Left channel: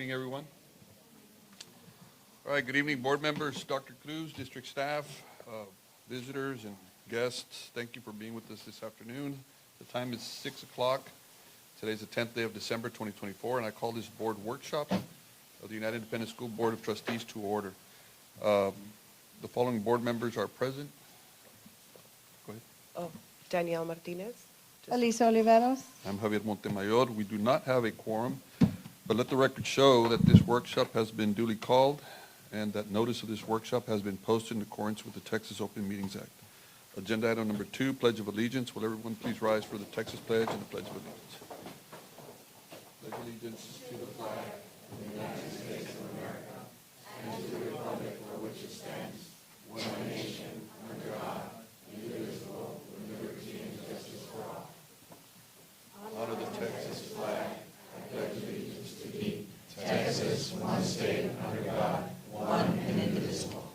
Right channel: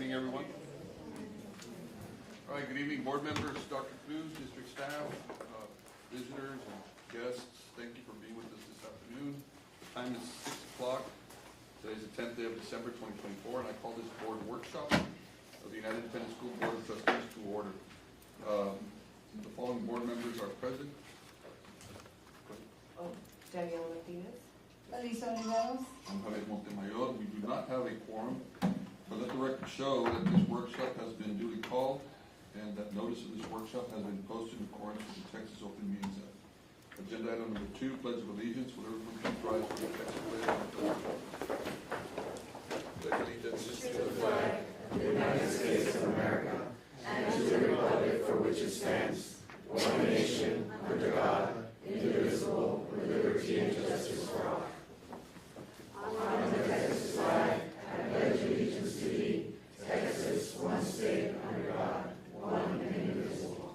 evening, everyone. All right, good evening, board members, Dr. Cruz, district staff, visitors, and guests. Thank you for being with us this afternoon. The time is 6 o'clock. Today's the 10th day of December 2024, and I call this board workshop of the United Independent School Board of Trustees to order. The following board members are present. Go ahead. Danielle Martinez. Elisa Oliveros. I'm Javier Montemayor. We do not have a quorum, but let the record show that this workshop has been duly called and that notice of this workshop has been posted in accordance with the Texas Open Meetings Act. Agenda item number 2, Pledge of Allegiance. Will everyone please rise for the Texas Pledge and the Pledge of Allegiance? Pledge allegiance to the flag of the United States of America and to the republic for which it stands, one nation, under God, indivisible, with liberty and justice for all. On the Texas flag, I pledge allegiance to thee, Texas, one state, under God, one and indivisible.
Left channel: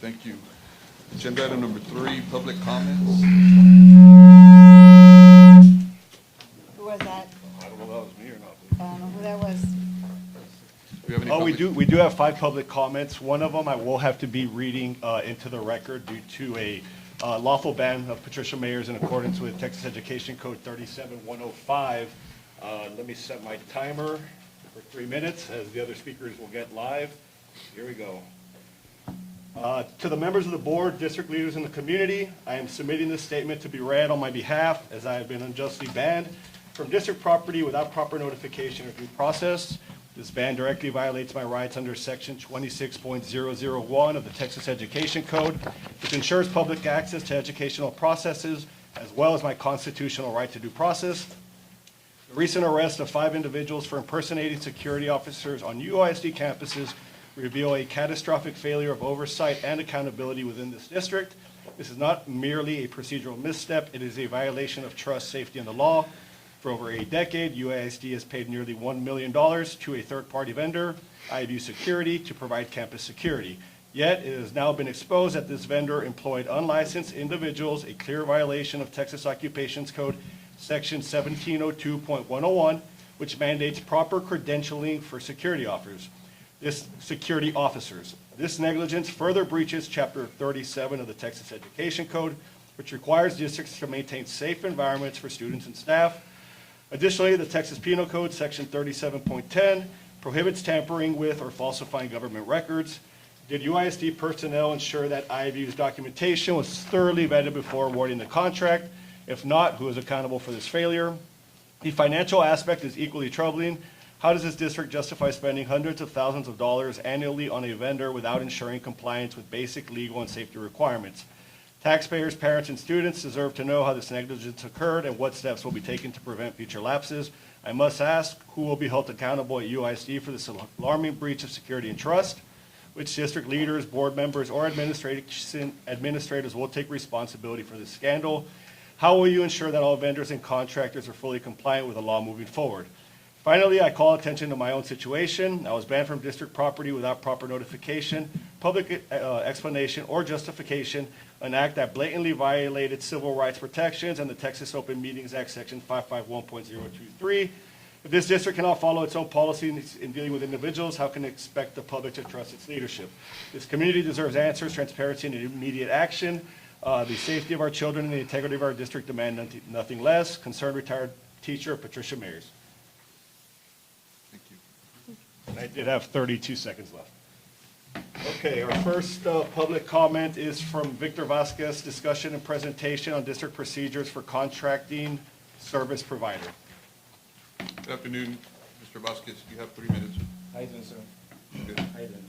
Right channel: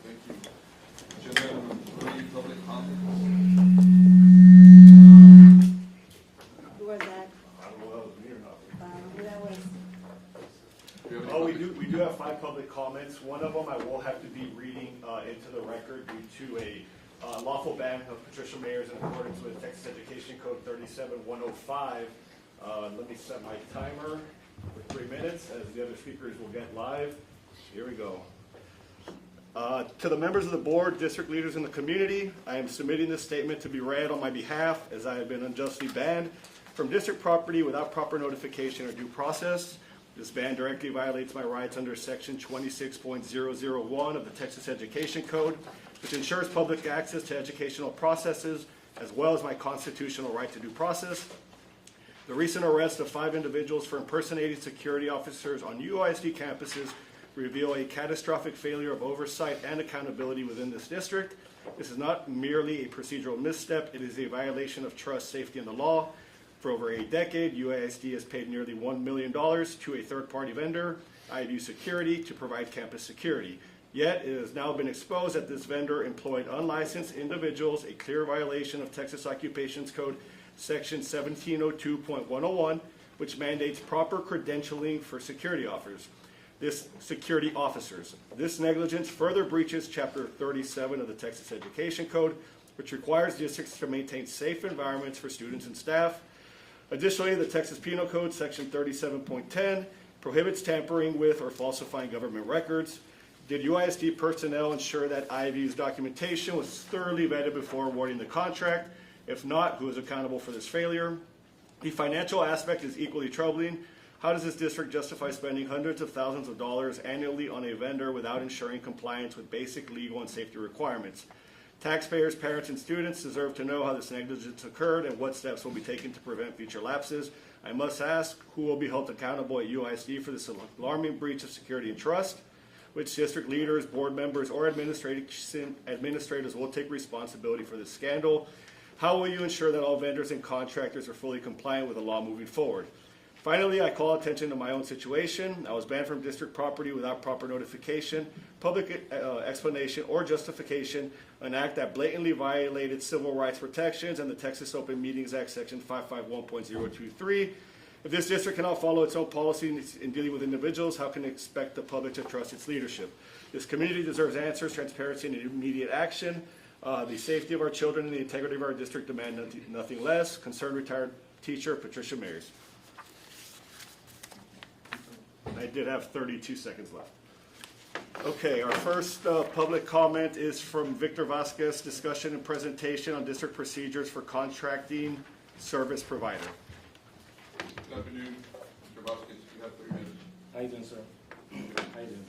Thank you. Agenda item number 3, public comments. Who was that? I don't know if that was me or not. I don't know who that was. We have any Oh, public- we do have 5 public comments. One of them I will have to be reading into the record due to a lawful ban of Patricia Mayers in accordance with Texas Education Code 37105. Let me set my timer for 3 minutes as the other speakers will get live. Here we go. To the members of the board, district leaders in the community, I am submitting this statement to be read on my behalf as I have been unjustly banned from district property without proper notification or due process. This ban directly violates my rights under section 26.001 of the Texas Education Code, which ensures public access to educational processes, as well as my constitutional right to due process. The recent arrest of 5 individuals for impersonating security officers on UISD campuses reveal a catastrophic failure of oversight and accountability within this district. This is not merely a procedural misstep, it is a violation of trust, safety, and the law. For over a decade, UISD has paid nearly $1 million to a third-party vendor, IVU Security, to provide campus security. Yet, it has now been exposed that this vendor employed unlicensed individuals, a clear violation of Texas Occupations Code Section 1702.101, which mandates proper credentialing for security officers. This negligence further breaches Chapter 37 of the Texas Education Code, which requires districts to maintain safe environments for students and staff. Additionally, the Texas Penal Code, Section 37.10, prohibits tampering with or falsifying government records. Did UISD personnel ensure that IVU's documentation was thoroughly vetted before awarding the contract? If not, who is accountable for this failure? The financial aspect is equally troubling. How does this district justify spending hundreds of thousands of dollars annually on a vendor without ensuring compliance with basic legal and safety requirements? Taxpayers, parents, and students deserve to know how this negligence occurred and what steps will be taken to prevent future lapses. I must ask, who will be held accountable at UISD for this alarming breach of security and trust? Which district leaders, board members, or administrators will take responsibility for this scandal? How will you ensure that all vendors and contractors are fully compliant with the law moving forward? Finally, I call attention to my own situation. I was banned from district property without proper notification, public explanation, or justification, an act that blatantly violated civil rights protections and the Texas Open Meetings Act, Section 551.023. If this district cannot follow its own policy in dealing with individuals, how can it expect the public to trust its leadership? This community deserves answers, transparency, and immediate action. The safety of our children and the integrity of our district demand nothing less. Concerned retired teacher Patricia Mayers. I did have 32 seconds left. Okay, our first public comment is from Victor Vasquez, discussion and presentation on district procedures for contracting service provider. Good afternoon, Mr. Vasquez. You have 3 minutes. How you doing, sir? Good. How you doing?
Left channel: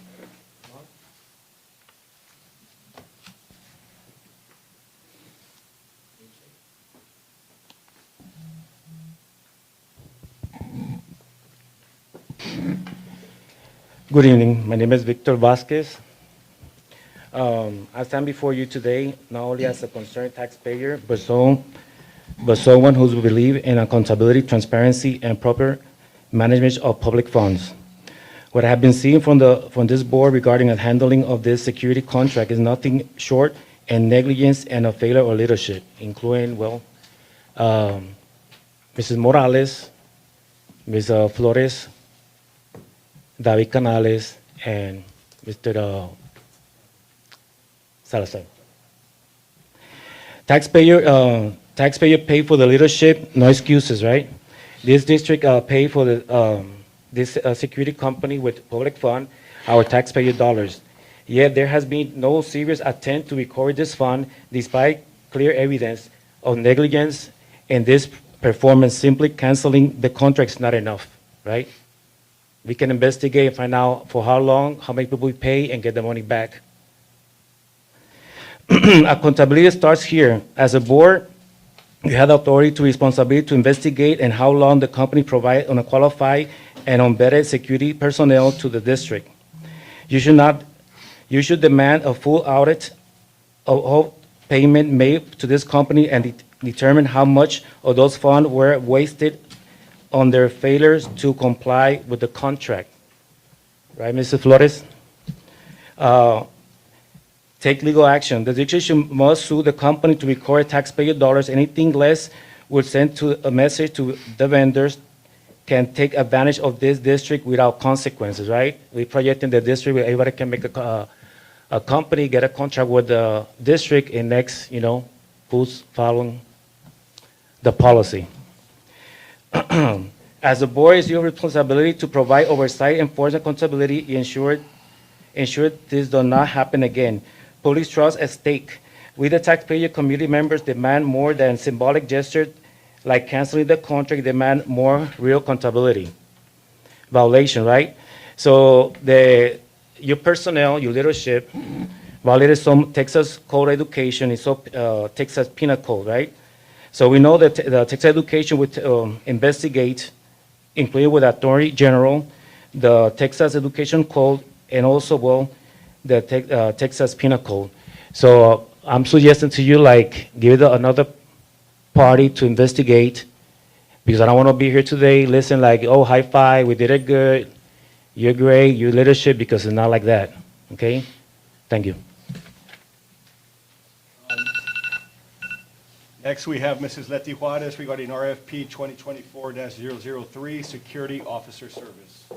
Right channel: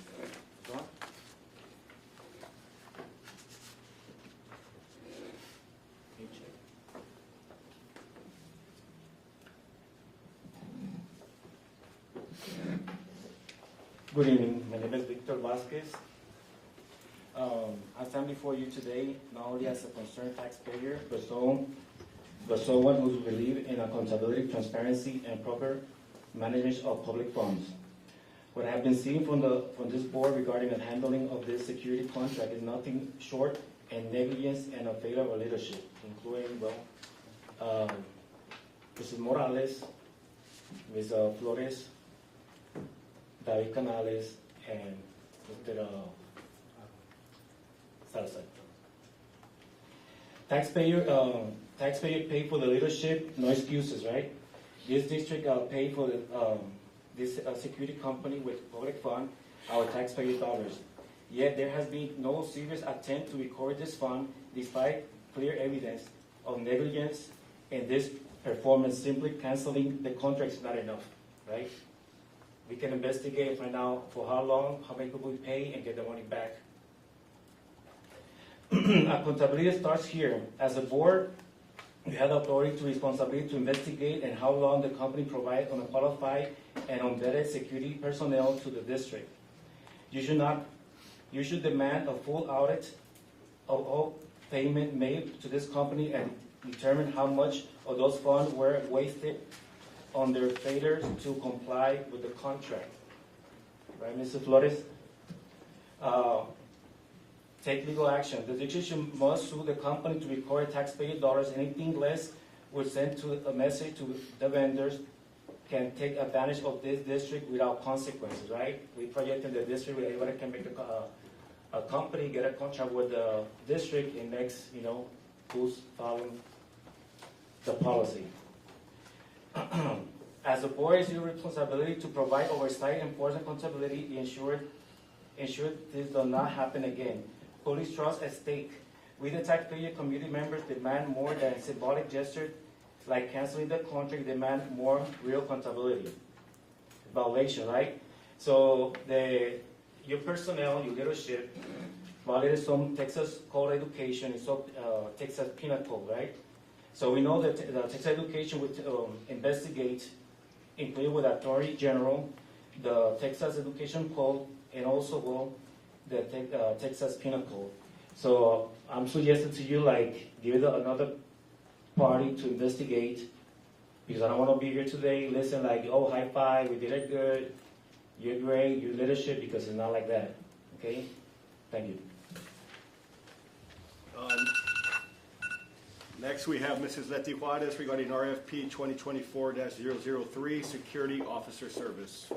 Good evening. My name is Victor Vasquez. I stand before you today not only as a concerned taxpayer, but someone who believes in accountability, transparency, and proper management of public funds. What I have been seeing from this board regarding the handling of this security contract is nothing short and negligence and a failure of leadership, including, Mrs. Morales, Ms. Flores, David Canales, and Mr. Salazar. Taxpayer pay for the leadership, no excuses, right? This district pay for this security company with public fund, our taxpayer dollars. Yet there has been no serious attempt to recover this fund despite clear evidence of negligence, and this performance simply canceling the contract is not enough, right? We can investigate and find out for how long, how many people we pay, and get the money back. Accountability starts here. As a board, you have the authority to responsibility to investigate and how long the company provide unqualified and unvetted security personnel to the district. You should demand a full audit of all payment made to this company and determine how much of those funds were wasted on their failures to comply with the contract. Right, Mr. Flores? Take legal action. The district must sue the company to recover taxpayer dollars. Anything less would send a message to the vendors can take advantage of this district without consequences, right? We project in the district where everybody can make a company, get a contract with the district, and next, who's following the policy. As a board, it's your responsibility to provide oversight, enforcement, accountability, ensure this does not happen again. Police trust at stake. We, the taxpayer community members, demand more than symbolic gestures like canceling the contract, demand more real accountability. Violation, right? So your personnel, your leadership, violated some Texas Code Education, and so Texas Penal Code, right? So we know that the Texas Education would investigate, including with Attorney General, the Texas Education Code, and also, the Texas Penal Code. So I'm suggesting to you, give it another party to investigate, because I don't want to be here today, listen oh, high five, we did it good, you're great, your leadership, because it's not like that, okay? Thank you. Next, we have Mrs. Leti Juarez regarding RFP 2024-003, Security Officer Service.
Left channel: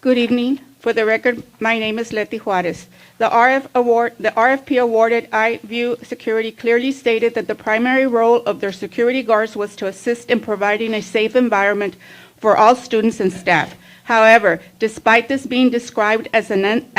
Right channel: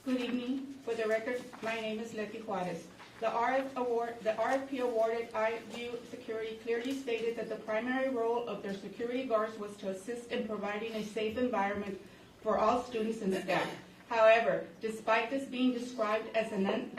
Good evening. For the record, my name is Leti Juarez. The RFP awarded iView Security clearly stated that the primary role of their security guards was to assist in providing a safe environment for all students and staff. However, despite this being described as an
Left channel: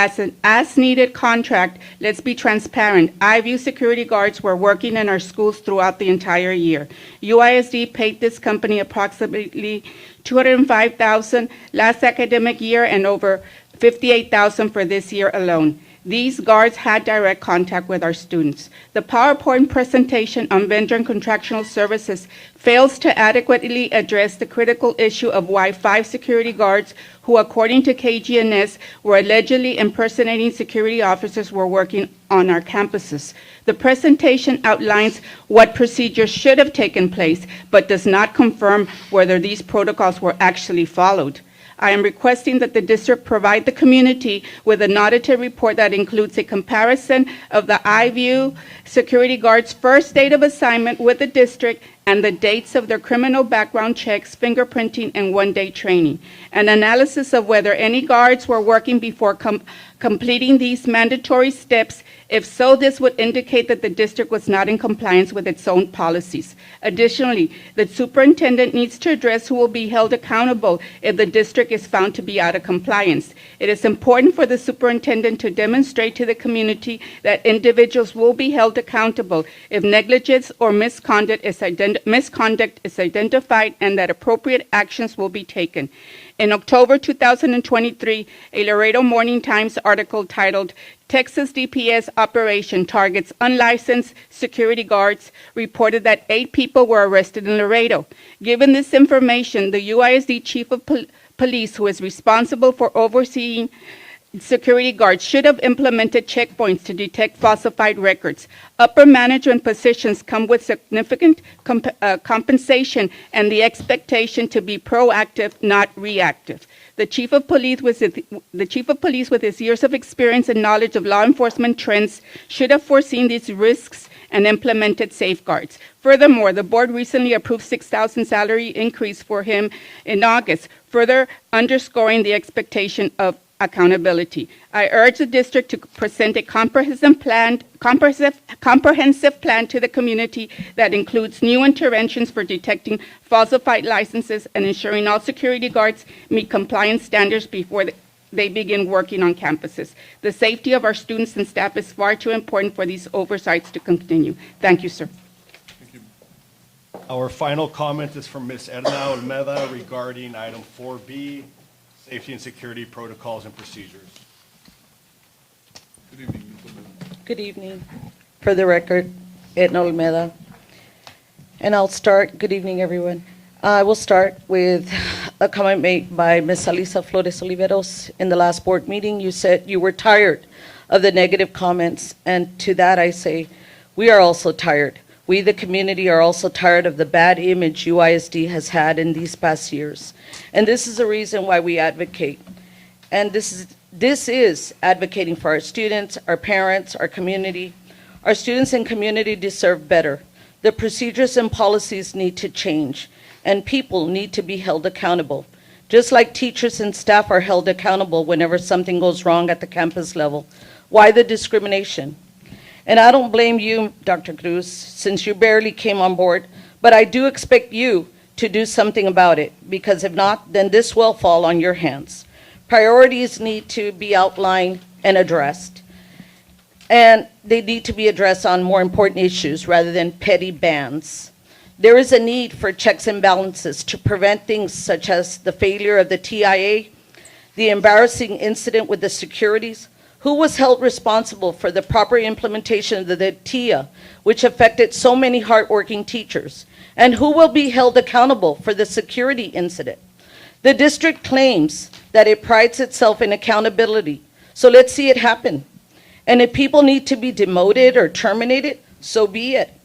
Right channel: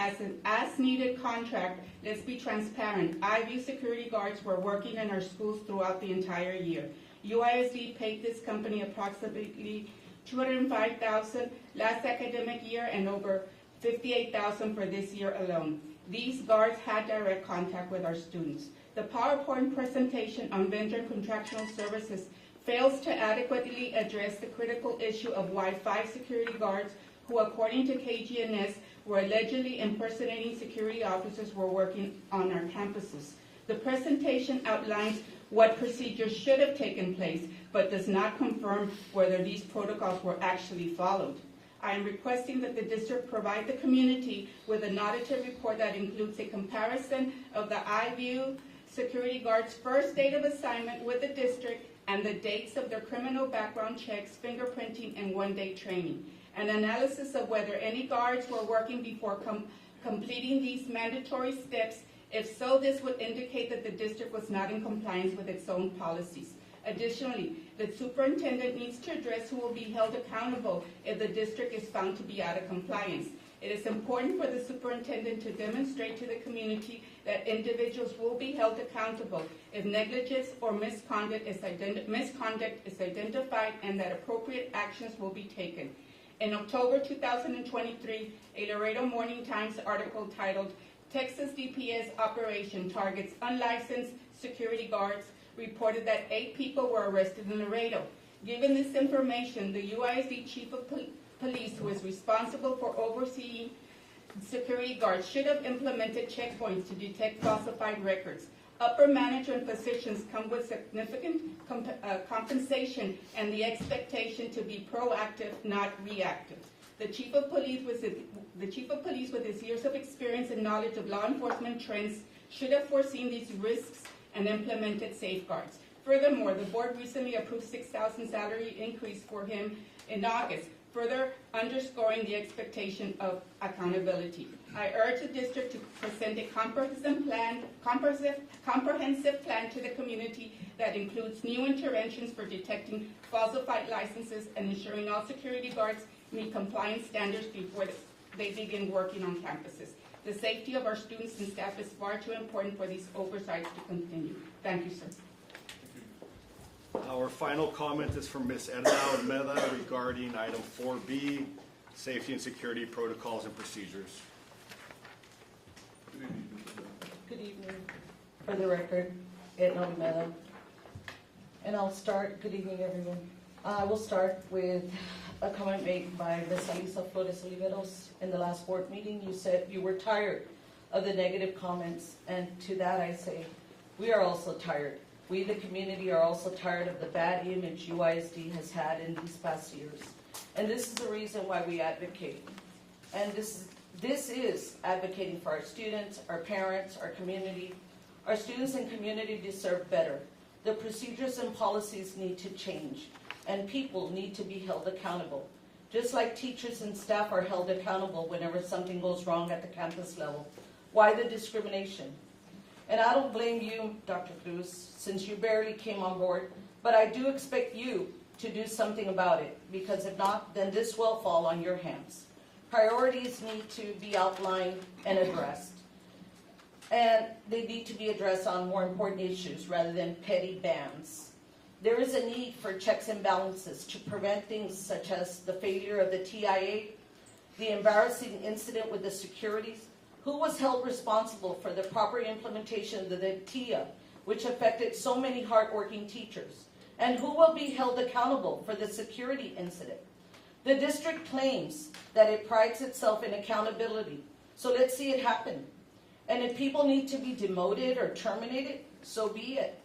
as-needed contract, let's be transparent. iView security guards were working in our schools throughout the entire year. UISD paid this company approximately $205,000 last academic year and over $58,000 for this year alone. These guards had direct contact with our students. The PowerPoint presentation on vendor and contractual services fails to adequately address the critical issue of why 5 security guards who, according to KGNS, were allegedly impersonating security officers were working on our campuses. The presentation outlines what procedures should have taken place, but does not confirm whether these protocols were actually followed. I am requesting that the district provide the community with an audited report that includes a comparison of the iView security guards' first date of assignment with the district and the dates of their criminal background checks, fingerprinting, and one-day training. An analysis of whether any guards were working before completing these mandatory steps. If so, this would indicate that the district was not in compliance with its own policies. Additionally, the superintendent needs to address who will be held accountable if the district is found to be out of compliance. It is important for the superintendent to demonstrate to the community that individuals will be held accountable if negligence or misconduct is identified and that appropriate actions will be taken. In October 2023, a Laredo Morning Times article titled, "Texas DPS Operation Targets Unlicensed Security Guards," reported that 8 people were arrested in Laredo. Given this information, the UISD Chief of Police, who is responsible for overseeing security guards, should have implemented checkpoints to detect falsified records. Upper management positions come with significant compensation and the expectation to be proactive, not reactive. The Chief of Police with his years of experience and knowledge of law enforcement trends should have foreseen these risks and implemented safeguards. Furthermore, the board recently approved $6,000 salary increase for him in August, further underscoring the expectation of accountability. I urge the district to present a comprehensive plan to the community that includes new interventions for detecting falsified licenses and ensuring all security guards meet compliance standards before they begin working on campuses. The safety of our students and staff is far too important for these oversights to continue. Thank you, sir. Our final comment is from Ms. Edna Almeda regarding item 4B, safety and security protocols and procedures. Good evening, Ms. Almeda. Good evening. For the record, Edna Olmeda. And I'll start, good evening, everyone. I will start with a comment made by Ms. Alisa Flores Oliveros in the last board meeting. You said you were tired of the negative comments, and to that I say, we are also tired. We, the community, are also tired of the bad image UISD has had in these past years. And this is the reason why we advocate. And this is advocating for our students, our parents, our community. Our students and community deserve better. The procedures and policies need to change, and people need to be held accountable. Just like teachers and staff are held accountable whenever something goes wrong at the campus level. Why the discrimination? And I don't blame you, Dr. Cruz, since you barely came on board, but I do expect you to do something about it, because if not, then this will fall on your hands. Priorities need to be outlined and addressed. And they need to be addressed on more important issues rather than petty bans. There is a need for checks and balances to prevent things such as the failure of the TIA, the embarrassing incident with the securities. Who was held responsible for the proper implementation of the TIA, which affected so many hardworking teachers? And who will be held accountable for the security incident? The district claims that it prides itself in accountability, so let's see it happen. And if people need to be demoted or terminated, so be it.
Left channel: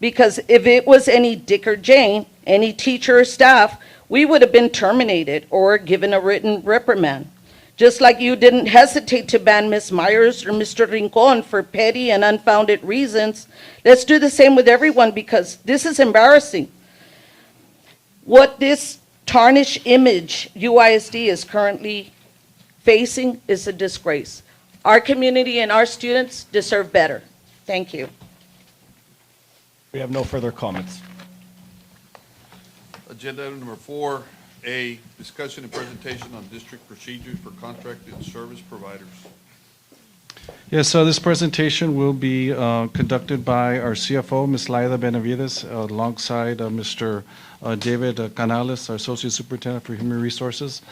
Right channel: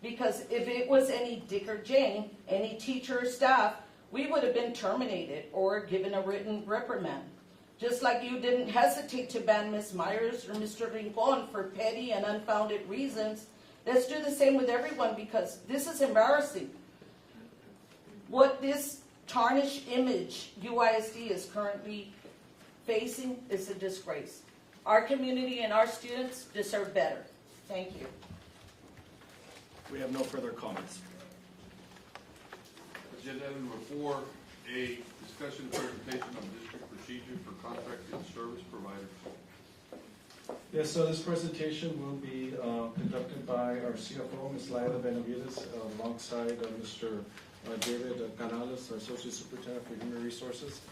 Because if it was any Dick or Jane, any teacher or staff, we would have been terminated or given a written reprimand. Just like you didn't hesitate to ban Ms. Myers or Mr. Rincon for petty and unfounded reasons, let's do the same with everyone, because this is embarrassing. What this tarnished image UISD is currently facing is a disgrace. Our community and our students deserve better. Thank you. We have no further comments. Agenda item number 4A, discussion and presentation on district procedures for contracted service providers. Yes, so this presentation will be conducted by our CFO, Ms. Laida Benavides, alongside Mr. David Canales, our Associate Superintendent for Human Resources.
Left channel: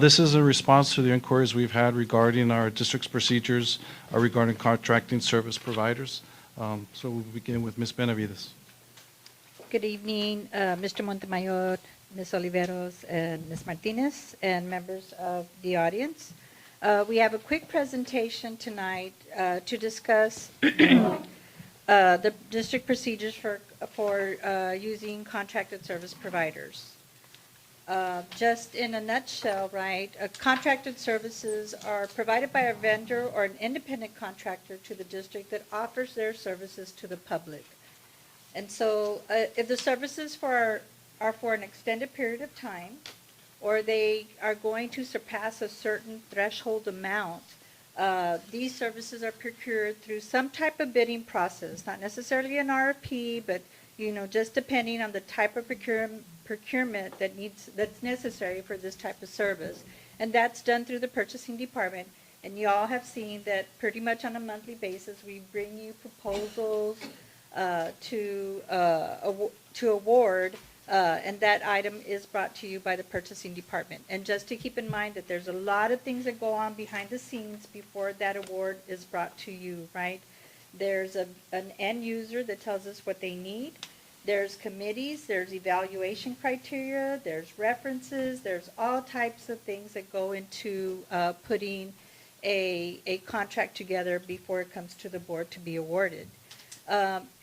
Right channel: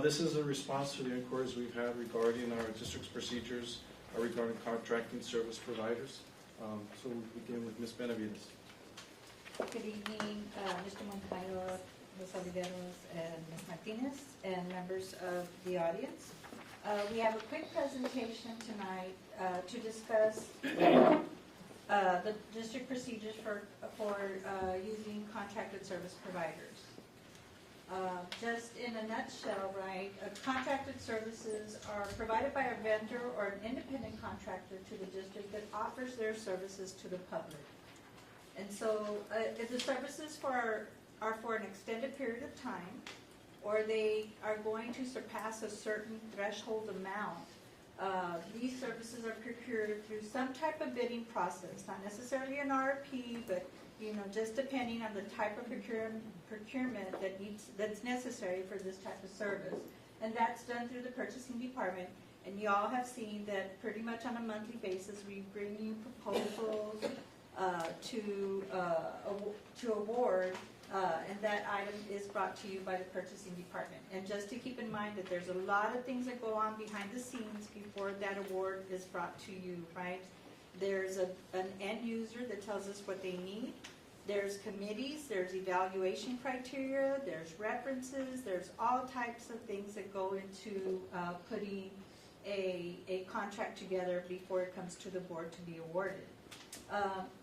This is a response to the inquiries we've had regarding our district's procedures regarding contracting service providers. So we'll begin with Ms. Benavides. Good evening, Mr. Montemayor, Ms. Oliveros, and Ms. Martinez, and members of the audience. We have a quick presentation tonight to discuss the district procedures for using contracted service providers. Just in a nutshell, right, contracted services are provided by a vendor or an independent contractor to the district that offers their services to the public. And so if the services are for an extended period of time, or they are going to surpass a certain threshold amount, these services are procured through some type of bidding process, not necessarily an RFP, but just depending on the type of procurement that's necessary for this type of service. And that's done through the purchasing department. And you all have seen that pretty much on a monthly basis, we bring you proposals to award, and that item is brought to you by the purchasing department. And just to keep in mind that there's a lot of things that go on behind the scenes before that award is brought to you, right? There's an end user that tells us what they need. There's committees, there's evaluation criteria, there's references, there's all types of things that go into putting a contract together before it comes to the board to be awarded.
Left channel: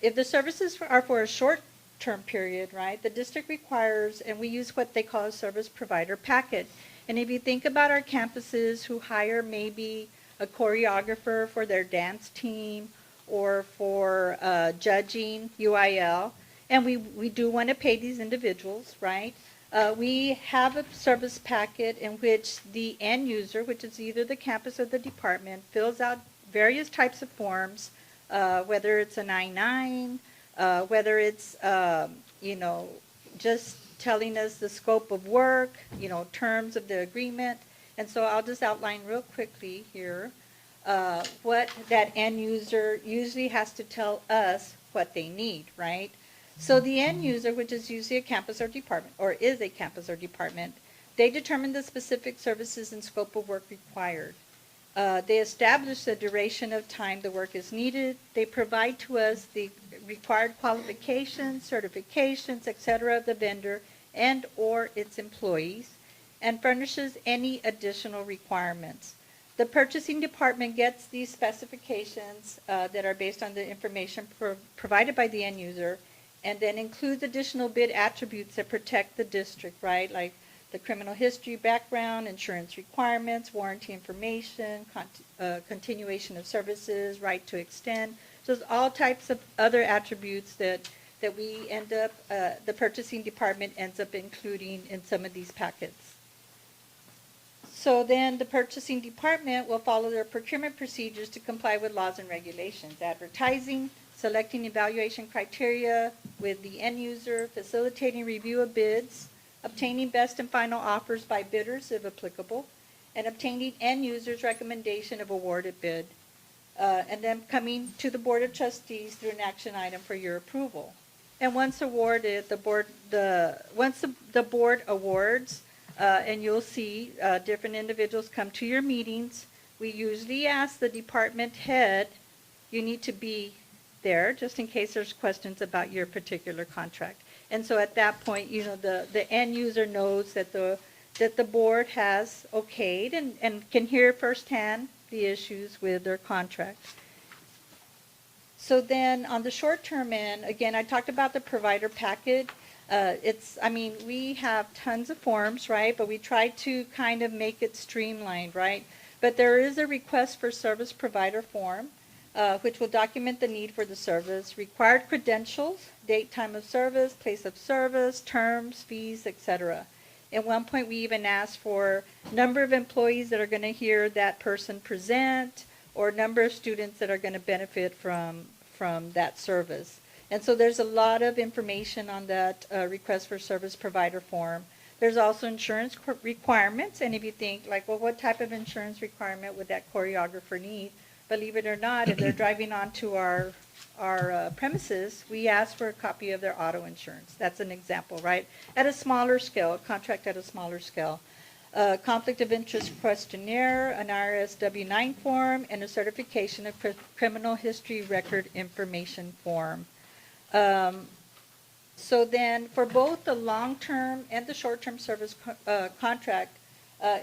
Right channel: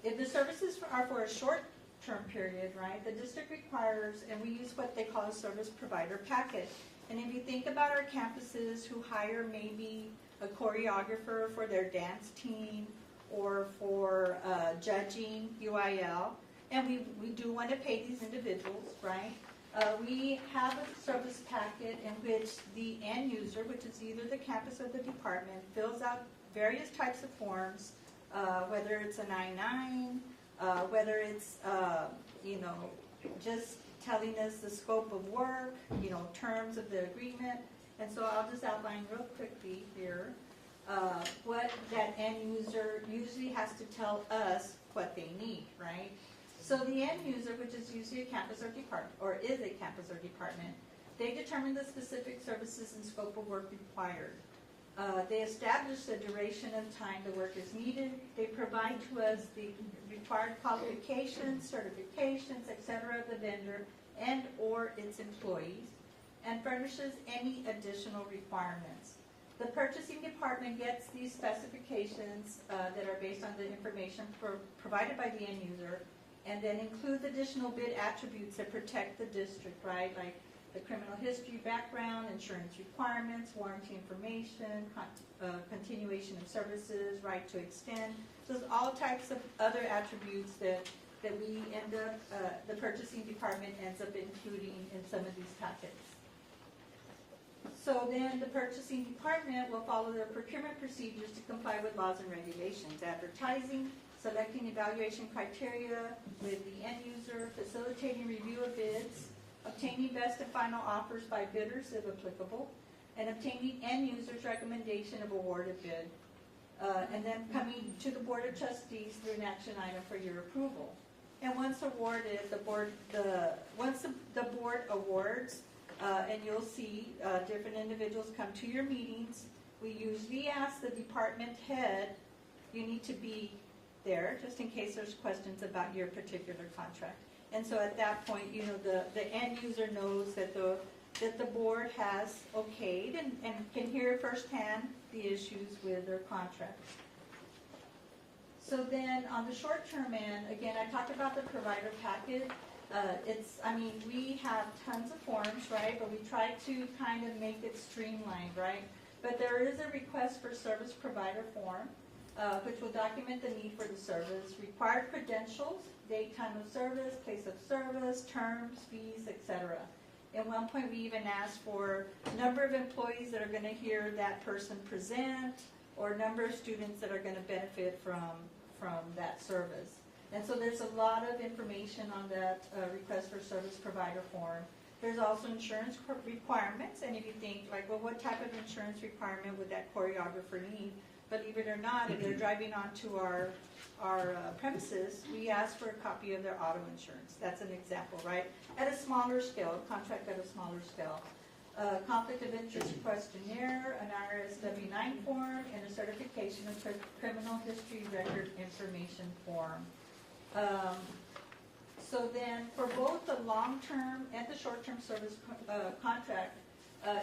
If the services are for a short-term period, right, the district requires, and we use what they call a service provider packet. And if you think about our campuses who hire maybe a choreographer for their dance team, or for judging UIL, and we do want to pay these individuals, right? We have a service packet in which the end user, which is either the campus or the department, fills out various types of forms, whether it's an I-9, whether it's, you know, just telling us the scope of work, you know, terms of the agreement. And so I'll just outline real quickly here what that end user usually has to tell us what they need, right? So the end user, which is usually a campus or department, or is a campus or department, they determine the specific services and scope of work required. They establish the duration of time the work is needed. They provide to us the required qualifications, certifications, et cetera, of the vendor and or its employees, and furnishes any additional requirements. The purchasing department gets these specifications that are based on the information provided by the end user, and then includes additional bid attributes that protect the district, right? Like the criminal history background, insurance requirements, warranty information, continuation of services, right to extend. So there's all types of other attributes that we end up, the purchasing department ends up including in some of these packets. So then the purchasing department will follow their procurement procedures to comply with laws and regulations, advertising, selecting evaluation criteria with the end user, facilitating review of bids, obtaining best and final offers by bidders if applicable, and obtaining end user's recommendation of awarded bid, and then coming to the Board of Trustees through an action item for your approval. And once awarded, once the board awards, and you'll see different individuals come to your meetings, we usually ask the department head, you need to be there just in case there's questions about your particular contract. And so at that point, you know, the end user knows that the board has okayed and can hear firsthand the issues with their contract. So then on the short-term end, again, I talked about the provider packet. I mean, we have tons of forms, right? But we try to kind of make it streamlined, right? But there is a request for service provider form, which will document the need for the service, required credentials, date, time of service, place of service, terms, fees, etc. At one point, we even asked for number of employees that are going to hear that person present, or number of students that are going to benefit from that service. And so there's a lot of information on that request for service provider form. There's also insurance requirements, and if you think like, well, what type of insurance requirement would that choreographer need? Believe it or not, if they're driving onto our premises, we ask for a copy of their auto insurance. That's an example, right? At a smaller scale, a contract at a smaller scale. Conflict of interest questionnaire, an IRS W-9 form, and a certification of criminal history record information form. So then for both the long-term and the short-term service contract,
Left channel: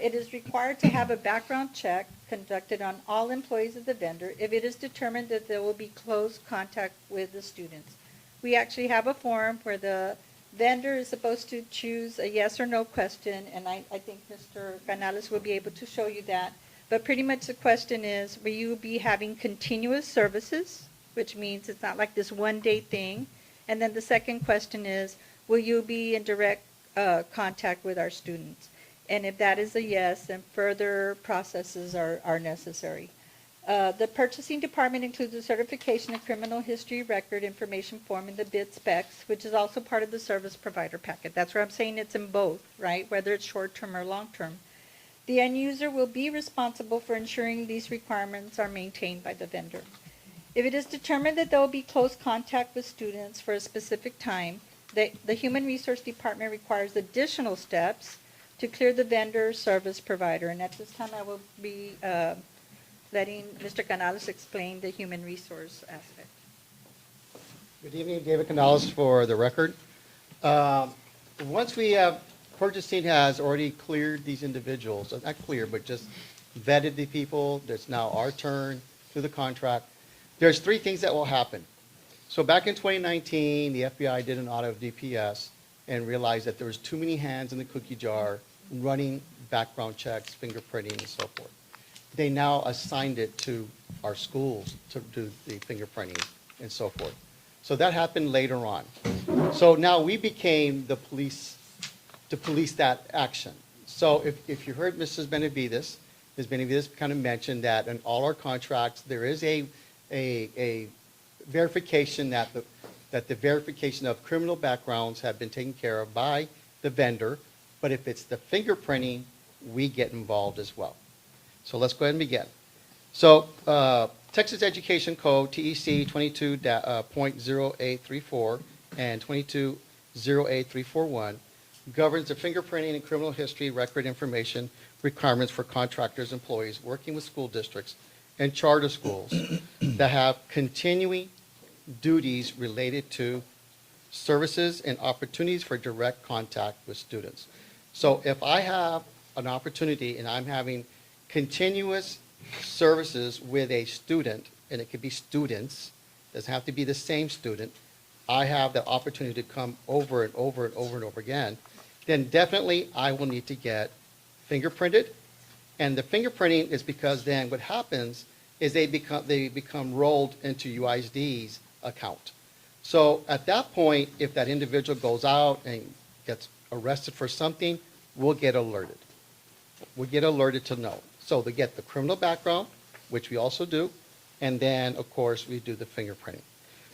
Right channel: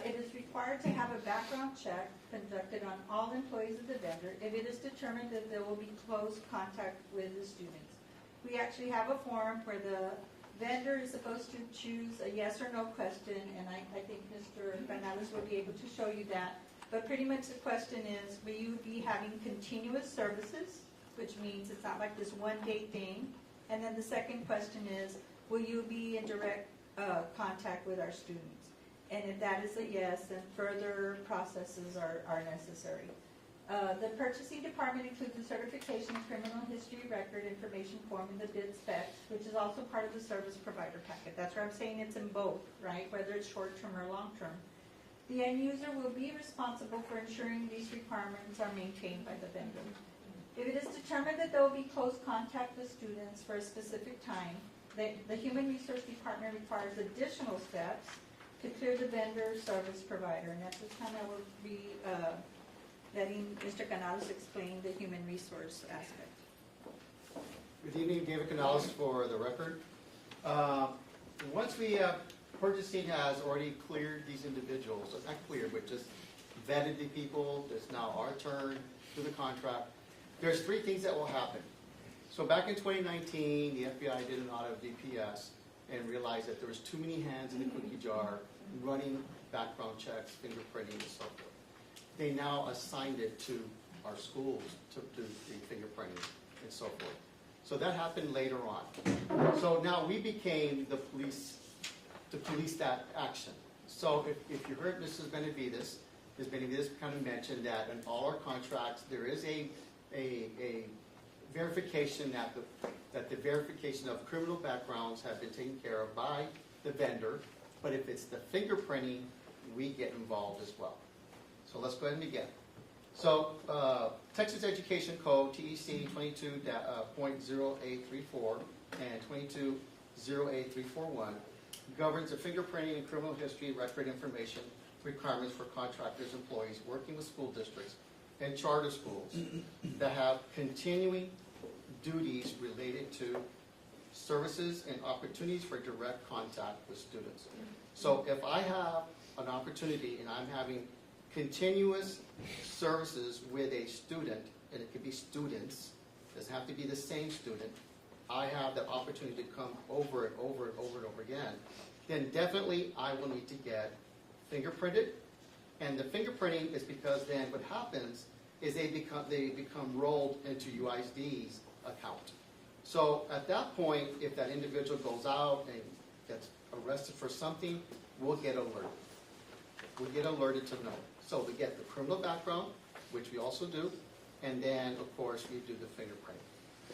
it is required to have a background check conducted on all employees of the vendor if it is determined that there will be close contact with the students. We actually have a form where the vendor is supposed to choose a yes or no question, and I think Mr. Canales will be able to show you that. But pretty much the question is, will you be having continuous services, which means it's not like this one-day thing? And then the second question is, will you be in direct contact with our students? And if that is a yes, then further processes are necessary. The purchasing department includes a certification of criminal history record information form in the bid specs, which is also part of the service provider packet. That's where I'm saying it's in both, right? Whether it's short-term or long-term. The end user will be responsible for ensuring these requirements are maintained by the vendor. If it is determined that there will be close contact with students for a specific time, the Human Resource Department requires additional steps to clear the vendor service provider. And at this time, I will be letting Mr. Canales explain the human resource aspect. Good evening, David Canales for the record. Once we have, purchasing has already cleared these individuals, not clear, but just vetted the people, it's now our turn through the contract. There's three things that will happen. So back in 2019, the FBI did an audit of DPS and realized that there was too many hands in the cookie jar running background checks, fingerprinting, and so forth. They now assigned it to our schools to do the fingerprinting and so forth. So that happened later on. So now we became the police to police that action. So if you heard Mrs. Benavides, Ms. Benavides kind of mentioned that in all our contracts, there is a verification that the verification of criminal backgrounds have been taken care of by the vendor, but if it's the fingerprinting, we get involved as well. So let's go ahead and begin. So Texas Education Code, TEC 22.0834 and 22.08341 governs the fingerprinting and criminal history record information requirements for contractors, employees working with school districts and charter schools that have continuing duties related to services and opportunities for direct contact with students. So if I have an opportunity and I'm having continuous services with a student, and it could be students, doesn't have to be the same student, I have the opportunity to come over and over and over and over again, then definitely I will need to get fingerprinted. And the fingerprinting is because then what happens is they become rolled into UISD's account. So at that point, if that individual goes out and gets arrested for something, we'll get alerted. We'll get alerted to know. So they get the criminal background, which we also do, and then, of course, we do the fingerprinting.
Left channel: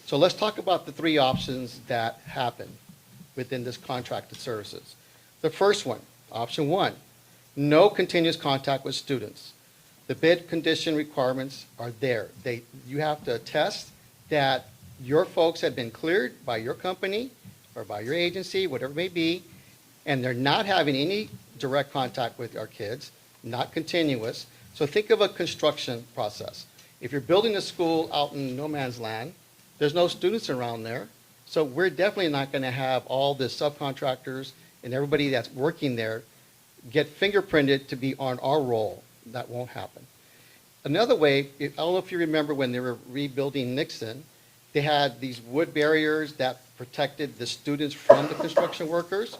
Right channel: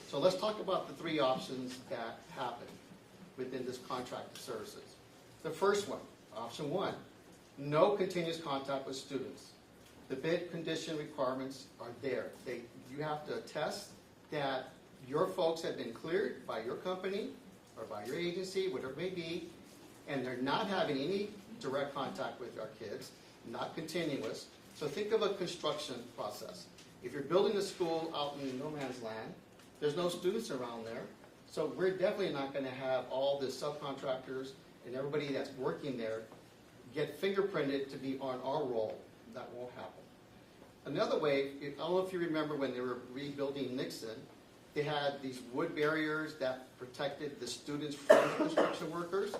So let's talk about the three options that happen within this contracted services. The first one, option one, no continuous contact with students. The bid condition requirements are there. You have to attest that your folks have been cleared by your company or by your agency, whatever it may be, and they're not having any direct contact with our kids, not continuous. So think of a construction process. If you're building a school out in no man's land, there's no students around there. So we're definitely not going to have all the subcontractors and everybody that's working there get fingerprinted to be on our roll. That won't happen. Another way, I don't know if you remember when they were rebuilding Nixon, they had these wood barriers that protected the students from the construction workers.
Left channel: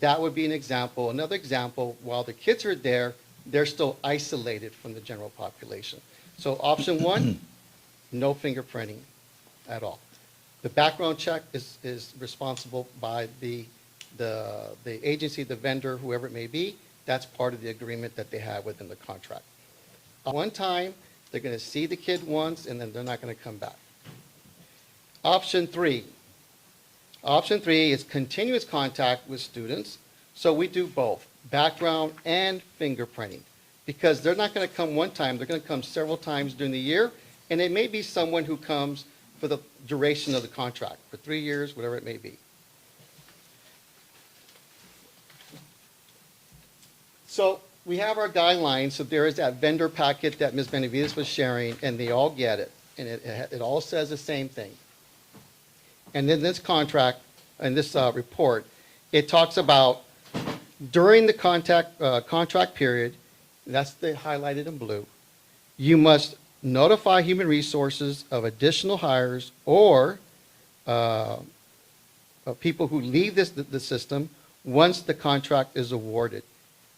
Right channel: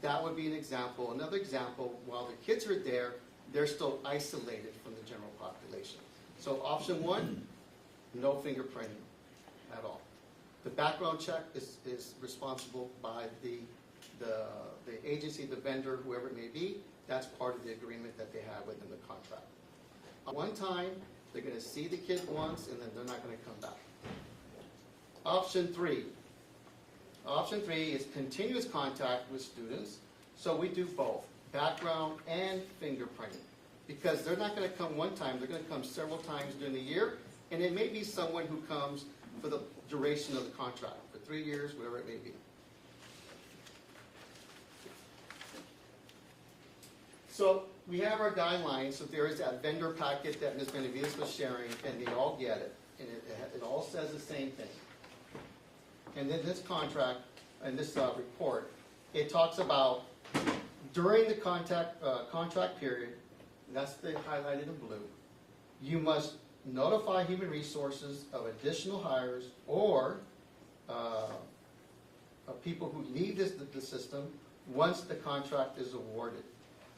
That would be an example. Another example, while the kids are there, they're still isolated from the general population. So option one, no fingerprinting at all. The background check is responsible by the agency, the vendor, whoever it may be. That's part of the agreement that they have within the contract. One time, they're going to see the kid once, and then they're not going to come back. Option three. Option three is continuous contact with students. So we do both, background and fingerprinting, because they're not going to come one time. They're going to come several times during the year, and it may be someone who comes for the duration of the contract, for 3 years, whatever it may be. So we have our guidelines. So there is that vendor packet that Ms. Benavides was sharing, and they all get it. And it all says the same thing. And then this contract, and this report, it talks about during the contract period, that's the highlighted in blue, you must notify human resources of additional hires or of people who leave the system once the contract is awarded.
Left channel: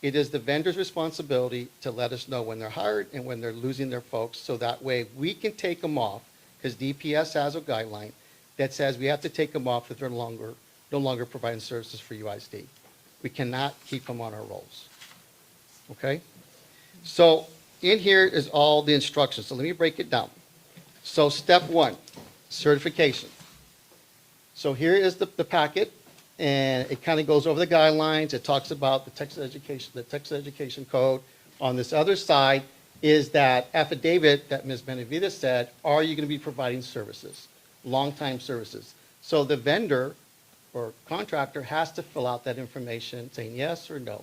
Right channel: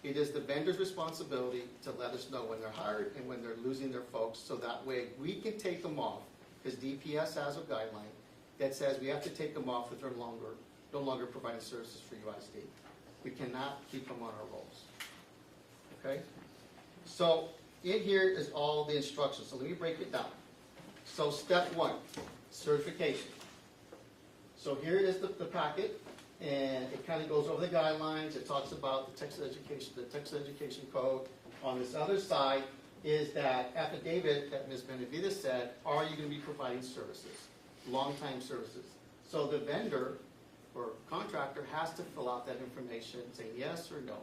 It is the vendor's responsibility to let us know when they're hired and when they're losing their folks, so that way we can take them off, because DPS has a guideline that says we have to take them off if they're no longer providing services for UISD. We cannot keep them on our rolls. Okay? So in here is all the instructions. So let me break it down. So step one, certification. So here is the packet, and it kind of goes over the guidelines. It talks about the Texas Education Code. On this other side is that affidavit that Ms. Benavides said, are you going to be providing services, long-time services? So the vendor or contractor has to fill out that information saying yes or no.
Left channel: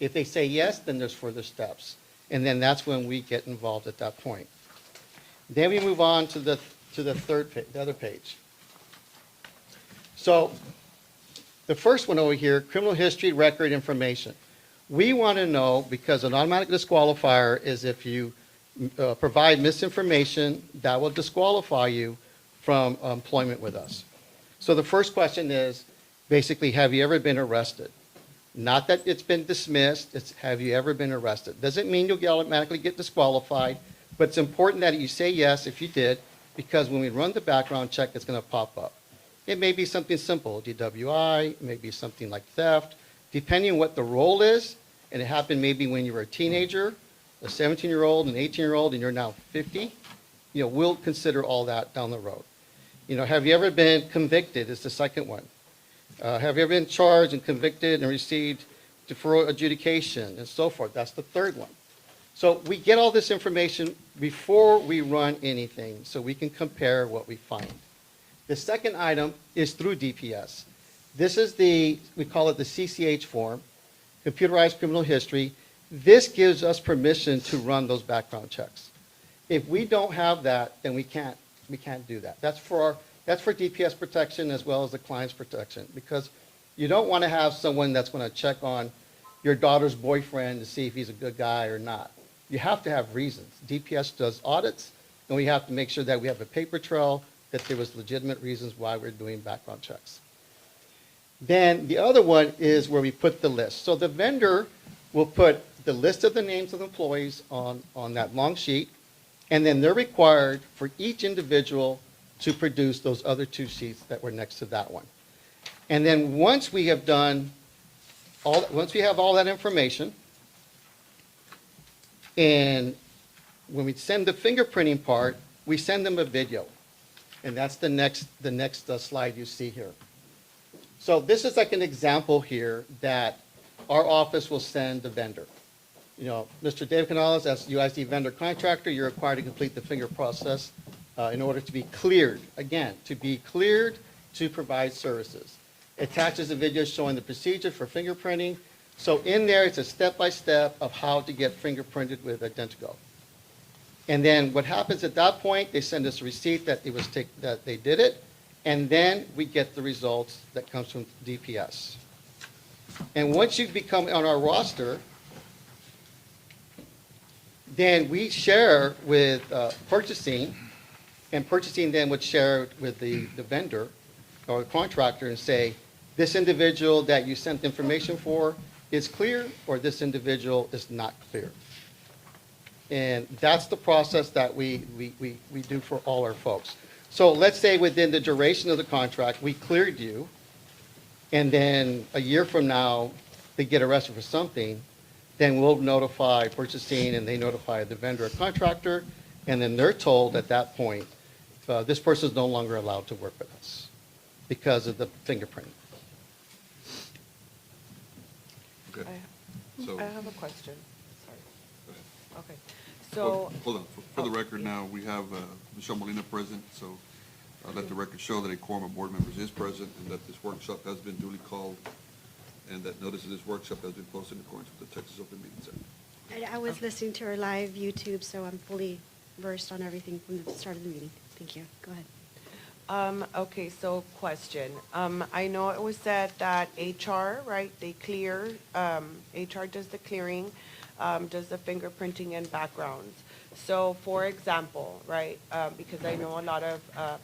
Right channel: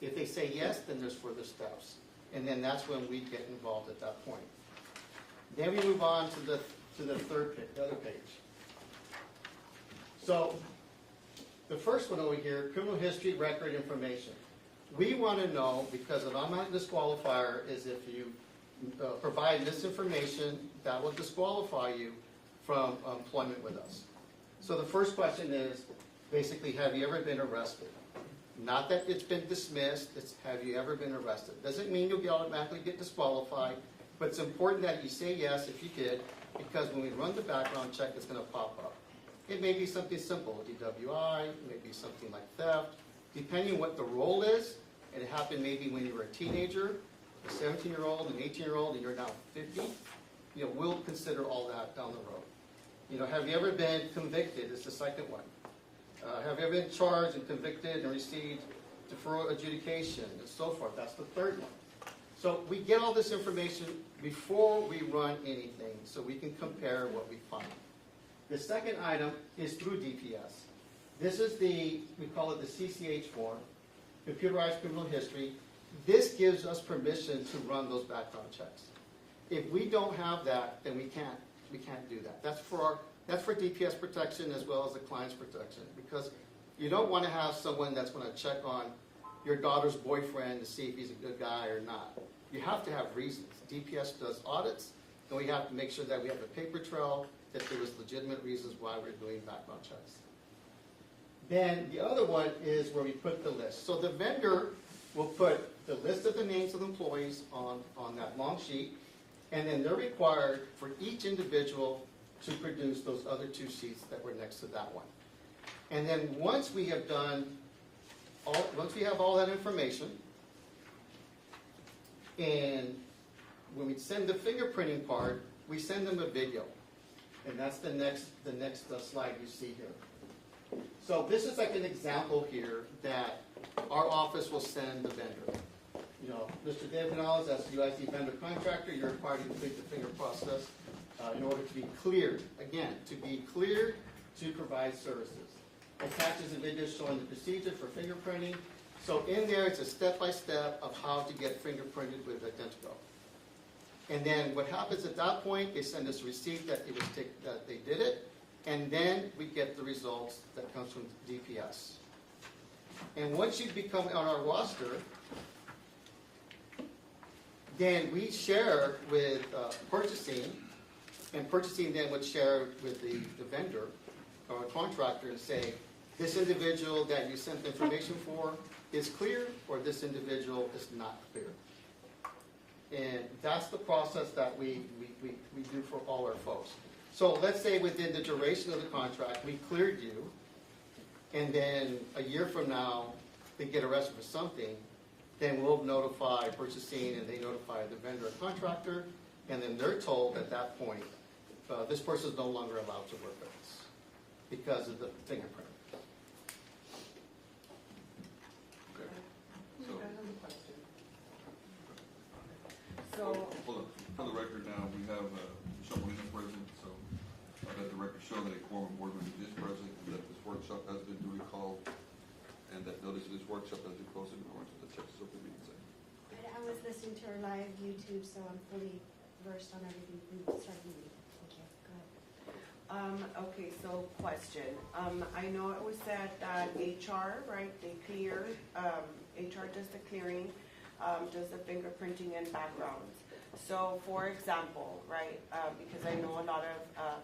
If they say yes, then there's further steps. And then that's when we get involved at that point. Then we move on to the other page. So the first one over here, criminal history record information. We want to know, because an automatic disqualifier is if you provide misinformation, that will disqualify you from employment with us. So the first question is, basically, have you ever been arrested? Not that it's been dismissed, it's have you ever been arrested. Doesn't mean you'll automatically get disqualified, But it's important that you say yes if you did, because when we run the background check, it's going to pop up. It may be something simple, DWI, it may be something like theft, depending on what the role is, and it happened maybe when you were a teenager, a 17-year-old, an 18-year-old, and you're now 50, we'll consider all that down the road. Have you ever been convicted is the second one. Have you ever been charged and convicted and received deferral adjudication and so forth? That's the third one. So we get all this information before we run anything so we can compare what we find. The second item is through DPS. This is we call it the CCH form, Computerized Criminal History. This gives us permission to run those background checks. If we don't have that, then we can't do that. That's for DPS protection as well as the client's protection, because you don't want to have someone that's going to check on your daughter's boyfriend to see if he's a good guy or not. You have to have reasons. DPS does audits, and we have to make sure that we have a paper trail, that there was legitimate reasons why we're doing background checks. Then the other one is where we put the list. So the vendor will put the list of the names of employees on that long sheet, and then they're required for each individual to produce those other two sheets that were next to that one. And then once we have all that information, and when we send the fingerprinting part, we send them a video. And that's the next slide you see here. So this is like an example here that our office will send the vendor. Mr. Dave Canales, as UISD vendor contractor, you're required to complete the finger process in order to be cleared. Again, to be cleared to provide services. Attaches a video showing the procedure for fingerprinting. So in there, it's a step-by-step of how to get fingerprinted with Identigo. And then what happens at that point, they send us a receipt that they did it, and then we get the results that comes from DPS. And once you become on our roster, then we share with purchasing, and purchasing then would share with the vendor or the contractor and say, this individual that you sent information for is clear, or this individual is not clear. And that's the process that we do for all our folks. So let's say within the duration of the contract, we cleared you, and then a year from now, they get arrested for something, then we'll notify purchasing, and they notify the vendor or contractor, and then they're told at that point, this person is no longer allowed to work with us because of the fingerprinting. Okay. So, I have a question. Okay, so, hold on. For the record now, we have Michelle Molina present, so I'll let the record show that a quorum of board members is present and that this workshop has been duly called and that notice of this workshop has been posted in accordance with the Texas Open Meetings Act. I was listening to our live YouTube, so I'm fully versed on everything from the start of the meeting. Thank you. Go ahead. okay, so question. I know it was said that HR, right, they clear, HR does the clearing, does the fingerprinting and backgrounds. So for example, right, because I know a lot of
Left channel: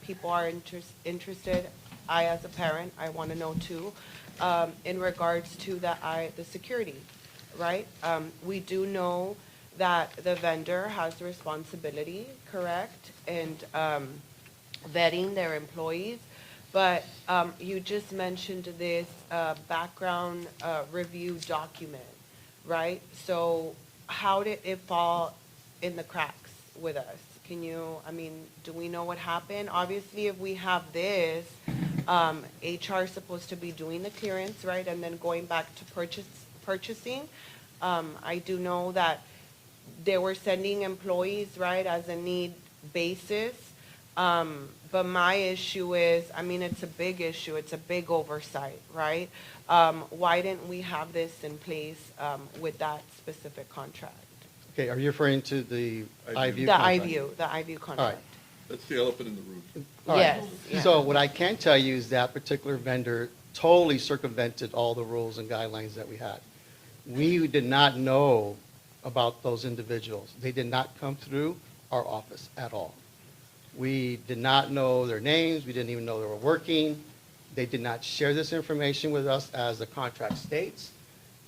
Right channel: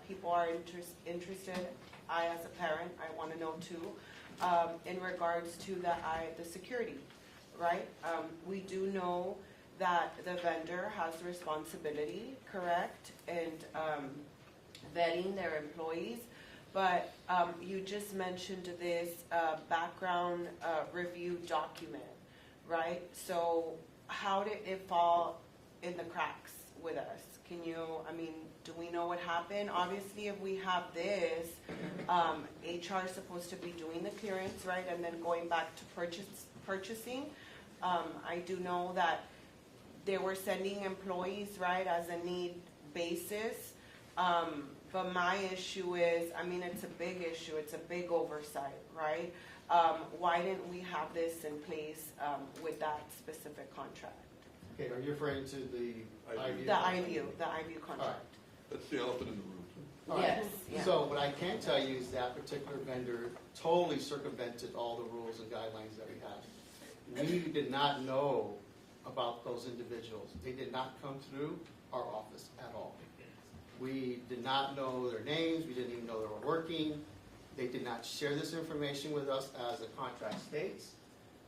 people are interested, I as a parent, I want to know too, in regards to the security, right? We do know that the vendor has the responsibility, correct, and vetting their employees, but you just mentioned this background review document, right? So how did it fall in the cracks with us? Can you, do we know what happened? Obviously, if we have this, HR is supposed to be doing the clearance, right, and then going back to purchasing. I do know that they were sending employees, right, as a need basis. But my issue is, it's a big issue. It's a big oversight, right? Why didn't we have this in place with that specific contract? Okay, are you referring to the IVU The contract? the IVU contract. All right. That's the elephant in the room. All right. Yes. So what I can tell you is that particular vendor totally circumvented all the rules and guidelines that we had. We did not know about those individuals. They did not come through our office at all. We did not know their names. We didn't even know they were working. They did not share this information with us as the contract states.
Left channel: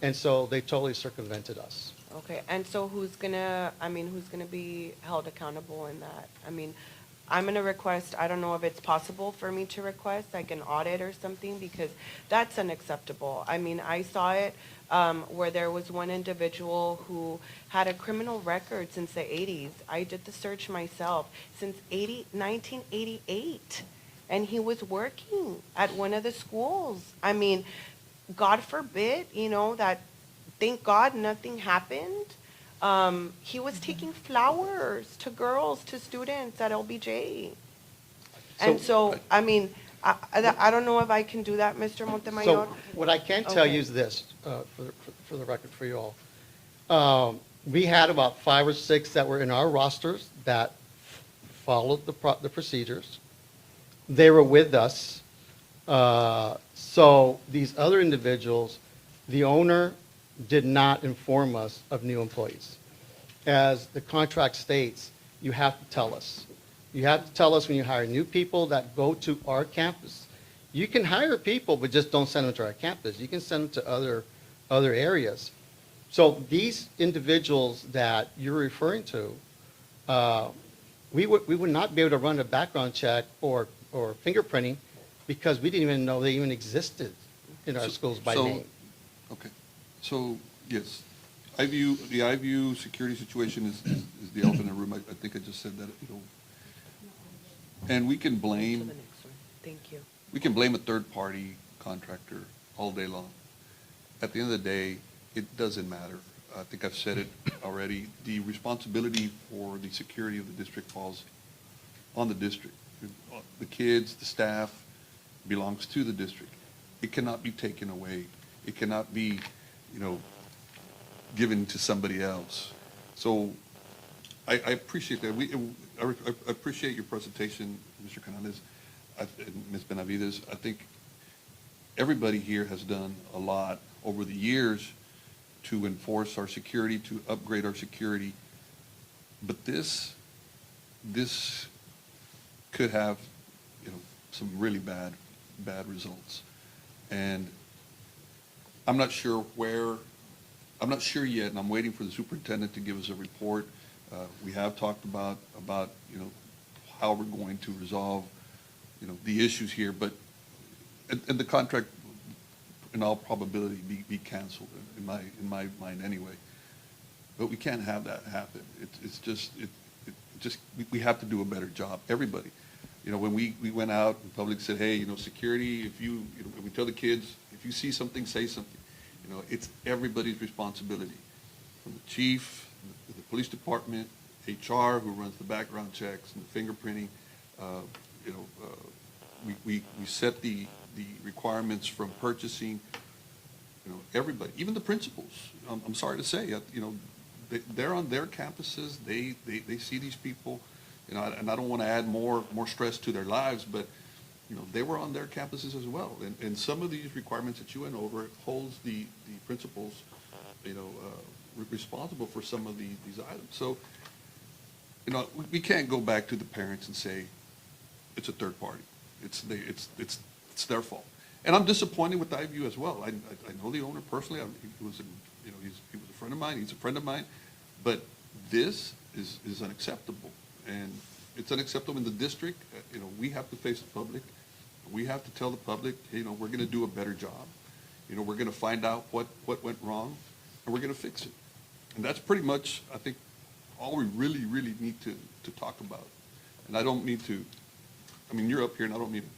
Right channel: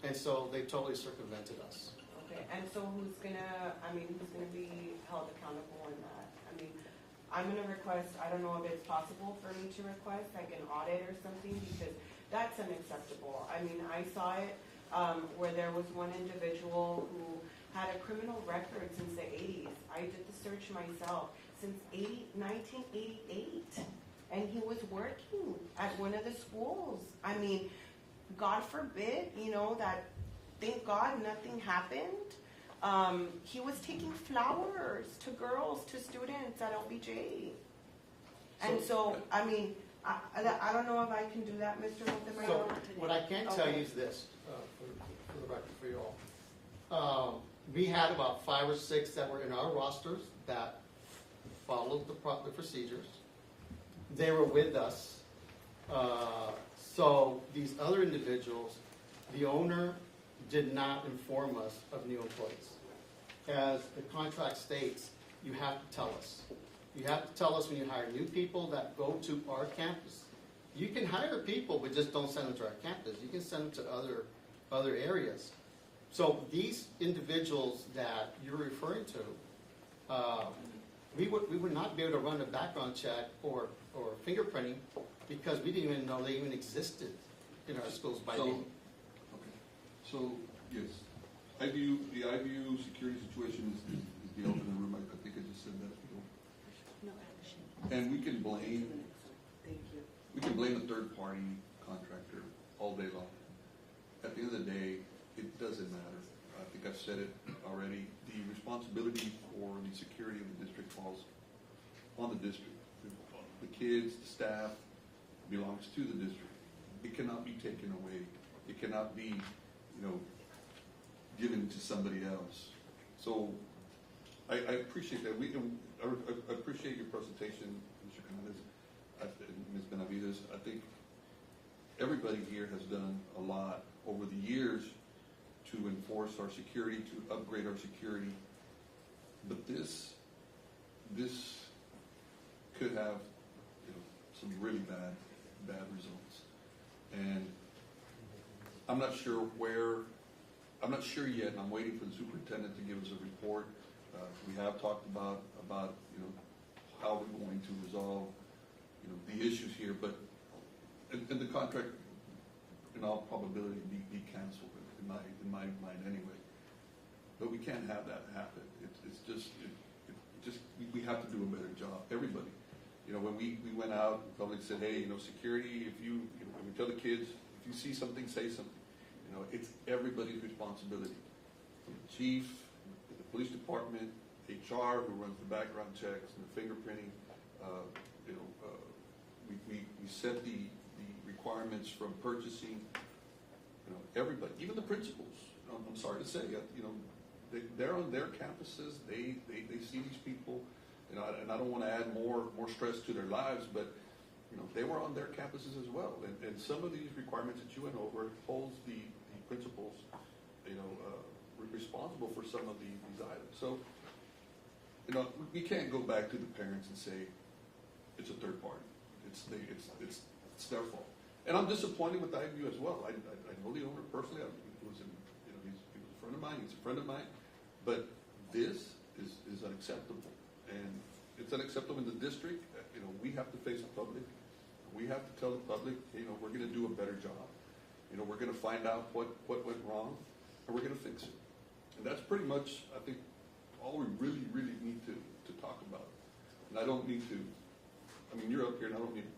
And so they totally circumvented us. Okay, and so who's gonna be held accountable in that? I mean, I'm gonna request, I don't know if it's possible for me to request, like an audit or something, because that's unacceptable. I mean, I saw it, where there was one individual who had a criminal record since the 80s. I did the search myself, since 1988. And he was working at one of the schools. I mean, God forbid, that, thank God nothing happened. He was taking flowers to girls, to students at LBJ. And so, I mean, I don't know if I can do that, Mr. Montemayor. So what I can tell Okay. you is this, for the record for you all. We had about 5 or 6 that were in our rosters that followed the procedures. They were with us. So these other individuals, the owner did not inform us of new employees. As the contract states, you have to tell us. You have to tell us when you hire new people that go to our campus. You can hire people, but just don't send them to our campus. You can send them to other areas. So these individuals that you're referring to, we would not be able to run a background check or fingerprinting because we didn't even know they even existed in our schools by name. Okay, so, yes, the I-View security situation is the elephant in the room. I think I just said that, and we can To blame, the next one. Thank you. we can blame a third-party contractor all day long. At the end of the day, it doesn't matter. I think I've said it already. The responsibility for the security of the district falls on the district. The kids, the staff belongs to the district. It cannot be taken away. It cannot be, given to somebody else. So I appreciate that. I appreciate your presentation, Mr. Canales, and Ms. Benavides. I think everybody here has done a lot over the years to enforce our security, to upgrade our security. But this could have, some really bad results. And I'm not sure yet, and I'm waiting for the superintendent to give us a report. We have talked about, how we're going to resolve, the issues here, but, and the contract, in all probability, be canceled, in my mind anyway. But we can't have that happen. We have to do a better job, everybody. When we went out, the public said, hey, security, if we tell the kids, if you see something, say something. It's everybody's responsibility, from the chief, the police department, HR, who runs the background checks and the fingerprinting. We set the requirements from purchasing, everybody, even the principals. I'm sorry to say, they're on their campuses, they see these people, and I don't want to add more stress to their lives, but, they were on their campuses as well. And some of these requirements that you went over holds the principals, responsible for some of these items. So, we can't go back to the parents and say, it's a third party. It's their fault. And I'm disappointed with I-View as well. I know the owner personally. He was a friend of mine. He's a friend of mine. But this is unacceptable. And it's unacceptable in the district. We have to face the public. We have to tell the public, we're going to do a better job. We're going to find out what went wrong, and we're going to fix it. And that's pretty much, I think, all we really, really need to talk about. And I don't mean to, you're up here, and I don't mean to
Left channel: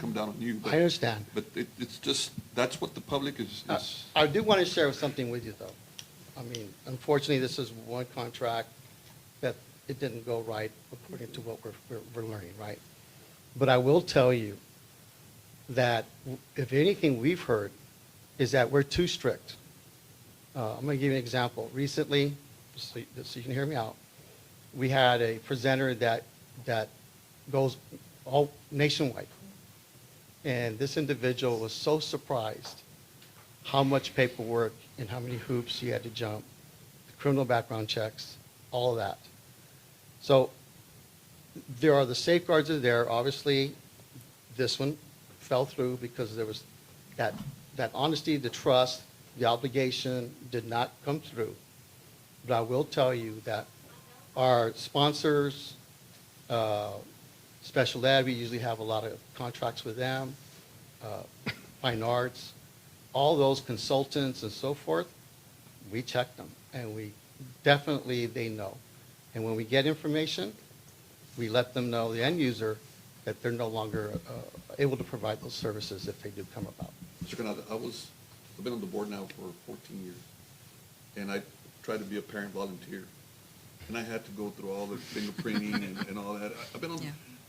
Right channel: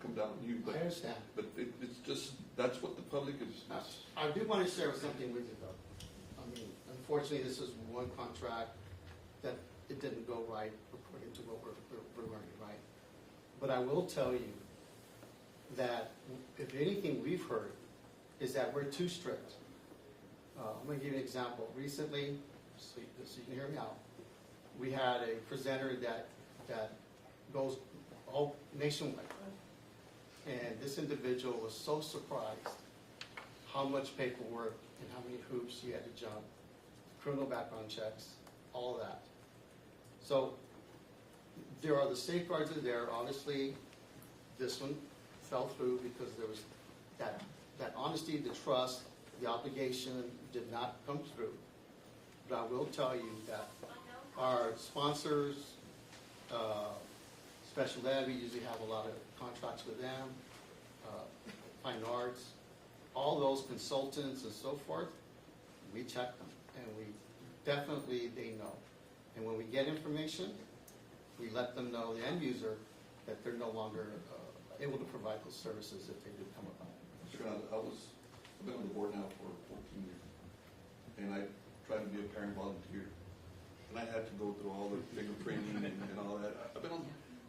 come down on you. But, I understand. But it's just, that's what the public is. I do want to share something with you, though. Unfortunately, this is one contract that it didn't go right according to what we're learning, right? But I will tell you that if anything we've heard is that we're too strict. I'm going to give you an example. Recently, so you can hear me out, we had a presenter that goes all nationwide. And this individual was so surprised how much paperwork and how many hoops he had to jump, criminal background checks, all of that. So there are the safeguards are there. Obviously, this one fell through because there was that honesty, the trust, the obligation did not come through. But I will tell you that our sponsors, Special Ed, we usually have a lot of contracts with them, Fine Arts, all those consultants and so forth, we check them, and we definitely, they know. And when we get information, we let them know, the end user, that they're no longer able to provide those services if they do come about. Mr. Canales, I've been on the board now for 14 years, and I try to be a parent volunteer. And I had to go through all the fingerprinting and all that. I've been on,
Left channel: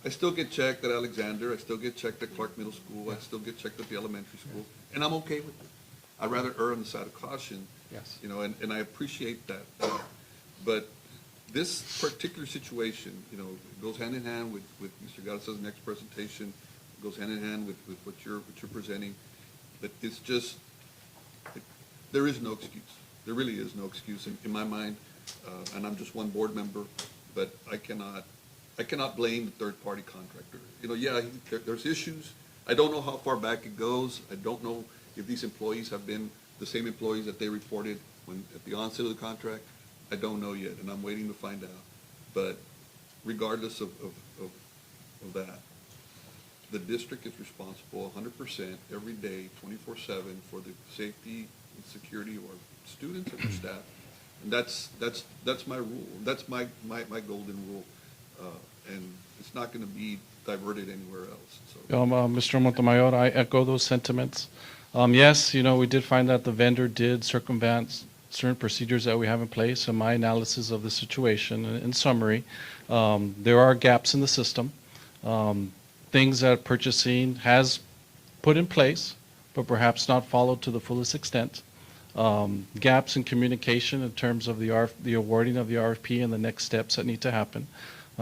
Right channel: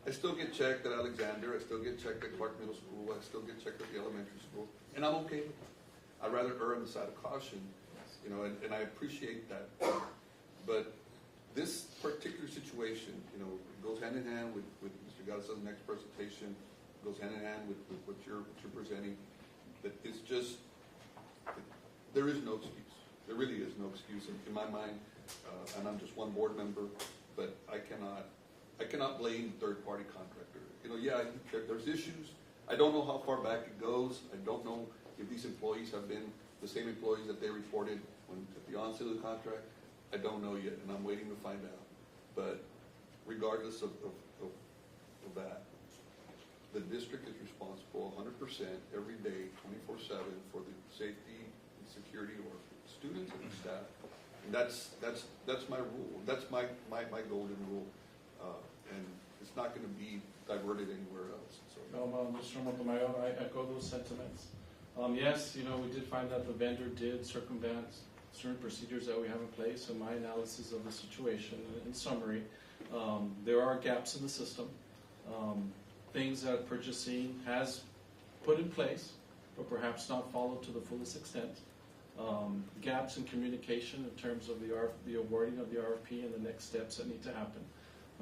I still get checked at Alexander, I still get checked at Clark Middle School, I still get checked at the elementary school, and I'm okay with it. I'd rather err on the side of caution. Yes. You know, and I appreciate that. But this particular situation, you know, it goes hand in hand with Mr. Garza's next presentation, it goes hand in hand with what you're presenting, that it's just, there is no excuse. There really is no excuse in my mind, and I'm just one board member, but I cannot blame the third-party contractor. You know, yeah, there's issues. I don't know how far back it goes. I don't know if these employees have been the same employees that they reported at the onset of the contract. I don't know yet, and I'm waiting to find out. But regardless of that, the district is responsible 100% every day, 24/7, for the safety and security of our students and their staff. And that's my rule. That's my golden rule. And it's not going to be diverted anywhere else. So. Mr. Montemayor, I echo those sentiments. Yes, you know, we did find that the vendor did circumvent certain procedures that we have in place. In my analysis of the situation, in summary, there are gaps in the system, things that purchasing has put in place, but perhaps not followed to the fullest extent. Gaps in communication in terms of the awarding of the RFP and the next steps that need to happen.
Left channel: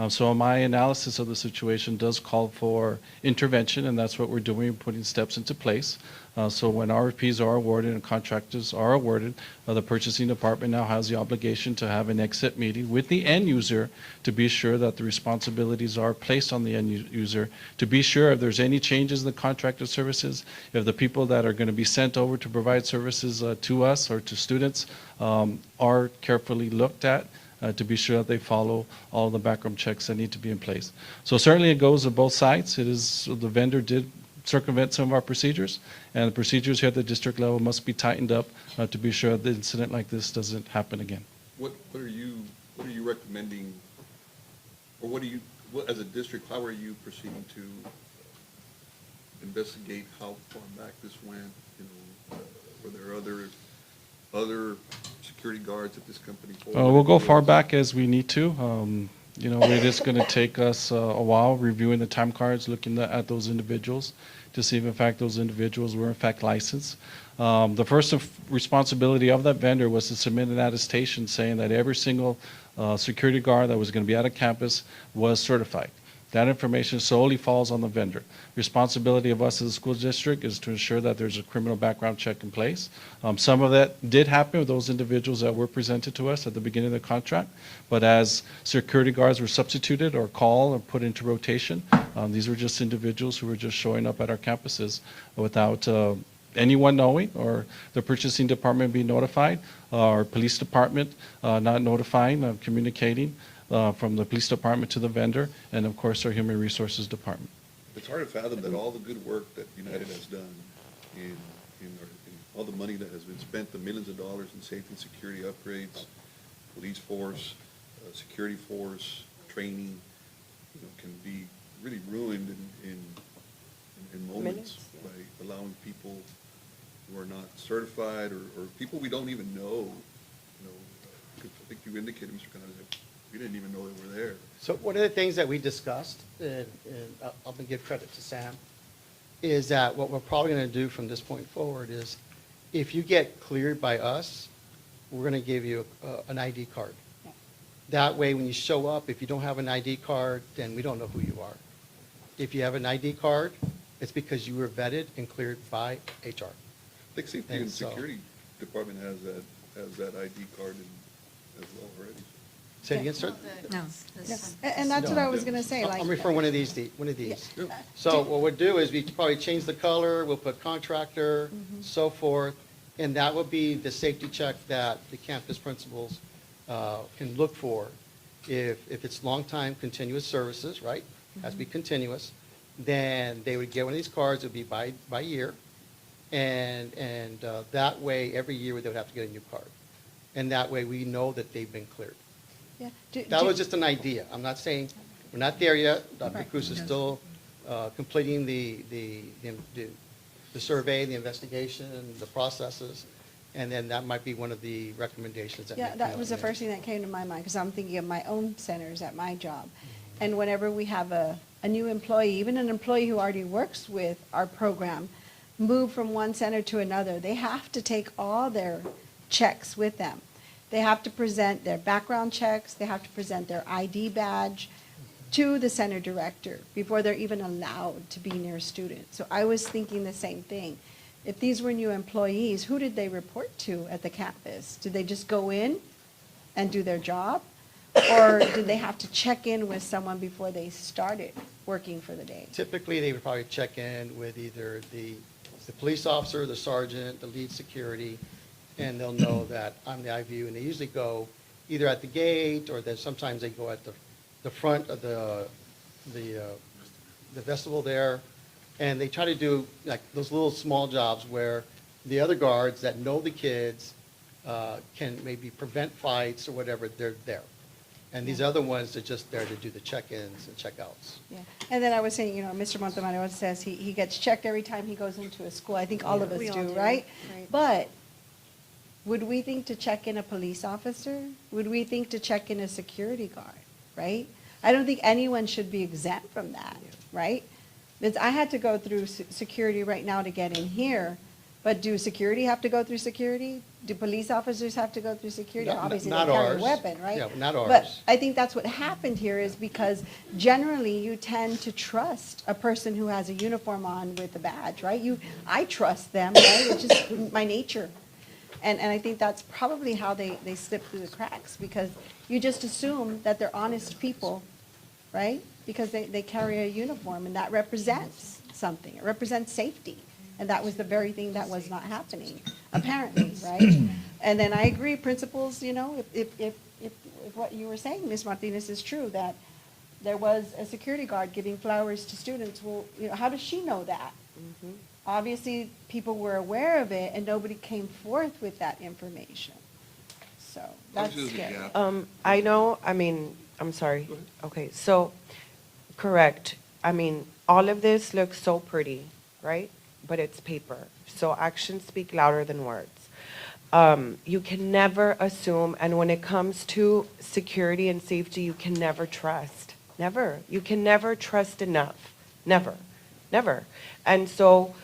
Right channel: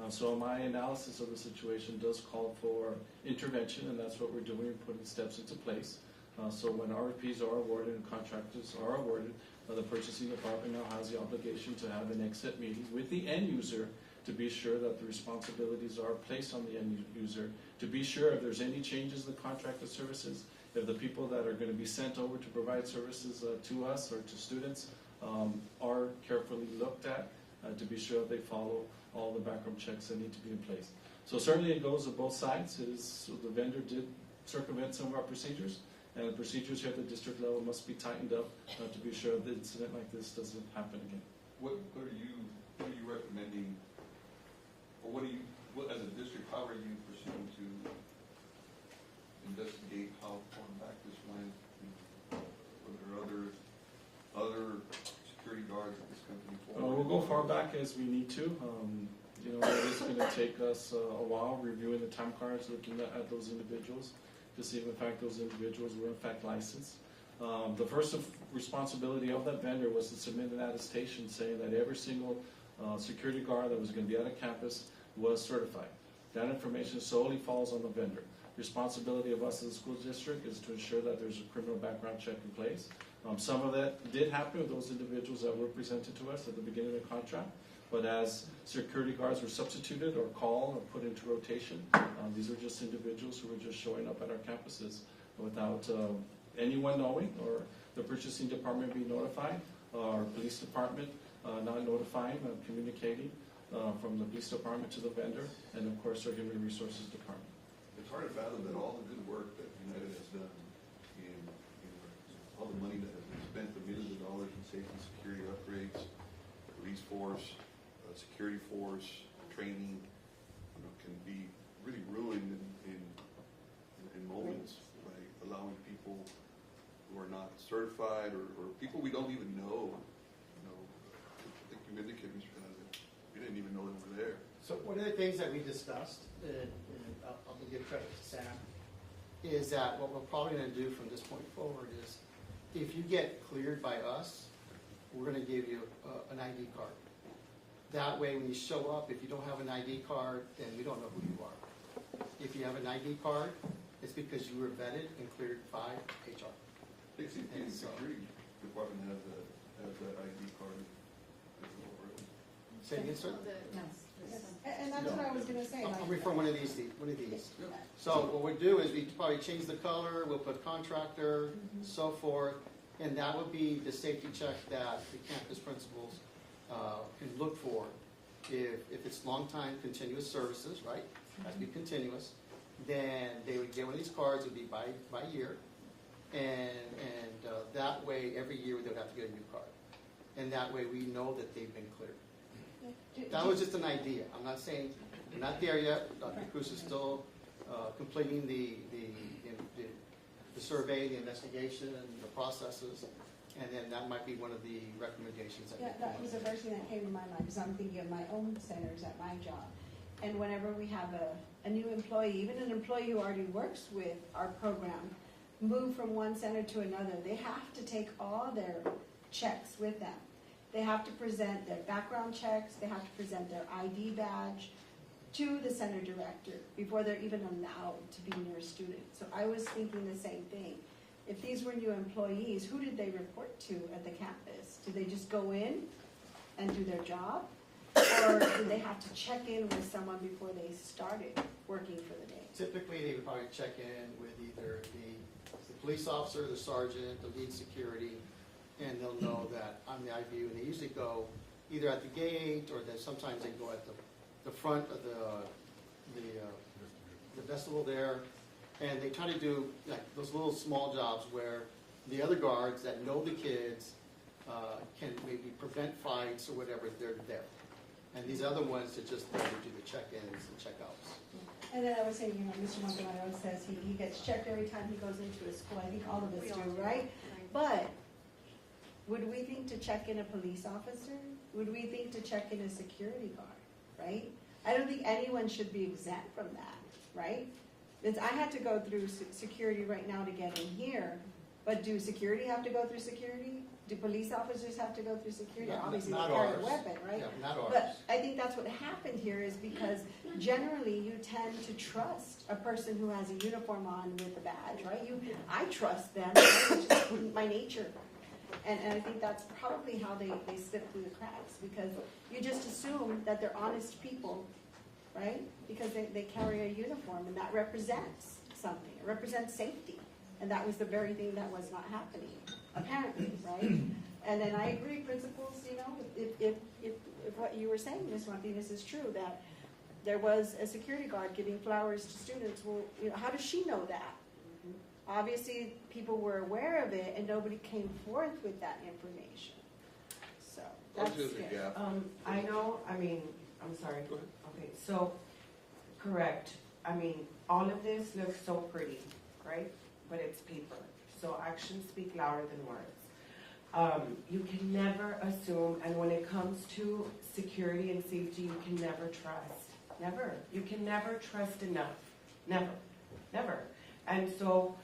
So my analysis of the situation does call for intervention, and that's what we're doing, putting steps into place. So when RFPs are awarded and contractors are awarded, the purchasing department now has the obligation to have an exit meeting with the end user to be sure that the responsibilities are placed on the end user, to be sure if there's any changes in the contracted services, if the people that are going to be sent over to provide services to us or to students are carefully looked at, to be sure that they follow all the background checks that need to be in place. So certainly it goes to both sides. It is, the vendor did circumvent some of our procedures, and the procedures here at the district level must be tightened up to be sure that an incident like this doesn't happen again. What are you recommending, or as a district, how are you proceeding to investigate how far back this went? You know, were there other security guards at this company? We'll go far back as we need to. You know, it is going to take us a while reviewing the time cards, looking at those individuals to see if in fact those individuals were in fact licensed. The first responsibility of that vendor was to submit an attestation saying that every single security guard that was going to be at a campus was certified. That information solely falls on the vendor. Responsibility of us as a school district is to ensure that there's a criminal background check in place. Some of that did happen with those individuals that were presented to us at the beginning of the contract, but as security guards were substituted or called or put into rotation, these were just individuals who were just showing up at our campuses without anyone knowing, or the purchasing department being notified, or police department not notifying, communicating from the police department to the vendor, and of course our human resources department. It's hard to fathom that all the good work that United has done in all the money that has been spent, the millions of dollars in safety and security upgrades, police force, security force, training, you know, can be really ruined in moments by allowing people who are not certified or people we don't even know. You know, I think you indicated, Mr. Canales, we didn't even know they were there. So one of the things that we discussed, and I'll give credit to Sam, is that what we're probably going to do from this point forward is, if you get cleared by us, we're going to give you an ID card. That way, when you show up, if you don't have an ID card, then we don't know who you are. If you have an ID card, it's because you were vetted and cleared by HR. I think safety and security department has that ID card as well already. Say it again, sir? No. And that's what I was gonna say, like. I'm referring one of these. Yeah. So what we'll do is we probably change the color, we'll put contractor, so forth, and that will be the safety check that the campus principals can look for, if it's long-time continuous services, right? Has to be continuous, then they would get one of these cards, it would be by year. And that way, every year, they would have to get a new card. And that way, we know that they've been cleared. Yeah. That was just an idea. I'm not saying, we're not there yet. Dr. Cruz is still completing the survey, the investigation, and the processes. And then that might be one of the recommendations that. Yeah, may that come was the up. first thing that came to my mind, because I'm thinking of my own centers at my job. And whenever we have a new employee, even an employee who already works with our program, move from one center to another, they have to take all their checks with them. They have to present their background checks, they have to present their ID badge to the center director before they're even allowed to be near a student. So I was thinking the same thing. If these were new employees, who did they report to at the campus? Did they just go in and do their job? Or did they have to check in with someone before they started working for the day? Typically, they would probably check in with either the police officer, the sergeant, the lead security, and they'll know that I'm the IVU, and they usually go either at the gate, or then sometimes they go at the front of the vestibule there, and they try to do like those little small jobs where the other guards that know the kids can maybe prevent fights or whatever, they're there. And these other ones are just there to do the check-ins and check-outs. Yeah. And then I was saying, Mr. Montemayor says he gets checked every time he goes into a school. I think all of us We all do, do, right? right. But would we think to check in a police officer? Would we think to check in a security guard, right? I don't think anyone should be exempt from that, right? Because I had to go through security right now to get in here, but do security have to go through security? Do police officers have to go through security? Not- Obviously, they not carry a ours. weapon, right? Yeah, not ours. But I think that's what happened here is because generally you tend to trust a person who has a uniform on with a badge, right? I trust them, right, which is my nature. And I think that's probably how they slip through the cracks, because you just assume that they're honest people, right? Because they carry a uniform, and that represents something. It represents safety. And that was the very thing that was not happening, apparently, right? And then I agree, principals, if what you were saying, Ms. Martinez, is true, that there was a security guard giving flowers to students, well, how does she know that? Obviously, people were aware of it, and nobody came forth with that information. So, that's There's a scary. gap. I'm sorry. Okay, so, correct. All of this looks so pretty, right? But it's paper. So actions speak louder than words. You can never assume, and when it comes to security and safety, you can never trust. Never. You can never trust enough. Never. Never. And so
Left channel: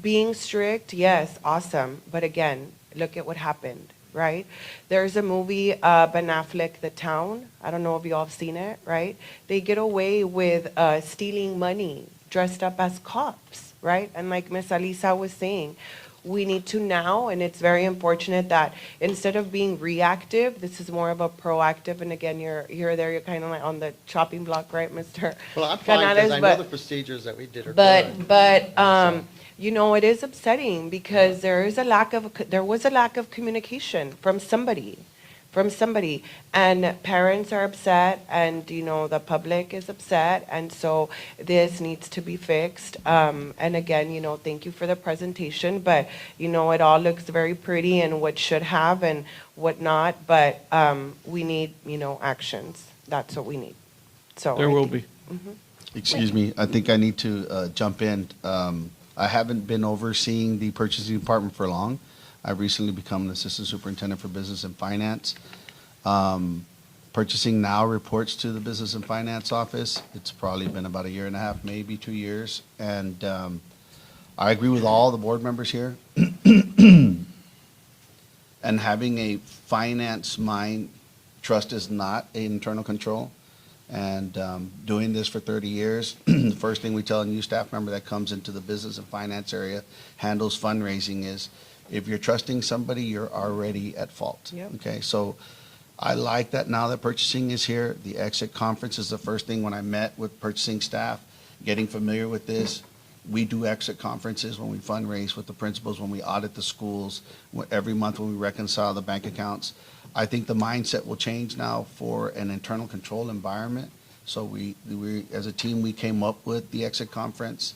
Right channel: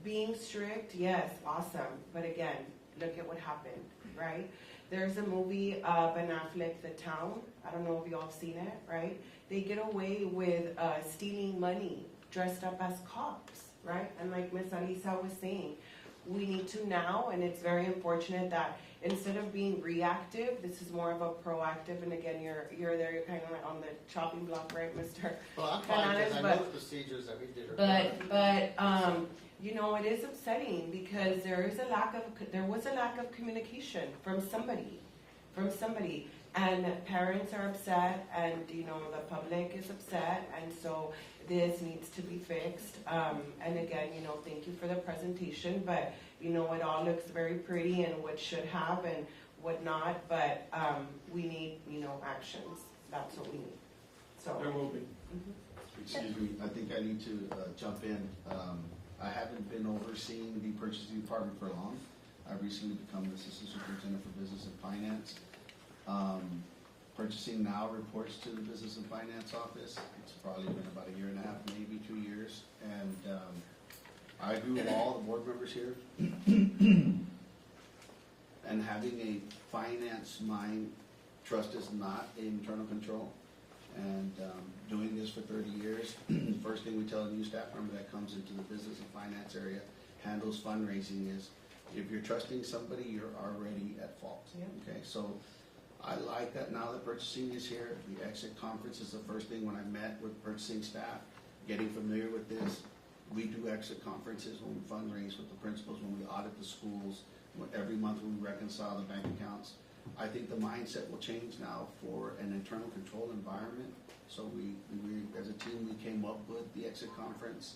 being strict, yes, awesome. But again, look at what happened, right? There's a movie, Ben Affleck, The Town. I don't know if you all have seen it, right? They get away with stealing money dressed up as cops, right? And like Ms. Alisa was saying, we need to now, and it's very unfortunate that instead of being reactive, this is more of a proactive, and again, you're kind of like on the chopping block, right, Mr. Well, I'm fine, because I know Canales, the procedures that we did are but, good. but, it is upsetting because there was a lack of communication from somebody. And parents are upset, and, the public is upset, and so this needs to be fixed. And again, thank you for the presentation, but, it all looks very pretty and what should have and what not, but, we need, actions. That's what we need. So. There will be. Excuse me, I think I need to jump in. I haven't been overseeing the purchasing department for long. I've recently become an assistant superintendent for business and finance. Purchasing now reports to the business and finance office. It's probably been about 1.5 years, maybe 2 years. And I agree with all the board members here. And having a finance mind, trust is not an internal control. And doing this for 30 years, the first thing we tell a new staff member that comes into the business and finance area, handles fundraising, is if you're trusting somebody, you're already at fault. Yep. Okay, so I like that now that purchasing is here. The exit conference is the first thing when I met with purchasing staff, getting familiar with this. We do exit conferences when we fundraise with the principals, when we audit the schools, every month when we reconcile the bank accounts. I think the mindset will change now for an internal control environment. So we, as a team, we came up with the exit conference.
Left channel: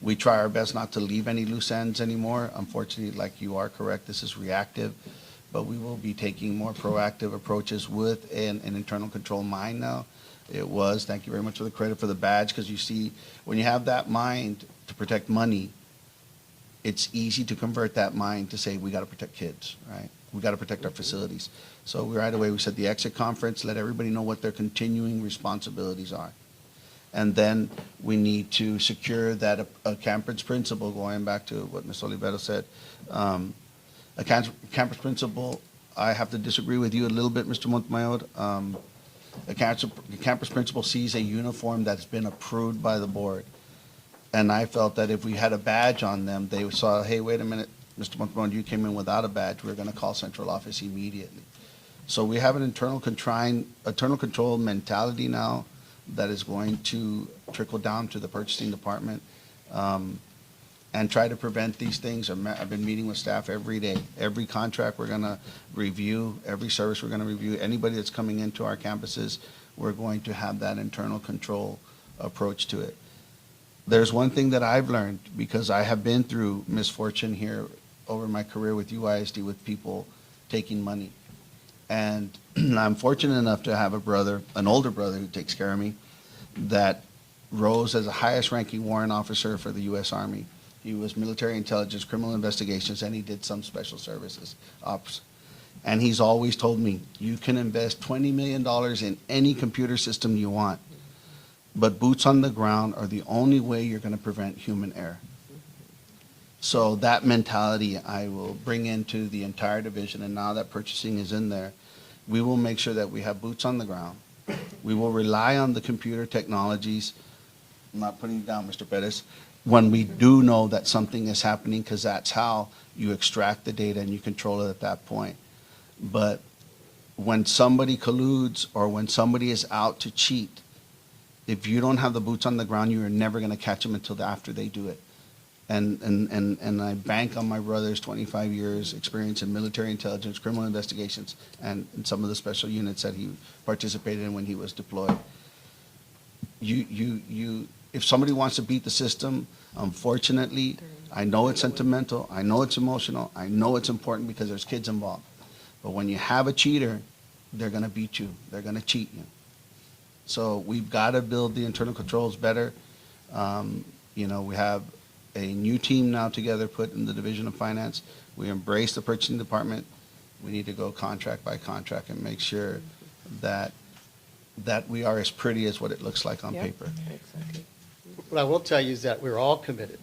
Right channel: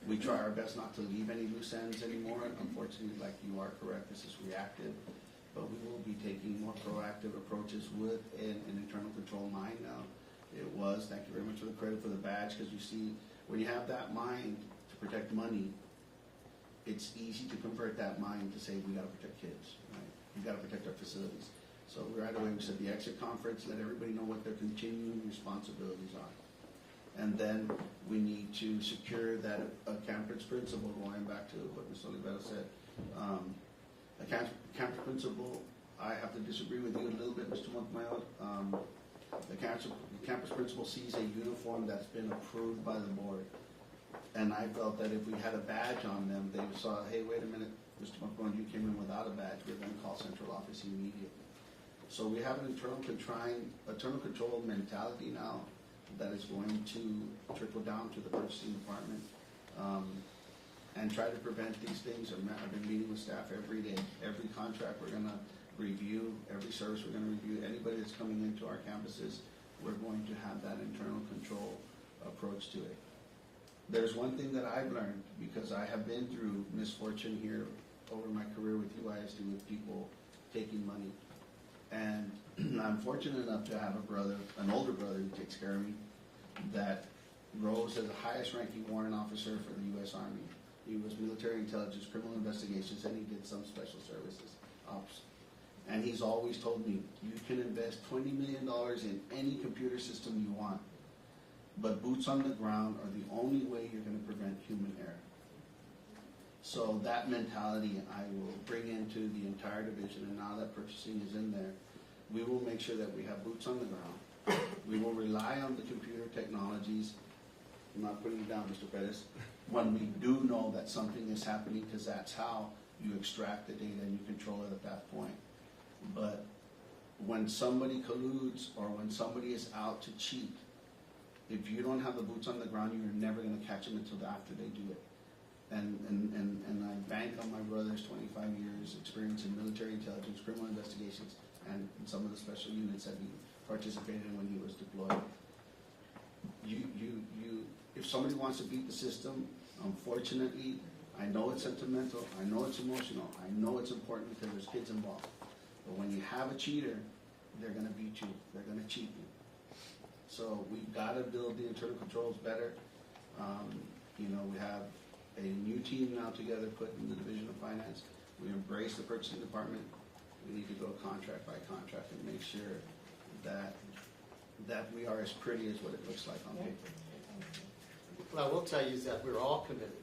We try our best not to leave any loose ends anymore. Unfortunately, like you are correct, this is reactive, but we will be taking more proactive approaches with an internal control mind now. It was, thank you very much for the credit for the badge, because you see, when you have that mind to protect money, it's easy to convert that mind to say, we got to protect kids, right? We got to protect our facilities. So right away, we said the exit conference, let everybody know what their continuing responsibilities are. And then we need to secure that a campus principal, going back to what Ms. Olivero said, a campus principal, I have to disagree with you a little bit, Mr. Montemayor. A campus principal sees a uniform that's been approved by the board. And I felt that if we had a badge on them, they saw, hey, wait a minute, Mr. Montemayor, you came in without a badge, we're gonna call central office immediately. So we have an internal control mentality now that is going to trickle down to the purchasing department, and try to prevent these things. I've been meeting with staff every day. Every contract we're gonna review, every service we're gonna review, anybody that's coming into our campuses, we're going to have that internal control approach to it. There's one thing that I've learned, because I have been through misfortune here over my career with UISD, with people taking money. And I'm fortunate enough to have a brother, an older brother who takes care of me, that rose as the highest ranking warrant officer for the U.S. Army. He was military intelligence, criminal investigations, and he did some special services ops. And he's always told me, you can invest $20 million in any computer system you want, but boots on the ground are the only way you're going to prevent human error. So that mentality I will bring into the entire division, and now that purchasing is in there, we will make sure that we have boots on the ground. We will rely on the computer technologies. I'm not putting it down, Mr. Perez, when we do know that something is happening, because that's how you extract the data and you control it at that point. But when somebody colludes or when somebody is out to cheat, if you don't have the boots on the ground, you are never going to catch them until after they do it. And I bank on my brother's 25 years experience in military intelligence, criminal investigations, and some of the special units that he participated in when he was deployed. If somebody wants to beat the system, unfortunately, I know it's sentimental, I know it's emotional, I know it's important because there's kids involved. But when you have a cheater, they're going to beat you, they're going to cheat you. So we've got to build the internal controls better. You know, we have a new team now together put in the Division of Finance. We embrace the purchasing department. We need to go contract by contract and make sure that we are as pretty as what it looks like on paper. What I will tell you is that we're all committed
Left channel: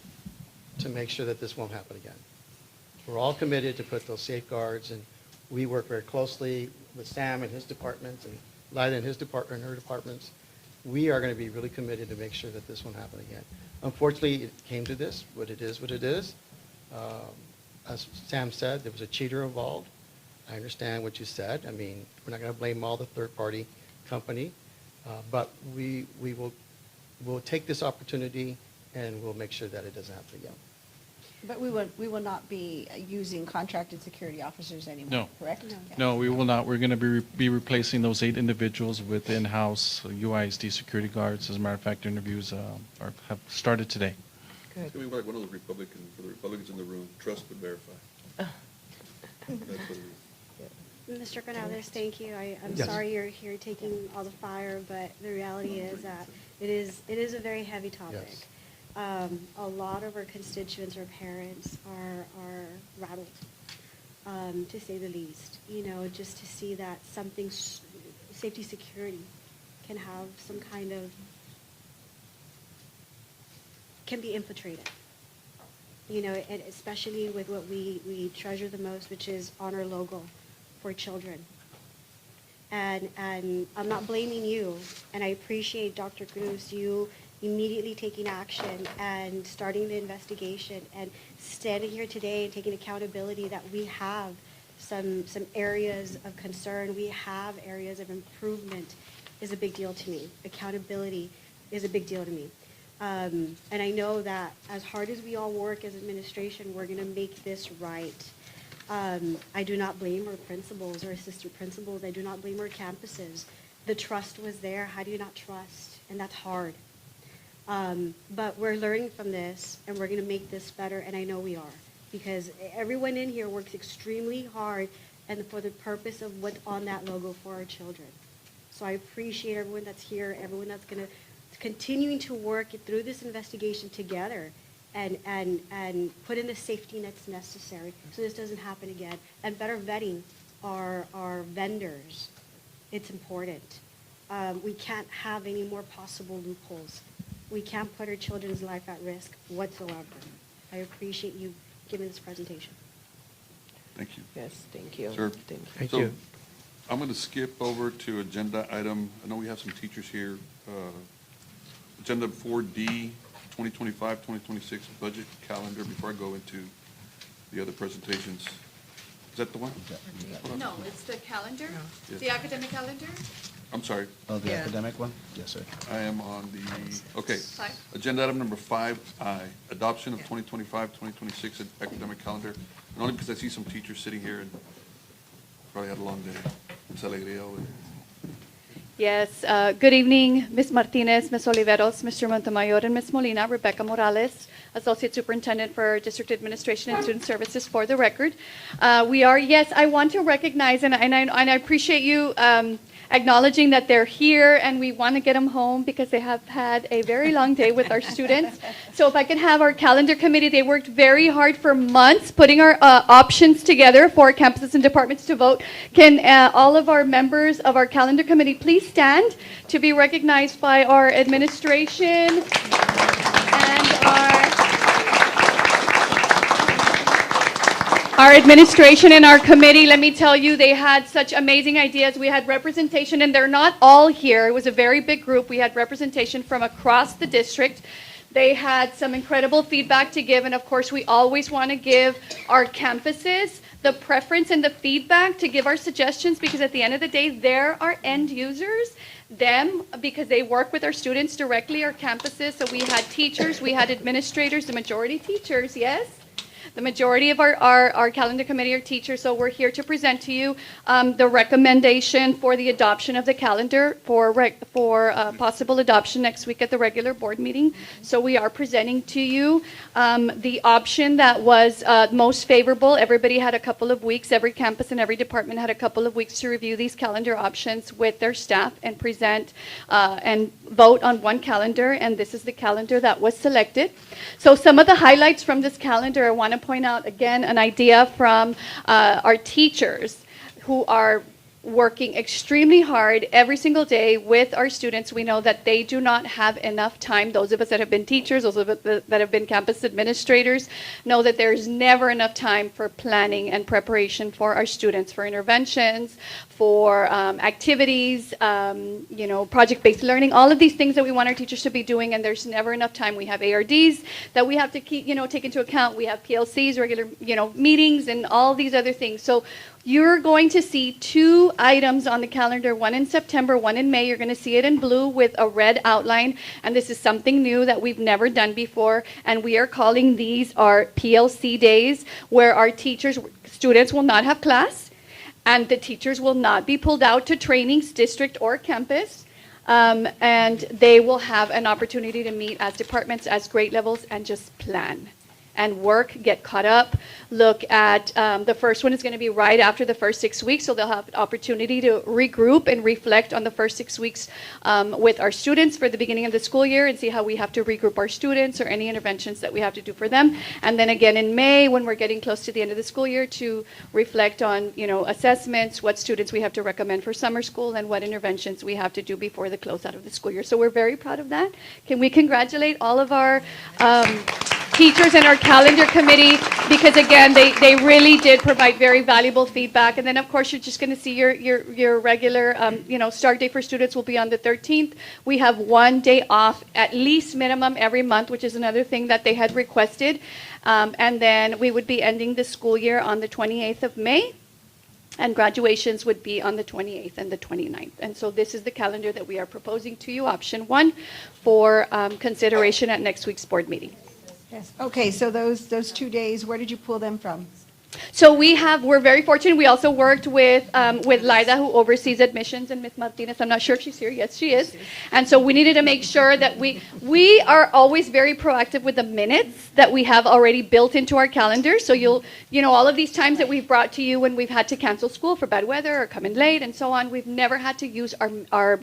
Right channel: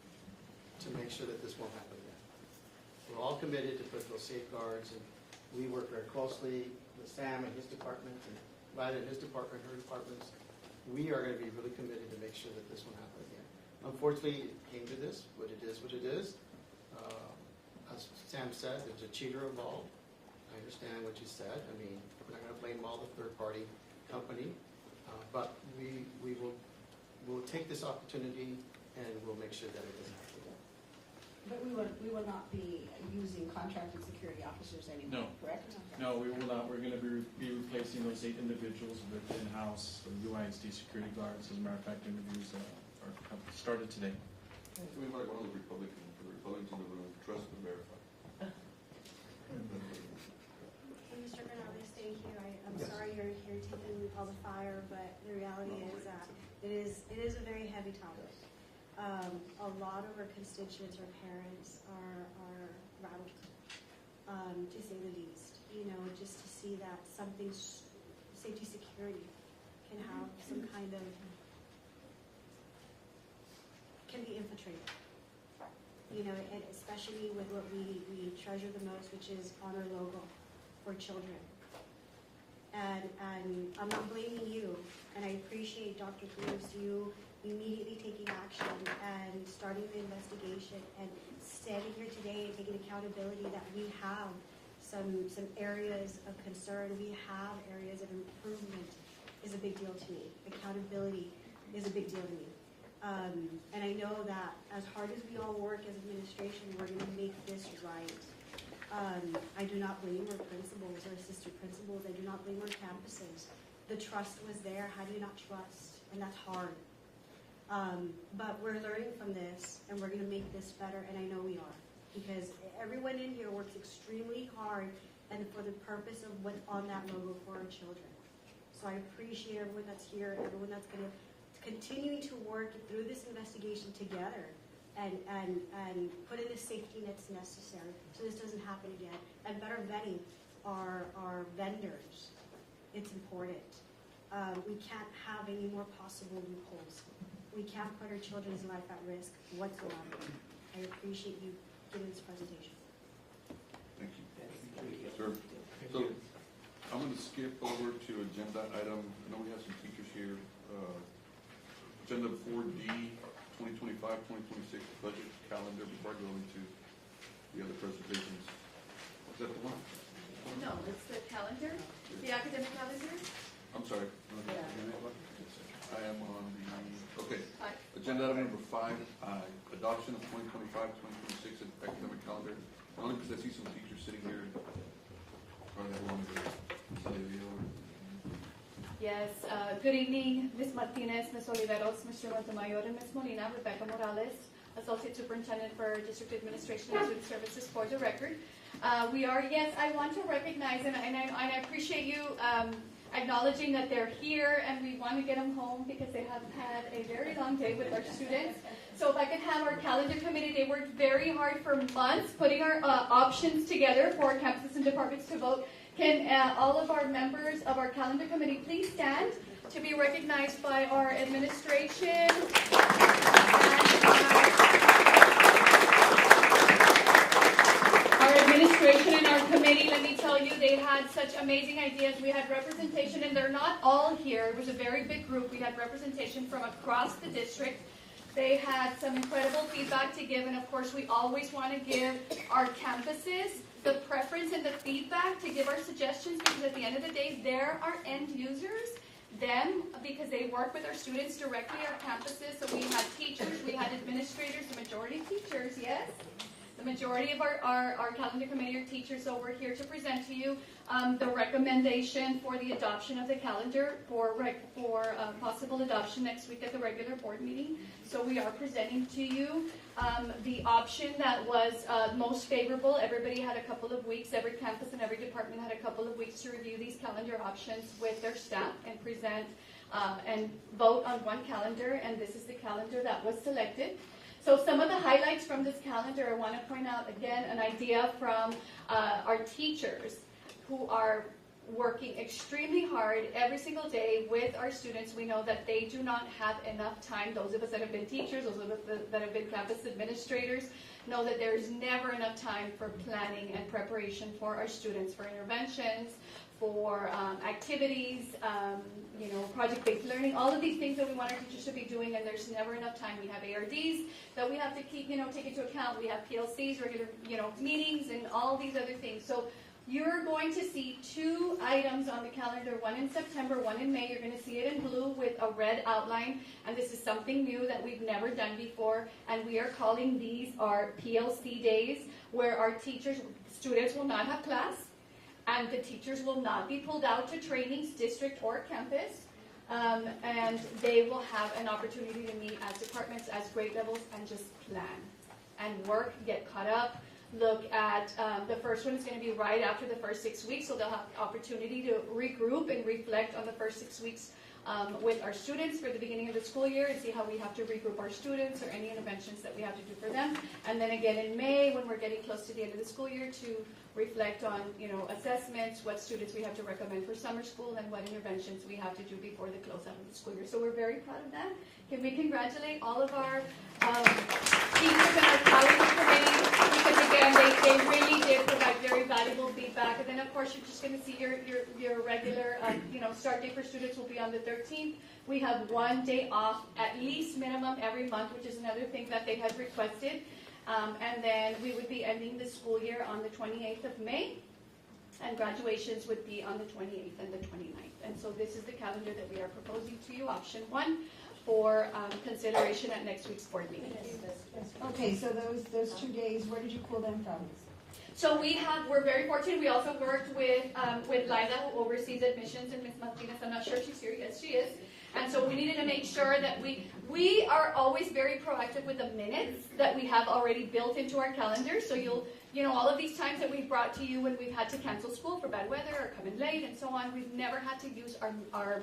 to make sure that this won't happen again. We're all committed to put those safeguards, and we work very closely with Sam and his departments, and Lila and his department and her departments. We are going to be really committed to make sure that this won't happen again. Unfortunately, it came to this, but it is what it is. As Sam said, there was a cheater involved. I understand what you said. I mean, we're not going to blame all the third-party company, but we'll take this opportunity and we'll make sure that it doesn't happen again. But we will not be using contracted security officers anymore, No. correct? Okay. No, we will not. We're going to be replacing those 8 individuals with in-house UISD security guards. As a matter of fact, interviews have started today. Can we invite one of the Republicans in the room, trust but verify. That's what it is. Mr. Canales, thank you. I'm Yes. sorry you're here taking all the fire, but the reality is that it is a very heavy topic. Yes. A lot of our constituents or parents are rattled, to say the least. You know, just to see that something, safety security can have some kind of, can be infiltrated. You know, and especially with what we treasure the most, which is honor logo for children. And I'm not blaming you, and I appreciate Dr. Cruz, you immediately taking action and starting the investigation and standing here today and taking accountability that we have some areas of concern, we have areas of improvement is a big deal to me. Accountability is a big deal to me. And I know that as hard as we all work as administration, we're gonna make this right. I do not blame our principals or assistant principals. I do not blame our campuses. The trust was there. How do you not trust? And that's hard. But we're learning from this, and we're going to make this better, and I know we are, because everyone in here works extremely hard and for the purpose of what's on that logo for our children. So I appreciate everyone that's here, everyone that's going to continuing to work through this investigation together and put in the safety nets necessary so this doesn't happen again. And better vetting our vendors. It's important. We can't have any more possible loopholes. We can't put our children's life at risk whatsoever. I appreciate you giving this presentation. Thank you. Yes, thank you. Sir? Thank So, you. I'm going to skip over to agenda item, I know we have some teachers here. Agenda 4D, 2025-2026 budget calendar, before I go into the other presentations. Is that the one? No, it's the calendar, the academic calendar. I'm sorry, Oh, the academic one? Yes, sir. I am on the, okay. Five. Agenda item number 5I, adoption of 2025-2026 academic calendar. And only because I see some teachers sitting here and probably had a long day. It's alegría, güey. Yes, good evening, Ms. Martinez, Ms. Oliveros, Mr. Montemayor, and Ms. Molina. Rebecca Morales, Associate Superintendent for District Administration and Student Services, for the record. Yes, I want to recognize, and I appreciate you acknowledging that they're here, and we want to get them home because they have had a very long day with our students. So if I could have our calendar committee, they worked very hard for months putting our options together for campuses and departments to vote. Can all of our members of our calendar committee please stand to be recognized by our administration and our administration and our committee? Let me tell you, they had such amazing ideas. We had representation, and they're not all here. It was a very big group. We had representation from across the district. They had some incredible feedback to give, and of course, we always want to give our campuses the preference and the feedback to give our suggestions, because at the end of the day, they're our end users. Them, because they work with our students directly, our campuses. So we had teachers, we had administrators, the majority teachers, yes? The majority of our calendar committee are teachers, so we're here to present to you the recommendation for the adoption of the calendar for possible adoption next week at the regular board meeting. So we are presenting to you the option that was most favorable. Everybody had a couple of weeks, every campus and every department had a couple of weeks to review these calendar options with their staff and present and vote on one calendar, and this is the calendar that was selected. So some of the highlights from this calendar, I want to point out again an idea from our teachers who are working extremely hard every single day with our students. We know that they do not have enough time. Those of us that have been teachers, those of us that have been campus administrators, know that there's never enough time for planning and preparation for our students, for interventions, for activities, project-based learning, all of these things that we want our teachers to be doing, and there's never enough time. We have ARDs that we have to keep, take into account. We have PLCs, regular, meetings, and all these other things. So you're going to see 2 items on the calendar, one in September, one in May. You're going to see it in blue with a red outline, and this is something new that we've never done before, and we are calling these our PLC days, where our students will not have class, and the teachers will not be pulled out to trainings, district or campus, and they will have an opportunity to meet as departments, as grade levels, and just plan and work, get caught up, look at, the first one is going to be right after the first 6 weeks, so they'll have an opportunity to regroup and reflect on the first 6 weeks with our students for the beginning of the school year and see how we have to regroup our students or any interventions that we have to do for them. And then again in May, when we're getting close to the end of the school year, to reflect on, assessments, what students we have to recommend for summer school, and what interventions we have to do before the closeout of the school year. So we're very proud of that. Can we congratulate all of our teachers and our calendar committee, because again, they really did provide very valuable feedback. And then of course, you're just going to see your regular, start date for students will be on the 13th. We have 1 day off, at least minimum every month, which is another thing that they had requested. And then we would be ending the school year on the 28th of May. And graduations would be on the 28th and the 29th. And so this is the calendar that we are proposing to you, option 1, for consideration at next week's board meeting. Yes, okay, so those 2 days, where did you pull them from? So we're very fortunate. We also worked with Liza, who oversees admissions, and Ms. Martinez. I'm not sure if she's here. Yes, she is. And so we needed to make sure that we are always very proactive with the minutes that we have already built into our calendar. So all of these times that we've brought to you when we've had to cancel school for bad weather or come in late and so on, we've never had to use our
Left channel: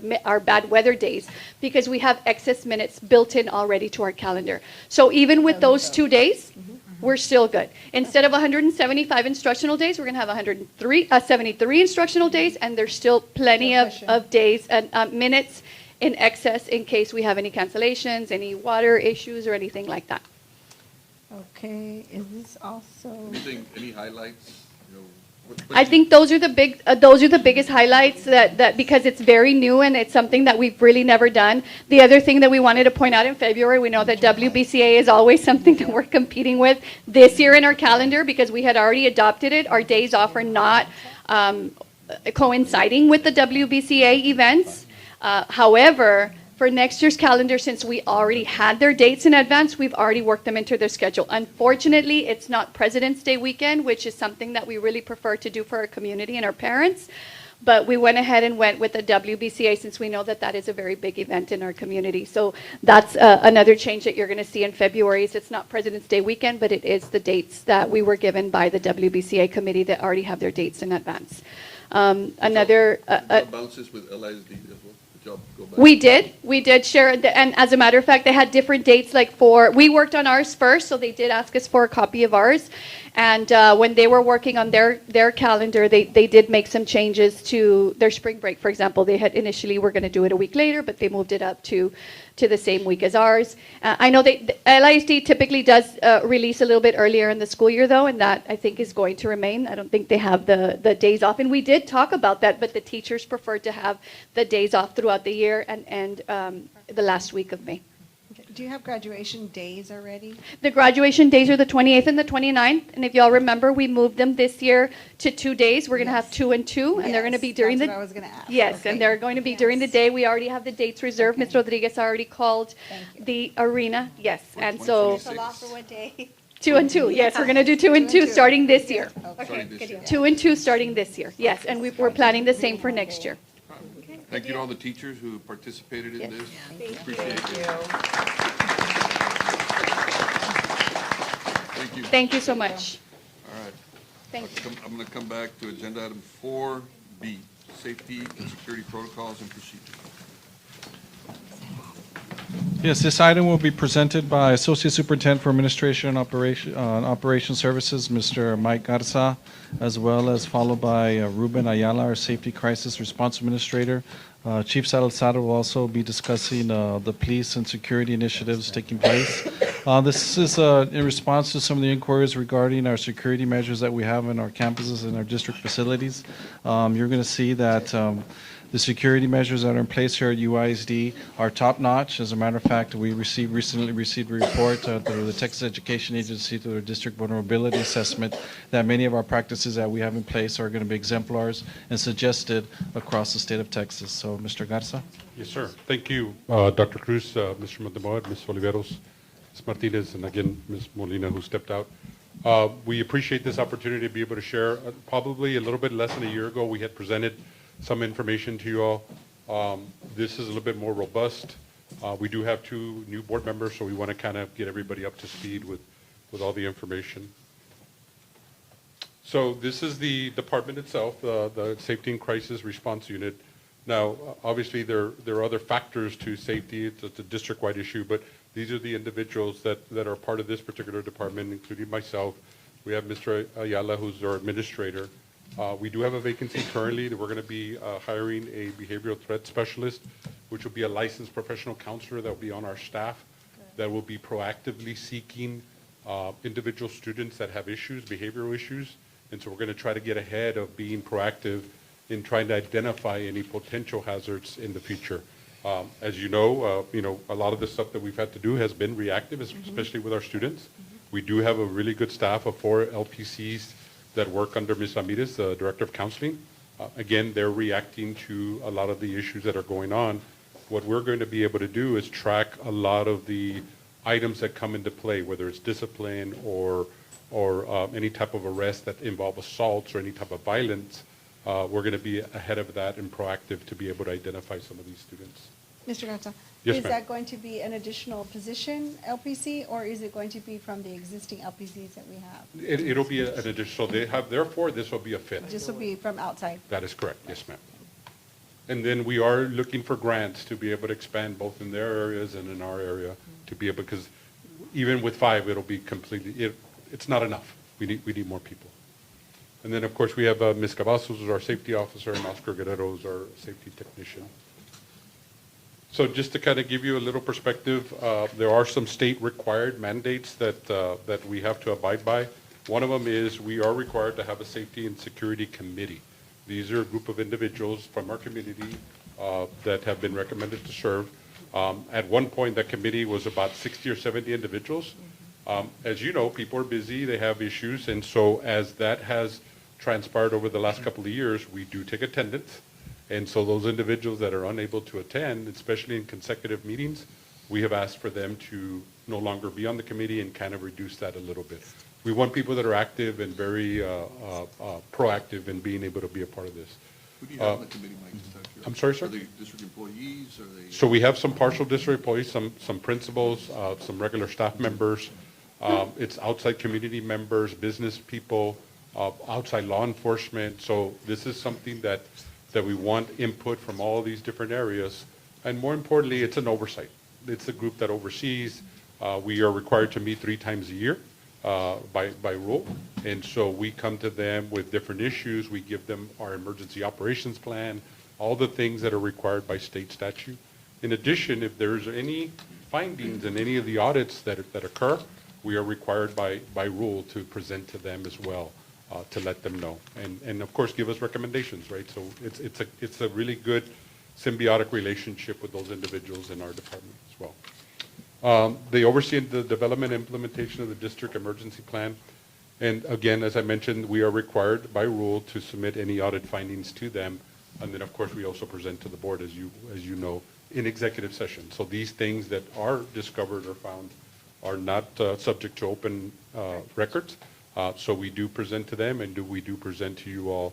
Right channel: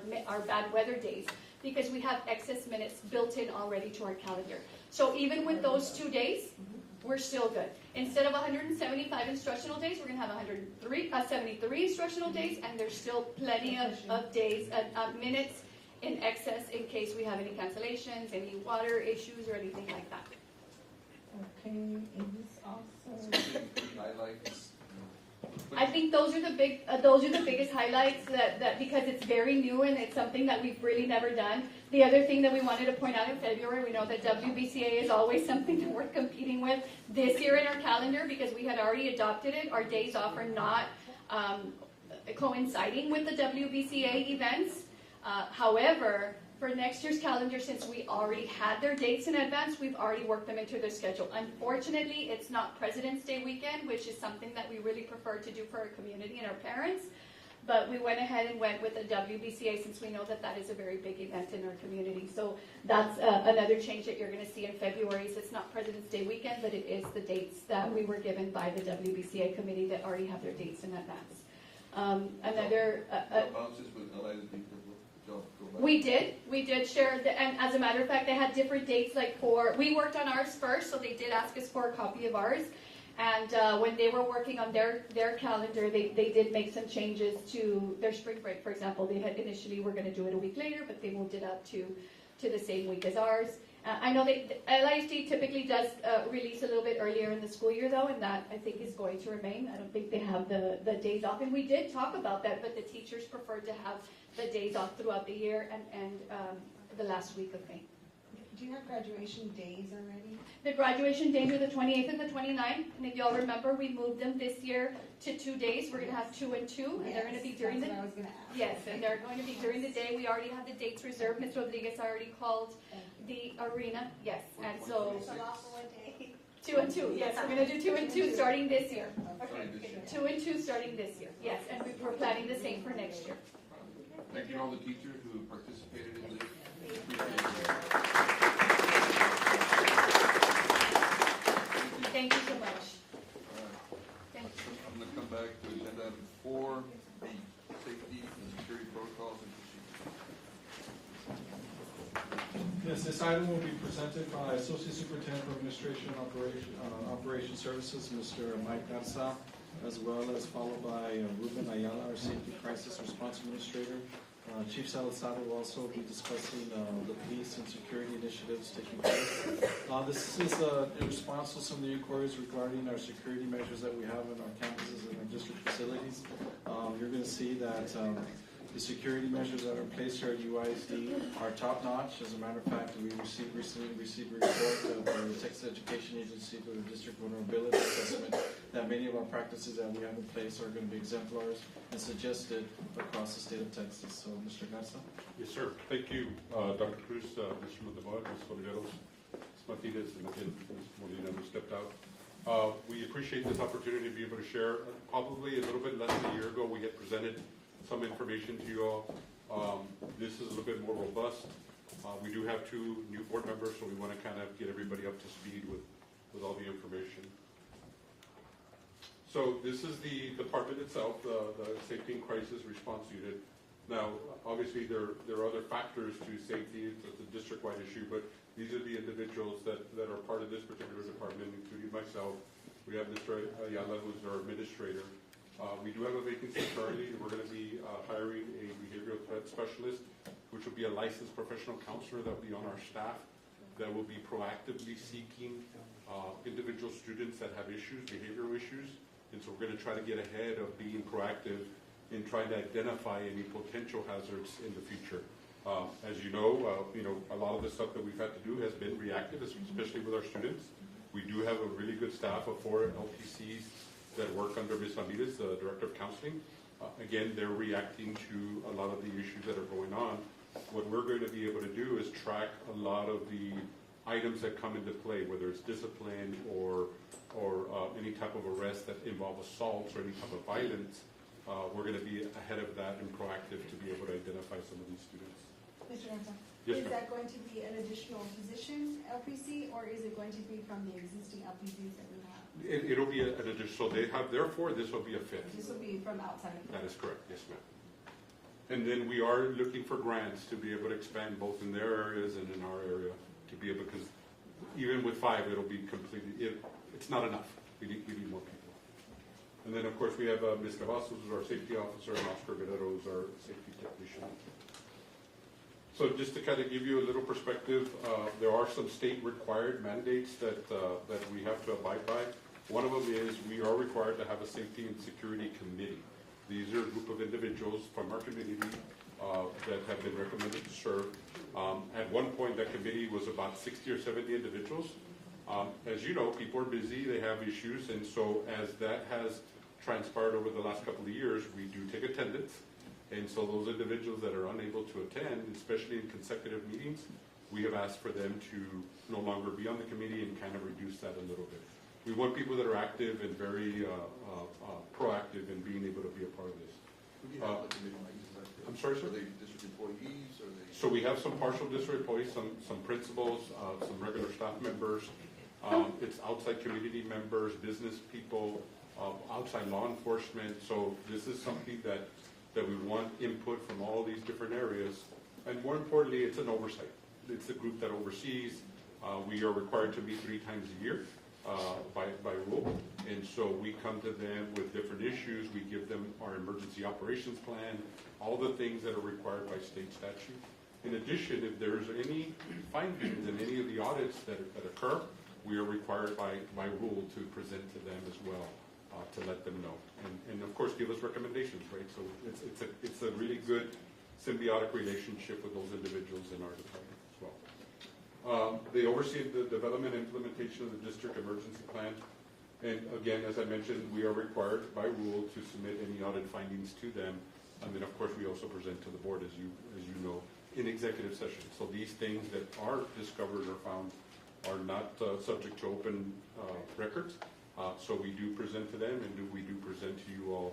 bad weather days because we have excess minutes built in already to our calendar. So even with those 2 days, we're still good. Instead of 175 instructional days, we're going to have 73 instructional days, and there's still plenty of days and minutes in excess in case we have any cancellations, any water issues, or anything like that. Okay, is this also? Any highlights? I think those are the biggest highlights that because it's very new and it's something that we've really never done. The other thing that we wanted to point out in February, we know that WBCA is always something that we're competing with. This year in our calendar, because we had already adopted it, our days off are not coinciding with the WBCA events. However, for next year's calendar, since we already had their dates in advance, we've already worked them into their schedule. Unfortunately, it's not President's Day weekend, which is something that we really prefer to do for our community and our parents. But we went ahead and went with the WBCA since we know that that is a very big event in our community. So that's another change that you're going to see in February. Is it's not President's Day weekend, but it is the dates that we were given by the WBCA committee that already have their dates in advance. Bounces with LISD as well. We did share, and as a matter of fact, they had different dates. We worked on ours first, so they did ask us for a copy of ours. And when they were working on their calendar, they did make some changes to their spring break. For example, they had initially were going to do it a week later, but they moved it up to the same week as ours. I know LISD typically does release a little bit earlier in the school year, though, and that I think is going to remain. I don't think they have the days off. And we did talk about that, but the teachers prefer to have the days off throughout the year and the last week of May. Do you have graduation days already? The graduation days are the 28th and the 29th, and if y'all remember, we moved them this year to 2 days. We're going to have 2 and 2, and they're going to be during That's what I was gonna ask. Yes, Okay. and they're going to be during the day. We already have the dates reserved. Ms. Rodriguez already called the arena. Yes, and so It's a lot for one day. 2 and 2. Yes, we're going to do 2 and 2 starting this year. Okay, good deal. 2 and 2 starting this year. Yes, and we're planning the same for next year. Thank you to all the teachers who participated in this. Appreciate it. Thank you. Thank you so much. All right. Thank you. I'm going to come back to agenda item 4B, safety and security protocols and procedures. Yes, this item will be presented by Associate Superintendent for Administration and Operation Services, Mr. Mike Garza, as well as followed by Ruben Ayala, our Safety Crisis Response Administrator. Chief Salazar will also be discussing the police and security initiatives taking place. This is in response to some of the inquiries regarding our security measures that we have in our campuses and our district facilities. You're going to see that the security measures that are in place here at UISD are top-notch. As a matter of fact, we recently received a report through the Texas Education Agency through their district vulnerability assessment that many of our practices that we have in place are going to be exemplars and suggested across the state of Texas. So, Mr. Garza? Yes, sir. Thank you, Dr. Cruz, Mr. Montemayor, Ms. Oliveros, Ms. Martinez, and again, Ms. Molina, who stepped out. We appreciate this opportunity to be able to share. Probably a little bit less than a year ago, we had presented some information to you all. This is a little bit more robust. We do have 2 new board members, so we want to kind of get everybody up to speed with all the information. So this is the department itself, the Safety and Crisis Response Unit. Now, obviously, there are other factors to safety. It's a district-wide issue, but these are the individuals that are part of this particular department, including myself. We have Mr. Ayala, who's our administrator. We do have a vacancy currently that we're going to be hiring a behavioral threat specialist, which will be a licensed professional counselor that will be on our staff that will be proactively seeking individual students that have issues, behavioral issues. And so we're going to try to get ahead of being proactive in trying to identify any potential hazards in the future. As you know, a lot of the stuff that we've had to do has been reactive, especially with our students. We do have a really good staff of 4 LPCs that work under Ms. Ramirez, the Director of Counseling. Again, they're reacting to a lot of the issues that are going on. What we're going to be able to do is track a lot of the items that come into play, whether it's discipline or any type of arrest that involve assaults or any type of violence, we're going to be ahead of that and proactive to be able to identify some of these students. Mr. Garza? Yes, Is ma'am. that going to be an additional position, LPC, or is it going to be from the existing LPCs that we have? It'll be an additional, therefore, this will be a fit. This will be from outside? That is correct, yes, ma'am. And then we are looking for grants to be able to expand both in their areas and in our area to be able, because even with 5, it'll be completely, it's not enough. We need more people. And then, of course, we have Ms. Cavazos, who's our safety officer, and Oscar Guerrero, who's our safety technician. So just to kind of give you a little perspective, there are some state-required mandates that we have to abide by. One of them is we are required to have a safety and security committee. These are a group of individuals from our community that have been recommended to serve. At one point, that committee was about 60 or 70 individuals. As you know, people are busy, they have issues, and so as that has transpired over the last couple of years, we do take attendance. And so those individuals that are unable to attend, especially in consecutive meetings, we have asked for them to no longer be on the committee and kind of reduce that a little bit. We want people that are active and very proactive in being able to be a part of this. Who do you have on the committee, Mike? Just out of curiosity? I'm sorry, sir? Are they district employees? Are they? So we have some partial district employees, some principals, some regular staff members. It's outside community members, business people, outside law enforcement. So this is something that we want input from all these different areas. And more importantly, it's an oversight. It's a group that oversees. We are required to meet 3 times a year by rule. And so we come to them with different issues. We give them our emergency operations plan, all the things that are required by state statute. In addition, if there's any findings in any of the audits that occur, we are required by rule to present to them as well, to let them know. And of course, give us recommendations, right? So it's a really good symbiotic relationship with those individuals in our department as well. They oversee the development and implementation of the district emergency plan. And again, as I mentioned, we are required by rule to submit any audit findings to them. And then, of course, we also present to the board, as you know, in executive session. So these things that are discovered or found are not subject to open records. So we do present to them, and we do present to you all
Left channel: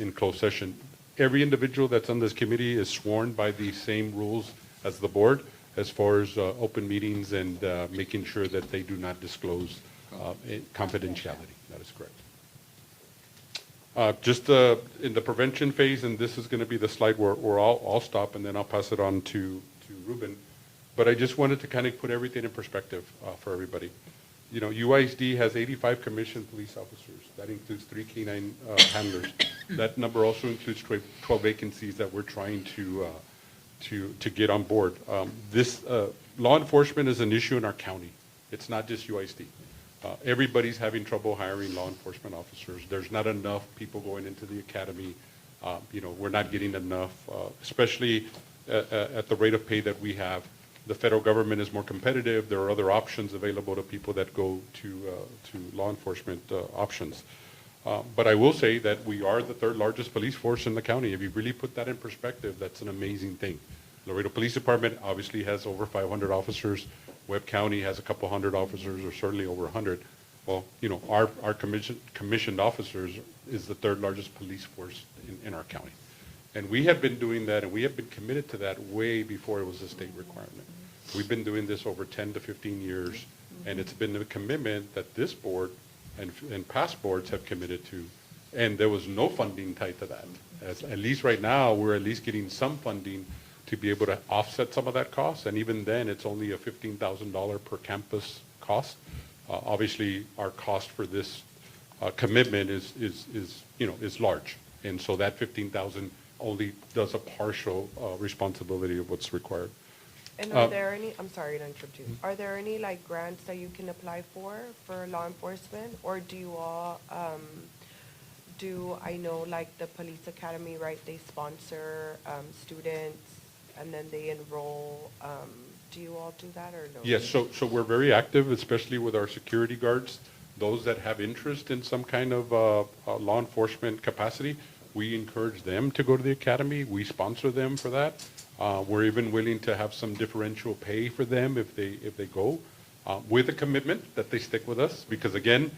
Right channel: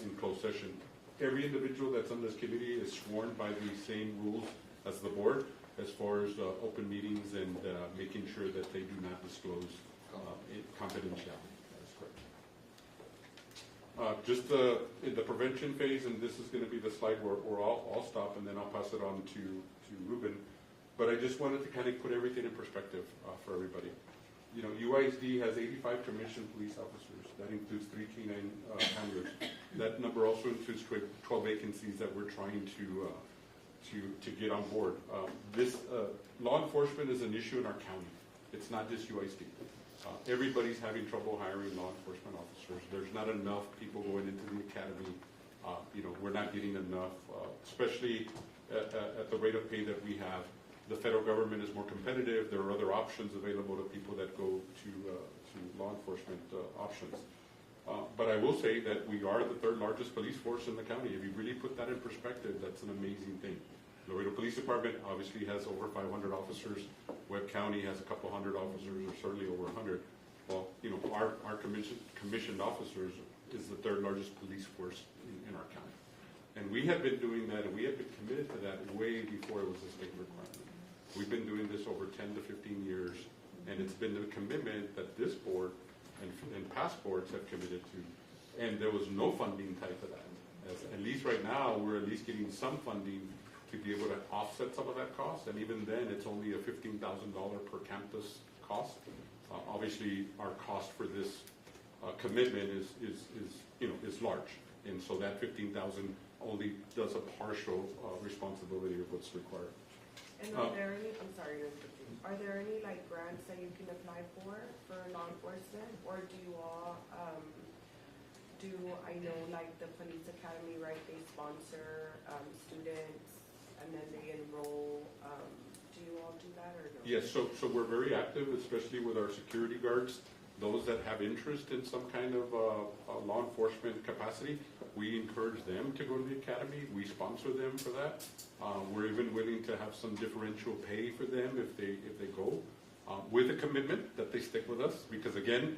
in closed session. Every individual that's on this committee is sworn by the same rules as the board as far as open meetings and making sure that they do not disclose confidentiality. That is correct. Just in the prevention phase, and this is going to be the slide where I'll stop, and then I'll pass it on to Ruben. But I just wanted to kind of put everything in perspective for everybody. You know, UISD has 85 commissioned police officers. That includes 3 K-9 handlers. That number also includes 12 vacancies that we're trying to get on board. This law enforcement is an issue in our county. It's not just UISD. Everybody's having trouble hiring law enforcement officers. There's not enough people going into the academy. You know, we're not getting enough, especially at the rate of pay that we have. The federal government is more competitive. There are other options available to people that go to law enforcement options. But I will say that we are the 3rd largest police force in the county. If you really put that in perspective, that's an amazing thing. Laredo Police Department obviously has over 500 officers. Webb County has a couple hundred officers, or certainly over 100. Well, you know, our commissioned officers is the 3rd largest police force in our county. And we have been doing that, and we have been committed to that way before it was a state requirement. We've been doing this over 10 to 15 years, and it's been a commitment that this board and past boards have committed to, and there was no funding tied to that. At least right now, we're at least getting some funding to be able to offset some of that cost, and even then, it's only a $15,000 per campus cost. Obviously, our cost for this commitment is large, and so that $15,000 only does a partial responsibility of what's required. And are there any, I'm sorry to interrupt you, are there any like grants that you can apply for law enforcement? Or do you all, I know like the police academy, right, they sponsor students and then they enroll, do you all do that or no? Yes, so we're very active, especially with our security guards. Those that have interest in some kind of law enforcement capacity, we encourage them to go to the academy. We sponsor them for that. We're even willing to have some differential pay for them if they go, with a commitment that they stick with us. Because again,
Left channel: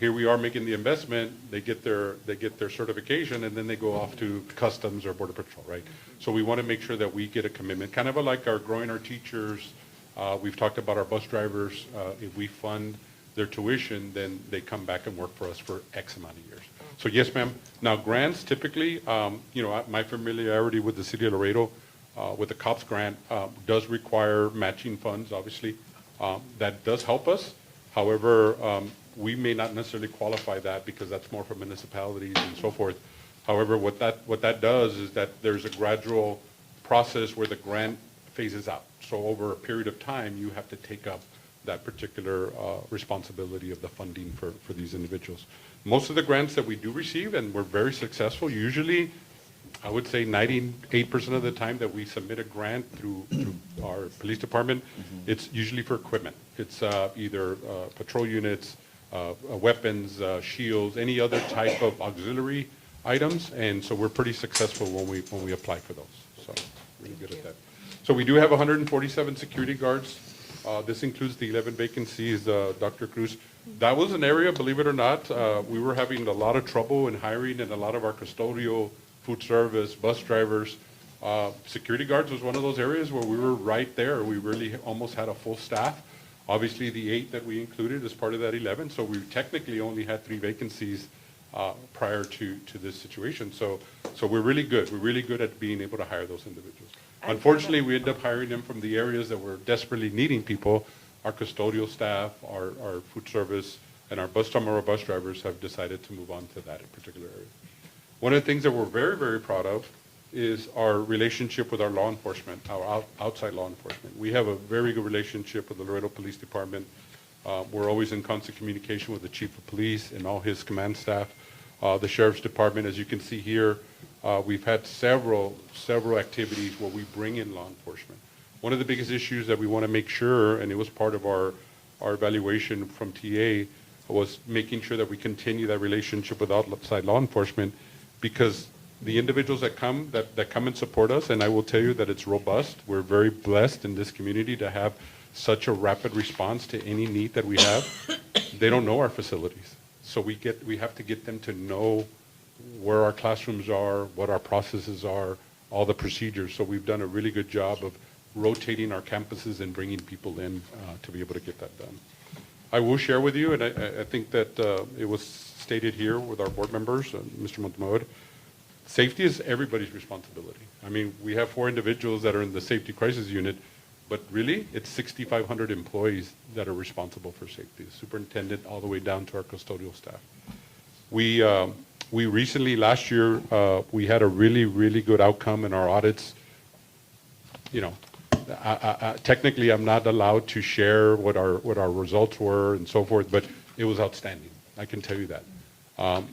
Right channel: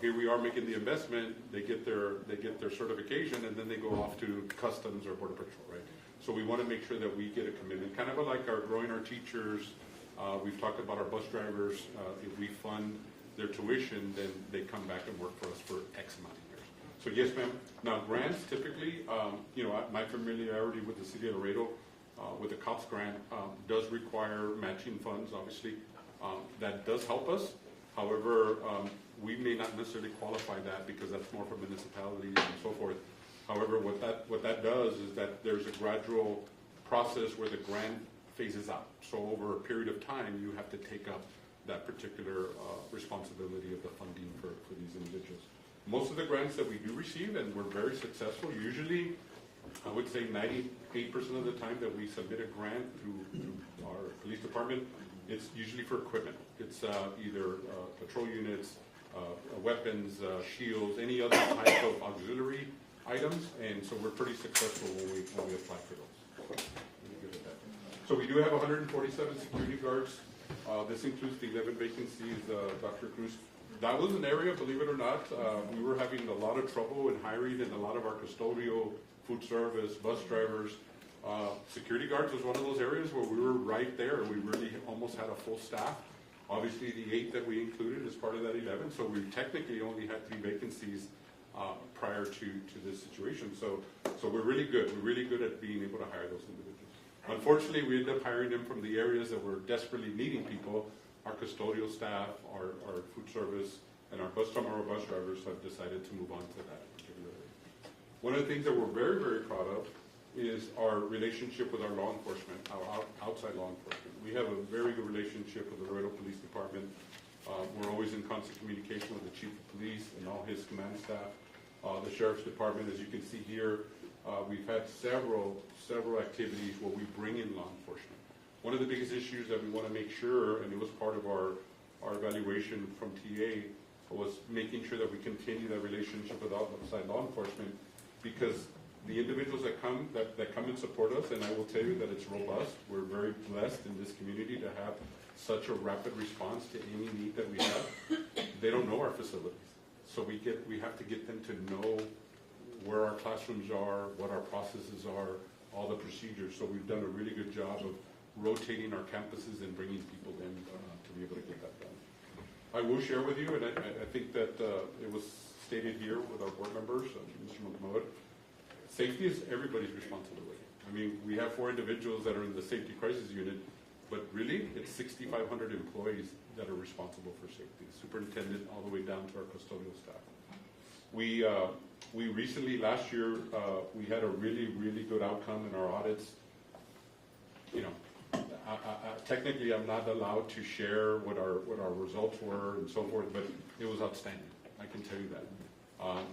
Here we are making the investment, they get their certification, and then they go off to Customs or Border Patrol, right? So we want to make sure that we get a commitment, kind of like our growing our teachers. We've talked about our bus drivers. If we fund their tuition, then they come back and work for us for X amount of years. So yes, ma'am. Now grants typically, my familiarity with the city of Laredo, with the COPS grant, does require matching funds, obviously. That does help us. However, we may not necessarily qualify that because that's more for municipalities and so forth. However, what that does is that there's a gradual process where the grant phases out. So over a period of time, you have to take up that particular responsibility of the funding for these individuals. Most of the grants that we do receive, and we're very successful, usually I would say 98% of the time that we submit a grant through our police department, it's usually for equipment. It's either patrol units, weapons, shields, any other type of auxiliary items, and so we're pretty successful when we apply for those. So really good at that. So we do have 147 security guards. This includes the 11 vacancies, Dr. Cruz. That was an area, believe it or not, we were having a lot of trouble in hiring, and a lot of our custodial, food service, bus drivers. Security guards was one of those areas where we were right there. We really almost had a full staff. Obviously, the 8 that we included as part of that 11, so we technically only had 3 vacancies prior to this situation. So we're really good. We're really good at being able to hire those individuals. Unfortunately, we end up hiring them from the areas that we're desperately needing people. Our custodial staff, our food service, and our bus drivers have decided to move on to that particular area. One of the things that we're very, very proud of is our relationship with our law enforcement, our outside law enforcement. We have a very good relationship with the Laredo Police Department. We're always in constant communication with the Chief of Police and all his command staff. The Sheriff's Department, as you can see here, we've had several activities where we bring in law enforcement. One of the biggest issues that we want to make sure, and it was part of our evaluation from TA, was making sure that we continue that relationship with outside law enforcement, because the individuals that come and support us, and I will tell you that it's robust. We're very blessed in this community to have such a rapid response to any need that we have. They don't know our facilities. So we have to get them to know where our classrooms are, what our processes are, all the procedures. So we've done a really good job of rotating our campuses and bringing people in to be able to get that done. I will share with you, and I think that it was stated here with our board members, Mr. Montemayor, safety is everybody's responsibility. I mean, we have 4 individuals that are in the safety crisis unit, but really, it's 6,500 employees that are responsible for safety, the superintendent all the way down to our custodial staff. We recently, last year, we had a really, really good outcome in our audits. You know, technically, I'm not allowed to share what our results were and so forth, but it was outstanding. I can tell you that.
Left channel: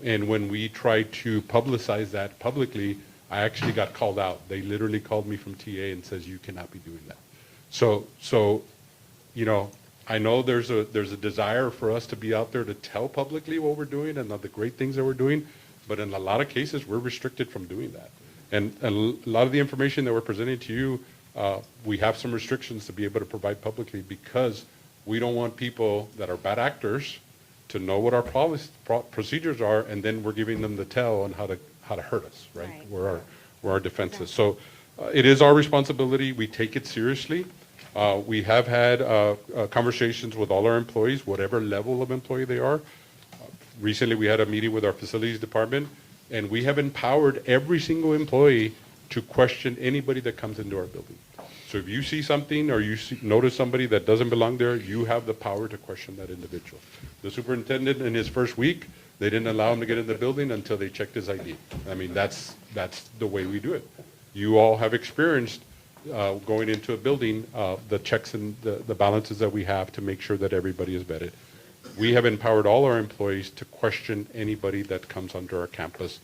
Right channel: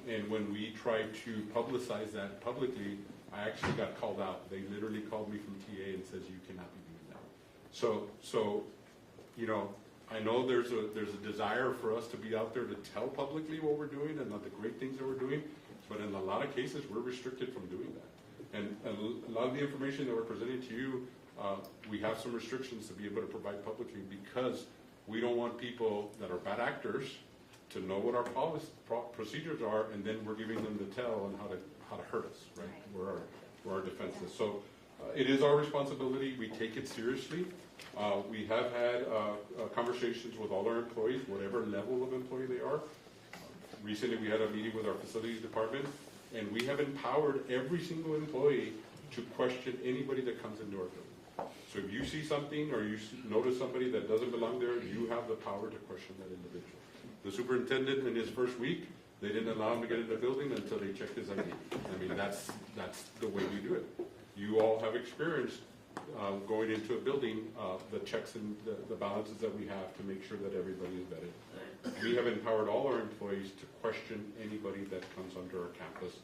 And when we tried to publicize that publicly, I actually got called out. They literally called me from TA and says, "You cannot be doing that." So, you know, I know there's a desire for us to be out there to tell publicly what we're doing and the great things that we're doing, but in a lot of cases, we're restricted from doing that. And a lot of the information that we're presenting to you, we have some restrictions to be able to provide publicly, because we don't want people that are bad actors to know what our procedures are, and then we're giving them the tell on how to hurt us, right? Where our defense is. So it is our responsibility. We take it seriously. We have had conversations with all our employees, whatever level of employee they are. Recently, we had a meeting with our facilities department, and we have empowered every single employee to question anybody that comes into our building. So if you see something or you notice somebody that doesn't belong there, you have the power to question that individual. The superintendent, in his first week, they didn't allow him to get in the building until they checked his ID. I mean, that's the way we do it. You all have experienced going into a building, the checks and the balances that we have to make sure that everybody is vetted. We have empowered all our employees to question anybody that comes onto our campus.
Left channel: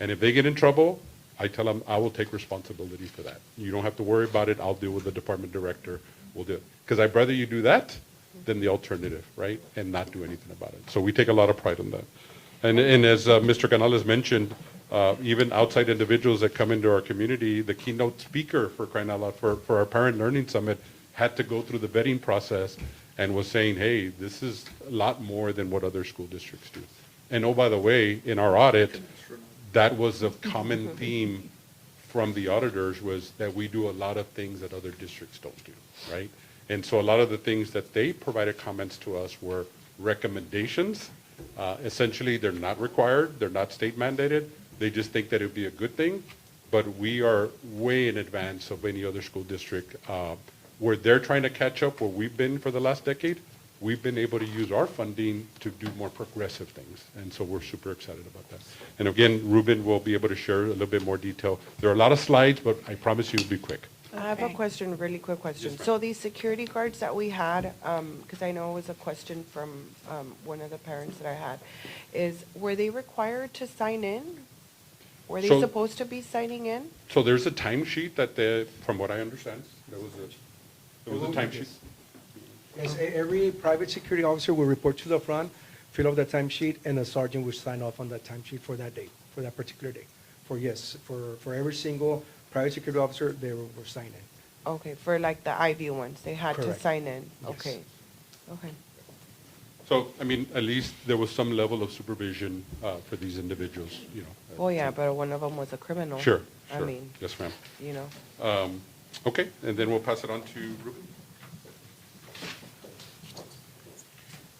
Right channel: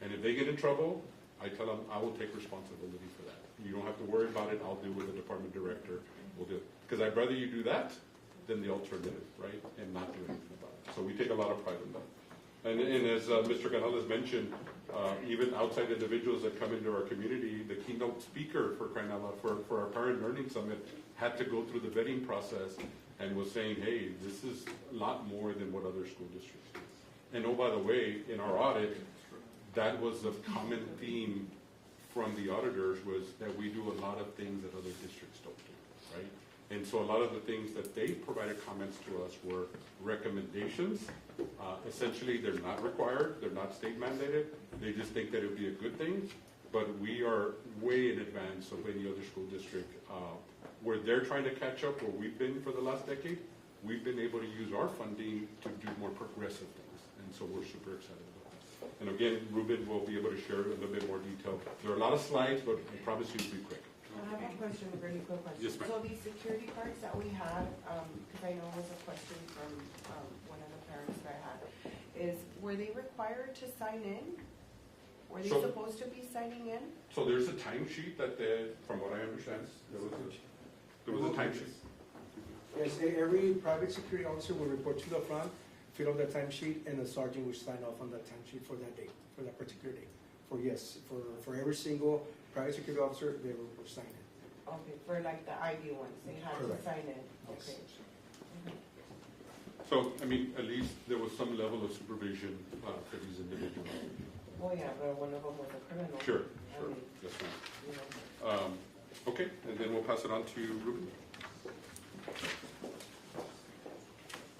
And if they get in trouble, I tell them, I will take responsibility for that. You don't have to worry about it. I'll deal with the department director. We'll do it. Because I'd rather you do that than the alternative, right? And not do anything about it. So we take a lot of pride in that. And as Mr. Canales mentioned, even outside individuals that come into our community, the keynote speaker, for crying out loud, for our Parent Learning Summit had to go through the vetting process. and was saying, hey, this is a lot more than what other school districts do. And oh, by the way, in our audit, that was a common theme from the auditors, was that we do a lot of things that other districts don't do, right? And so a lot of the things that they provided comments to us were recommendations. Essentially, they're not required, they're not state mandated, they just think that it would be a good thing, but we are way in advance of any other school district. Where they're trying to catch up where we've been for the last decade, we've been able to use our funding to do more progressive things, and so we're super excited about that. And again, Ruben will be able to share a little bit more detail. There are a lot of slides, but I promise you it'll be quick. I have a question, really quick question. So these security guards that we had, because I know it was a question from one of the parents that I had, were they required to sign in? Were they So- supposed to be signing in? So there's a timesheet that from what I understand, there was a timesheet. Yes, every private security officer will report to the front, fill out the timesheet, and a sergeant will sign off on that timesheet for that day, for that particular day. For every single private security officer, they were signing. Okay, for like the IB ones, they had to Correct. sign in? Yes. Okay, okay. So, I mean, at least there was some level of supervision for these individuals, you know. Well, yeah, but one of them was a criminal. Sure, I sure. mean, Yes, ma'am. you know. Okay, and then we'll pass it on to Ruben.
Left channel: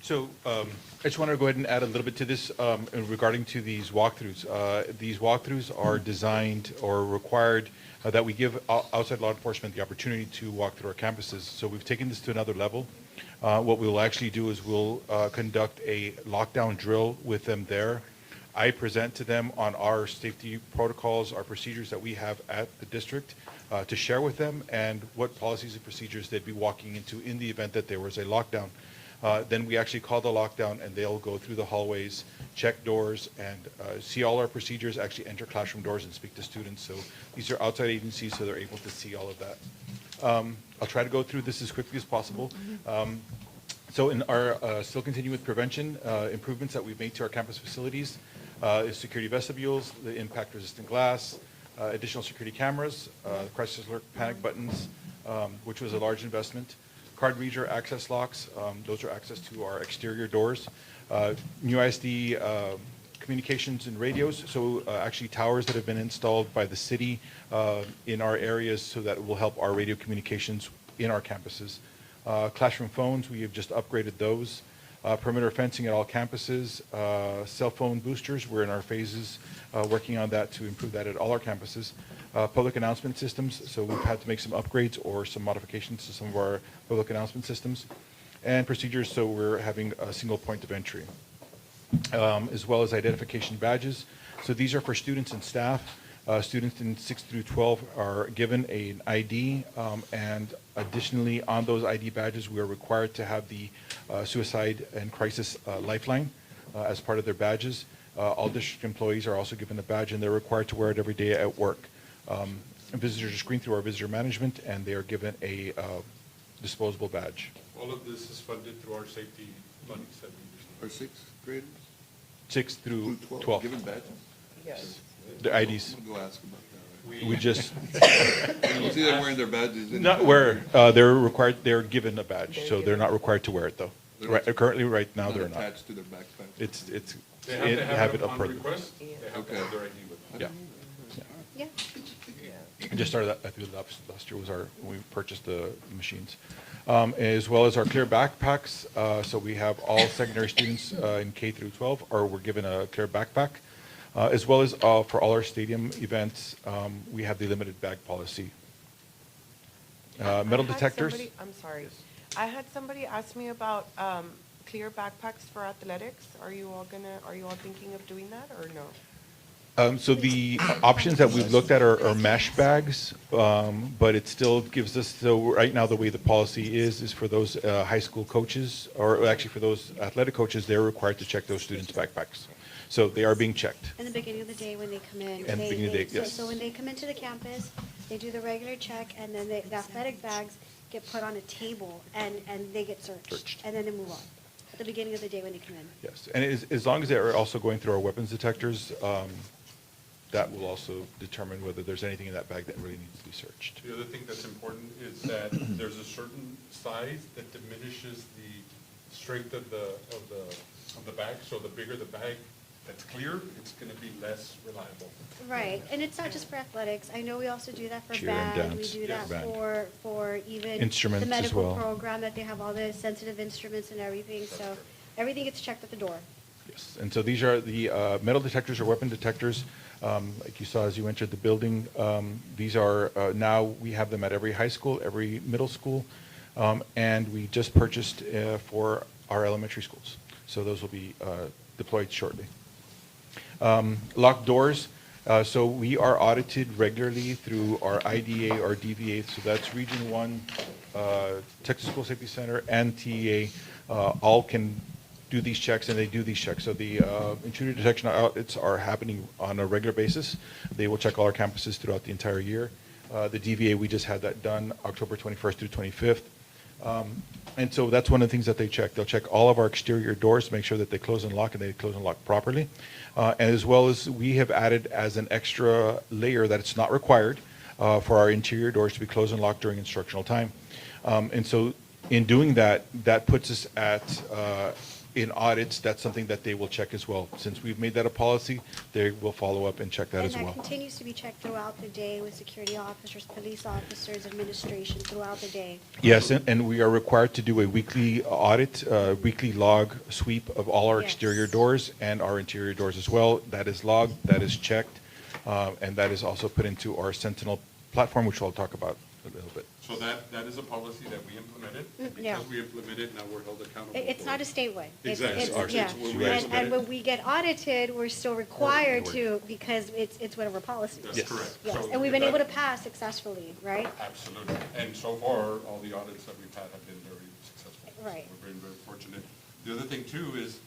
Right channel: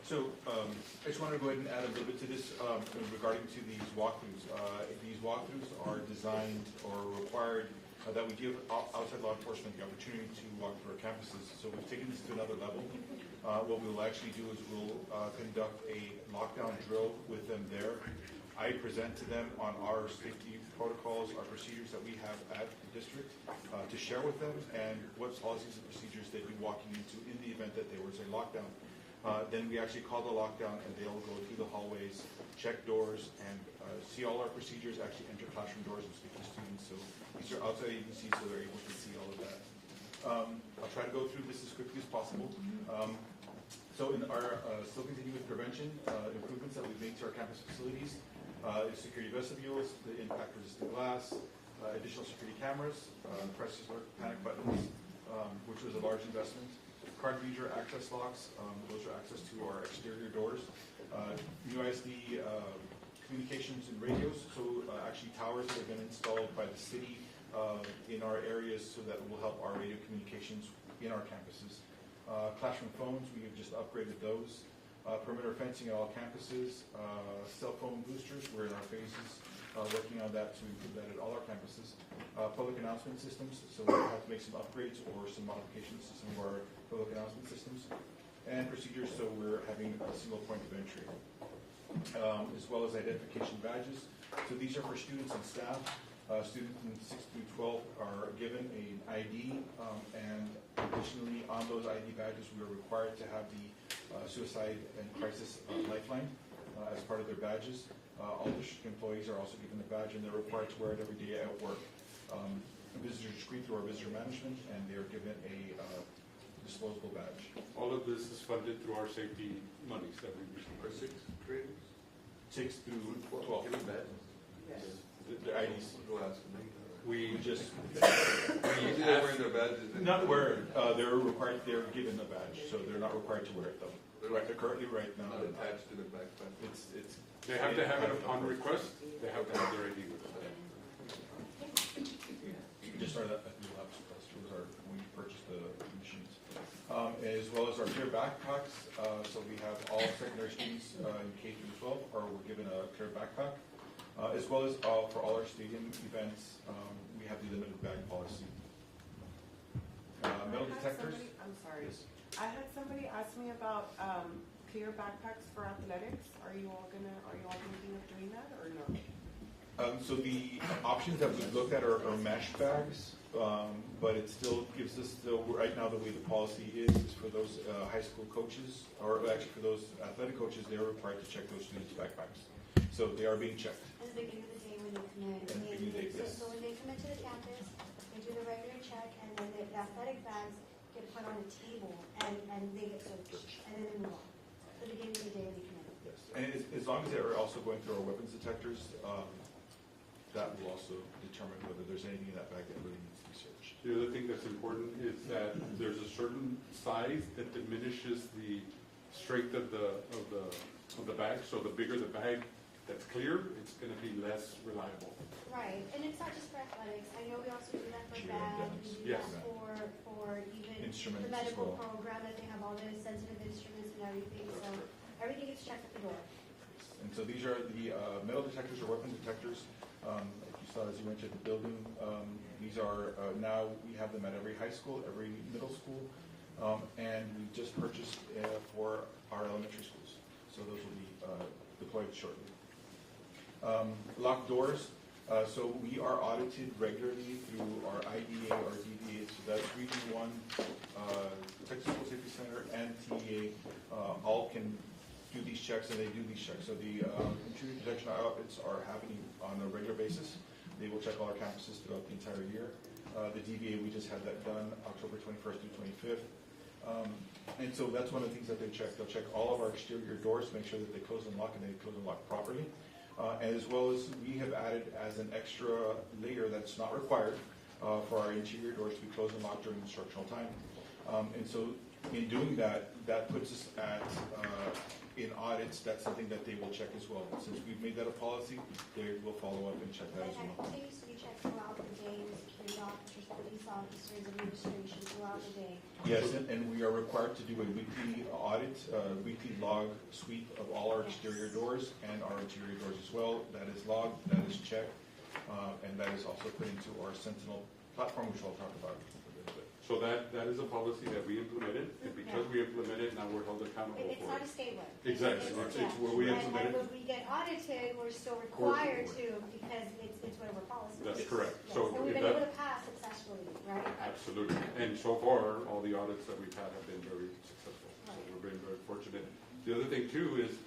So I just wanted to go ahead and add a little bit to this regarding to these walkthroughs. These walkthroughs are designed or required that we give outside law enforcement the opportunity to walk through our campuses. So we've taken this to another level. What we'll actually do is we'll conduct a lockdown drill with them there. I present to them on our safety protocols, our procedures that we have at the district to share with them, and what policies and procedures they'd be walking into in the event that there was a lockdown. Then we actually call the lockdown, and they'll go through the hallways, check doors, and see all our procedures, actually enter classroom doors and speak to students. So these are outside agencies, so they're able to see all of that. I'll try to go through this as quickly as possible. So in our, still continue with prevention, improvements that we've made to our campus facilities is security vestibules, the impact-resistant glass, additional security cameras, crisis alert panic buttons, which was a large investment. Card reader access locks, those are access to our exterior doors. New ISD communications and radios, so actually towers that have been installed by the city in our areas so that will help our radio communications in our campuses. Classroom phones, we have just upgraded those. Perimeter fencing at all campuses. Cell phone boosters, we're in our phases working on that to improve that at all our campuses. Public announcement systems, so we've had to make some upgrades or some modifications to some of our public announcement systems. And procedures, so we're having a single point of entry, as well as identification badges. So these are for students and staff. Students in 6 through 12 are given an ID, and additionally on those ID badges, we are required to have the suicide and crisis lifeline as part of their badges. All district employees are also given a badge, and they're required to wear it every day at work. Visitors are screened through our visitor management, and they are given a disposable badge. All of this is funded through our safety monies that we receive. Our sixth graders? 6 through 12. Given badges? Yes. The IDs. We'll go ask them. We just, You see them wearing their badges? not wear, they're required, they're given a badge, so they're not required to wear it though. Right, currently, right now, they're not. Attached to their backpack? It's, They have to have it up on front. request, they have to have their ID with them. Yeah. Yeah. We just started that, I think last year was our, when we purchased the machines. As well as our clear backpacks, so we have all secondary students in K through 12, or we're given a clear backpack. As well as for all our stadium events, we have the limited bag policy. Metal detectors. I'm sorry. I had somebody ask me about clear backpacks for athletics. Are you all thinking of doing that or no? So the options that we've looked at are mesh bags, but it still gives us, so right now the way the policy is for those high school coaches, or actually for those athletic coaches, they're required to check those students' backpacks. So they are being checked. In the beginning of the day when they come in. And the beginning of the day, yes. So when they come into the campus, they do the regular check, and then the athletic bags get put on a table, and they get searched, and then they move on. At the beginning of the day when they come in. Yes, and as long as they're also going through our weapons detectors, that will also determine whether there's anything in that bag that really needs to be searched. The other thing that's important is that there's a certain size that diminishes the strength of the bag. So the bigger the bag that's clear, it's gonna be less reliable. Right, and it's not just for athletics. I know we also do that for Cheer and band. We dance. do Yeah. that Band. for even Instruments the as medical well. program, that they have all the sensitive instruments and everything. So everything gets checked at the door. Yes. And so these are the metal detectors or weapon detectors. Like you saw as you entered the building, these are, now we have them at every high school, every middle school, and we just purchased for our elementary schools. So those will be deployed shortly. Locked doors. So we are audited regularly through our IDA, our DVA, so that's Region 1, Texas School Safety Center, and TEA, all can do these checks, and they do these checks. So the intruder detection audits are happening on a regular basis. They will check all our campuses throughout the entire year. The DVA, we just had that done October 21st through 25th. And so that's one of the things that they check. They'll check all of our exterior doors to make sure that they close and lock, and they close and lock properly. And as well as we have added as an extra layer that it's not required for our interior doors to be closed and locked during instructional time. And so in doing that, that puts us at, in audits, that's something that they will check as well. Since we've made that a policy, they will follow up and check that as And well. that continues to be checked throughout the day with security officers, police officers, administration throughout the day. Yes, and we are required to do a weekly audit, weekly log sweep of all our exterior doors and our interior doors as well. That is logged, that is checked, and that is also put into our Sentinel platform, which I'll talk about a little bit. So that is a policy that we implemented. And Yeah. because we implemented, now we're held accountable. It's for not it. a statewide. Exactly. It's- yeah. It's when we implement And it. when we get audited, we're still required to, because it's one of our policies. That's correct. Yes, So and we've been that- able to pass successfully, right? Absolutely. And so far, all the audits that we've had have been very successful. Right. We've been very fortunate. The other thing too is,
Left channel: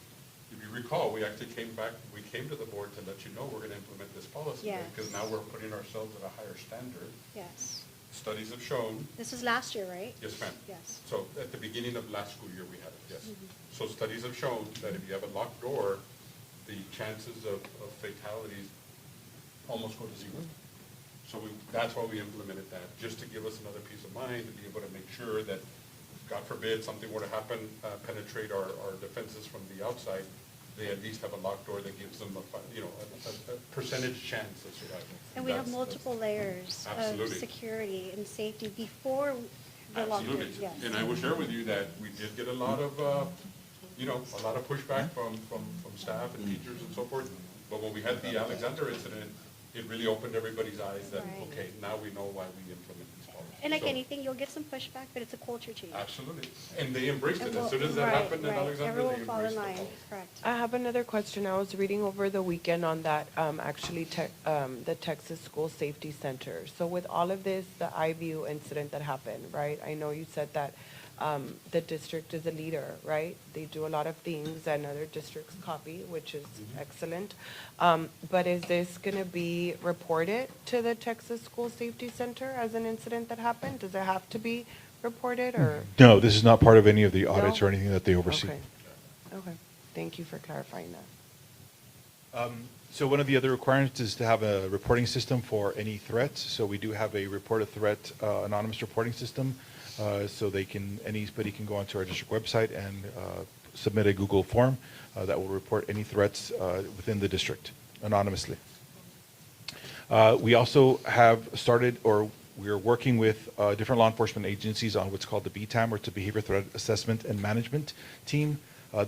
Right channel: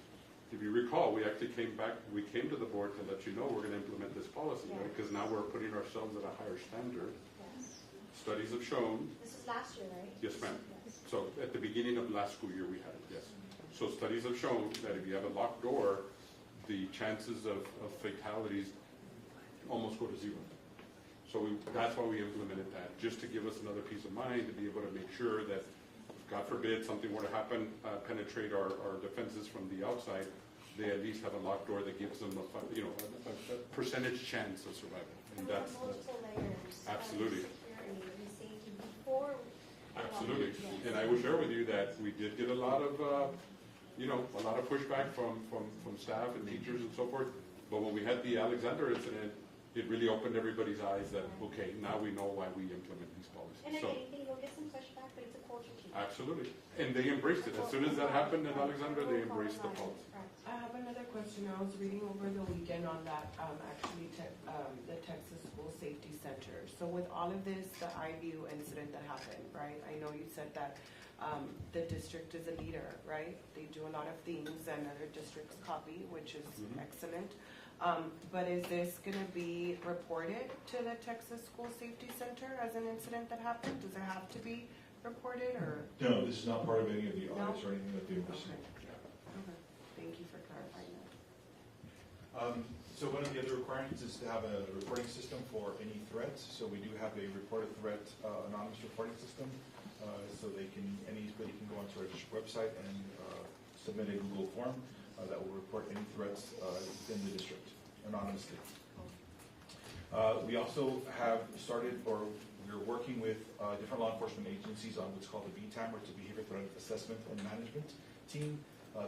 if you recall, we actually came to the board to let you know we're gonna implement this policy. Yes. Because now we're putting ourselves at a higher standard. Yes. Studies have shown. This was last year, right? Yes, ma'am. Yes. So at the beginning of last school year, we had it, yes. So studies have shown that if you have a locked door, the chances of fatalities almost go to zero. So that's why we implemented that, just to give us another peace of mind, to be able to make sure that, God forbid, something were to happen, penetrate our defenses from the outside, they at least have a locked door that gives them a percentage chance of survival. And we have That's- multiple layers of Absolutely. security and safety before the lockdown. Absolutely. Yes. And I will share with you that we did get a lot of, a lot of pushback from staff and teachers and so forth. But when we had the Alexander incident, it really opened everybody's eyes that, Right. okay, now we know why we implement these policies. And like So- anything, you'll get some pushback, but it's a culture change. Absolutely. And they embraced it. And As we'll- soon as that right, happened in right. Alexander, Everyone they will fall in embraced the line. policy. Correct. I have another question. I was reading over the weekend on that, actually, the Texas School Safety Center. So with all of this, the iView incident that happened, right? I know you said that the district is a leader, right? They do a lot of things and other districts copy, which is excellent. But is this gonna be reported to the Texas School Safety Center as an incident that happened? Does it have to be reported, or? No, this is not part of any of the audits No? or anything that they oversee. Okay. Okay, thank you for clarifying that. So one of the other requirements is to have a reporting system for any threats. So we do have a report a threat anonymous reporting system. So anybody can go onto our district website and submit a Google form that will report any threats within the district anonymously. We also have started, or we're working with different law enforcement agencies on what's called the BTAM, or it's a Behavior Threat Assessment and Management Team.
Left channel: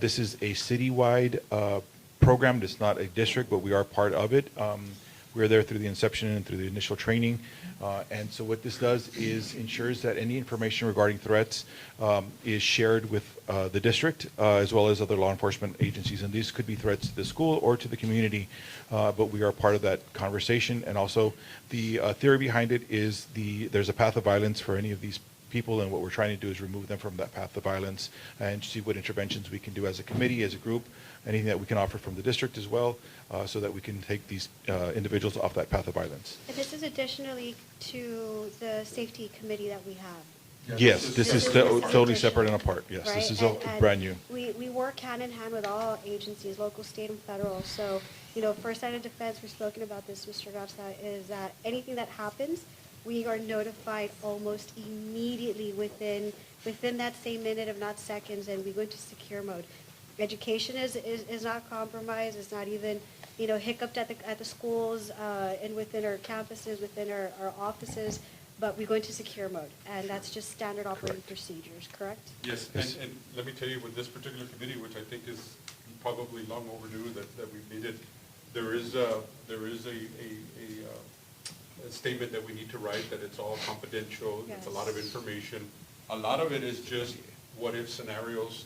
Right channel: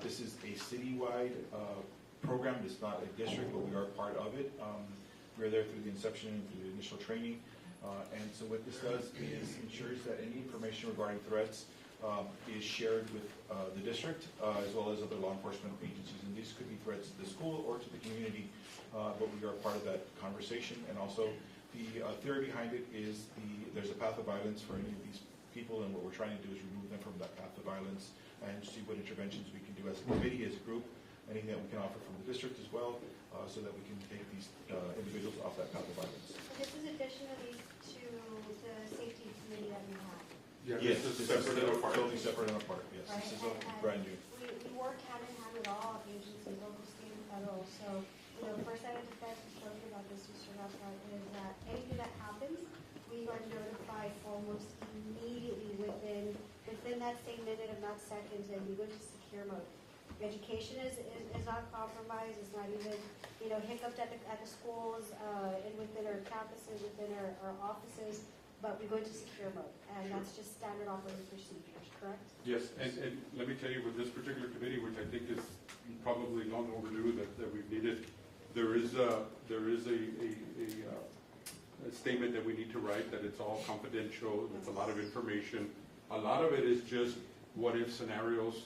This is a citywide program. It's not a district, but we are part of it. We're there through the inception and through the initial training. And so what this does is ensures that any information regarding threats is shared with the district as well as other law enforcement agencies. And these could be threats to the school or to the community, but we are part of that conversation. And also the theory behind it is there's a path of violence for any of these people, and what we're trying to do is remove them from that path of violence and see what interventions we can do as a committee, as a group, anything that we can offer from the district as well, so that we can take these individuals off that path of violence. And this is additionally to the safety committee that we had. Yes, this is totally additional, separate and apart. Yes, right? this is And brand new. We work hand in hand with all agencies, local, state, and federal. So first line of defense, we've spoken about this, Mr. Garza, is that anything that happens, we are notified almost immediately within that same minute, if not seconds, and we go into secure mode. Education is not compromised, it's not even, hiccuped at the schools, and within our campuses, within our offices, but we go into secure mode, and that's just standard operating procedures, correct? Yes, and let me tell you, with this particular committee, which I think is probably long overdue, that we've needed, there is a statement that we need to write, that it's all confidential, it's a lot of information. A lot of it is just what-if scenarios,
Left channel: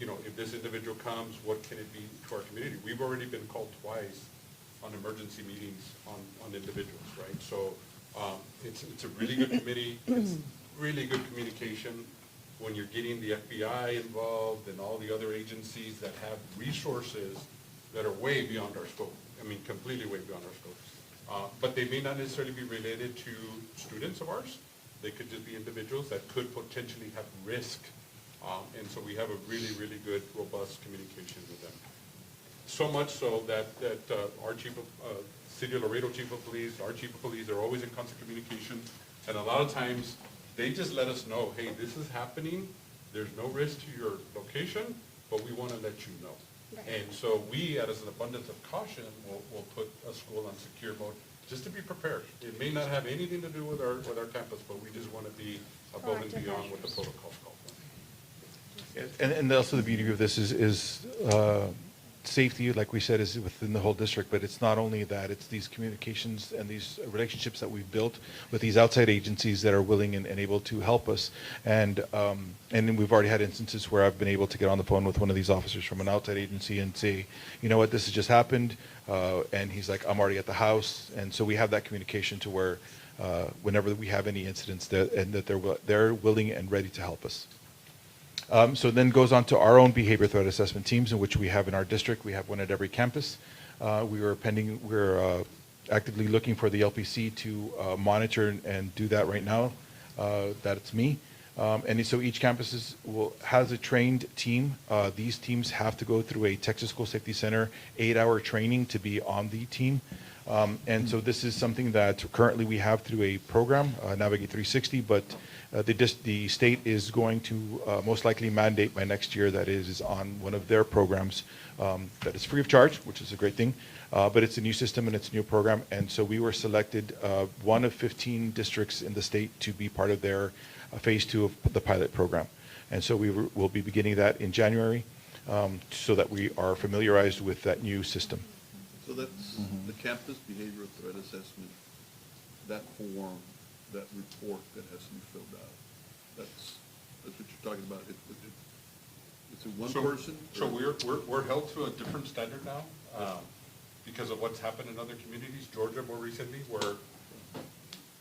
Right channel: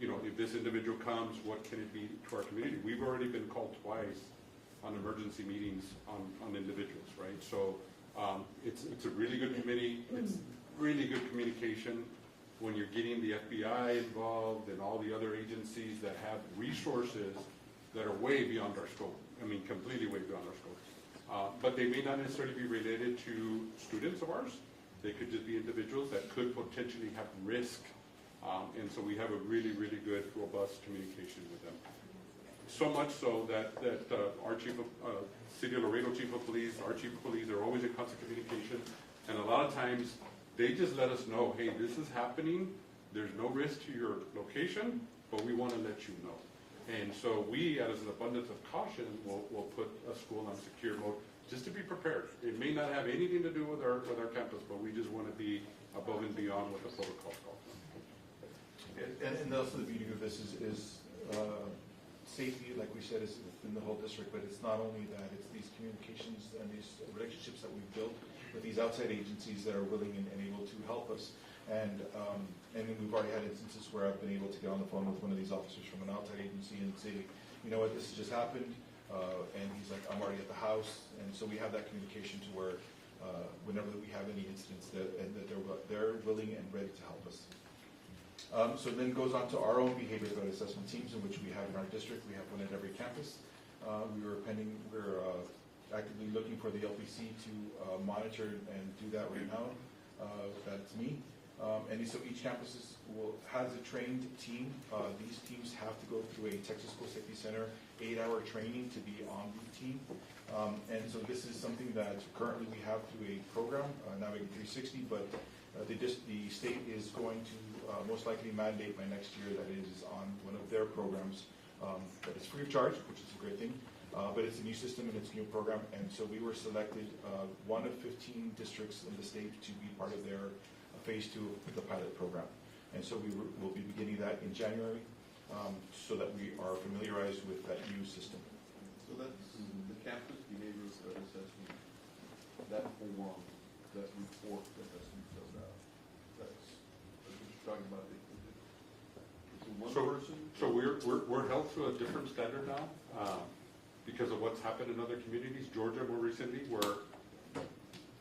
if this individual comes, what can it be to our community? We've already been called twice on emergency meetings on individuals, right? So it's a really good committee, it's really good communication. When you're getting the FBI involved and all the other agencies that have resources that are way beyond our scope, completely way beyond our scope. But they may not necessarily be related to students of ours. They could just be individuals that could potentially have risk. And so we have a really, really good, robust communication with them. So much so that our City of Laredo Chief of Police, our Chief of Police are always in constant communication. And a lot of times, they just let us know, hey, this is happening. There's no risk to your location, but we want to let you know. And so we, as an abundance of caution, will put a school on secure mode just to be prepared. It may not have anything to do with our campus, but we just want to be above and beyond what the protocols call for. And also the beauty of this is safety, like we said, is within the whole district, but it's not only that, it's these communications and these relationships that we've built with these outside agencies that are willing and able to help us. And then we've already had instances where I've been able to get on the phone with one of these officers from an outside agency and say, you know what, this has just happened. And he's like, I'm already at the house. And so we have that communication to where whenever we have any incidents that they're willing and ready to help us. So then goes on to our own behavior threat assessment teams, in which we have in our district. We have one at every campus. We're actively looking for the LPC to monitor and do that right now. That it's me. And so each campus has a trained team. These teams have to go through a Texas School Safety Center 8-hour training to be on the team. And so this is something that currently we have through a program, Navigate 360, but the state is going to most likely mandate by next year that it is on one of their programs that is free of charge, which is a great thing. But it's a new system and it's a new program. And so we were selected one of 15 districts in the state to be part of their phase 2 of the pilot program. And so we'll be beginning that in January so that we are familiarized with that new system. So that's the campus behavioral threat assessment, that form, that report that has to be filled out. That's what you're talking about. It's a one person? So we're held to a different standard now because of what's happened in other communities. Georgia more recently, where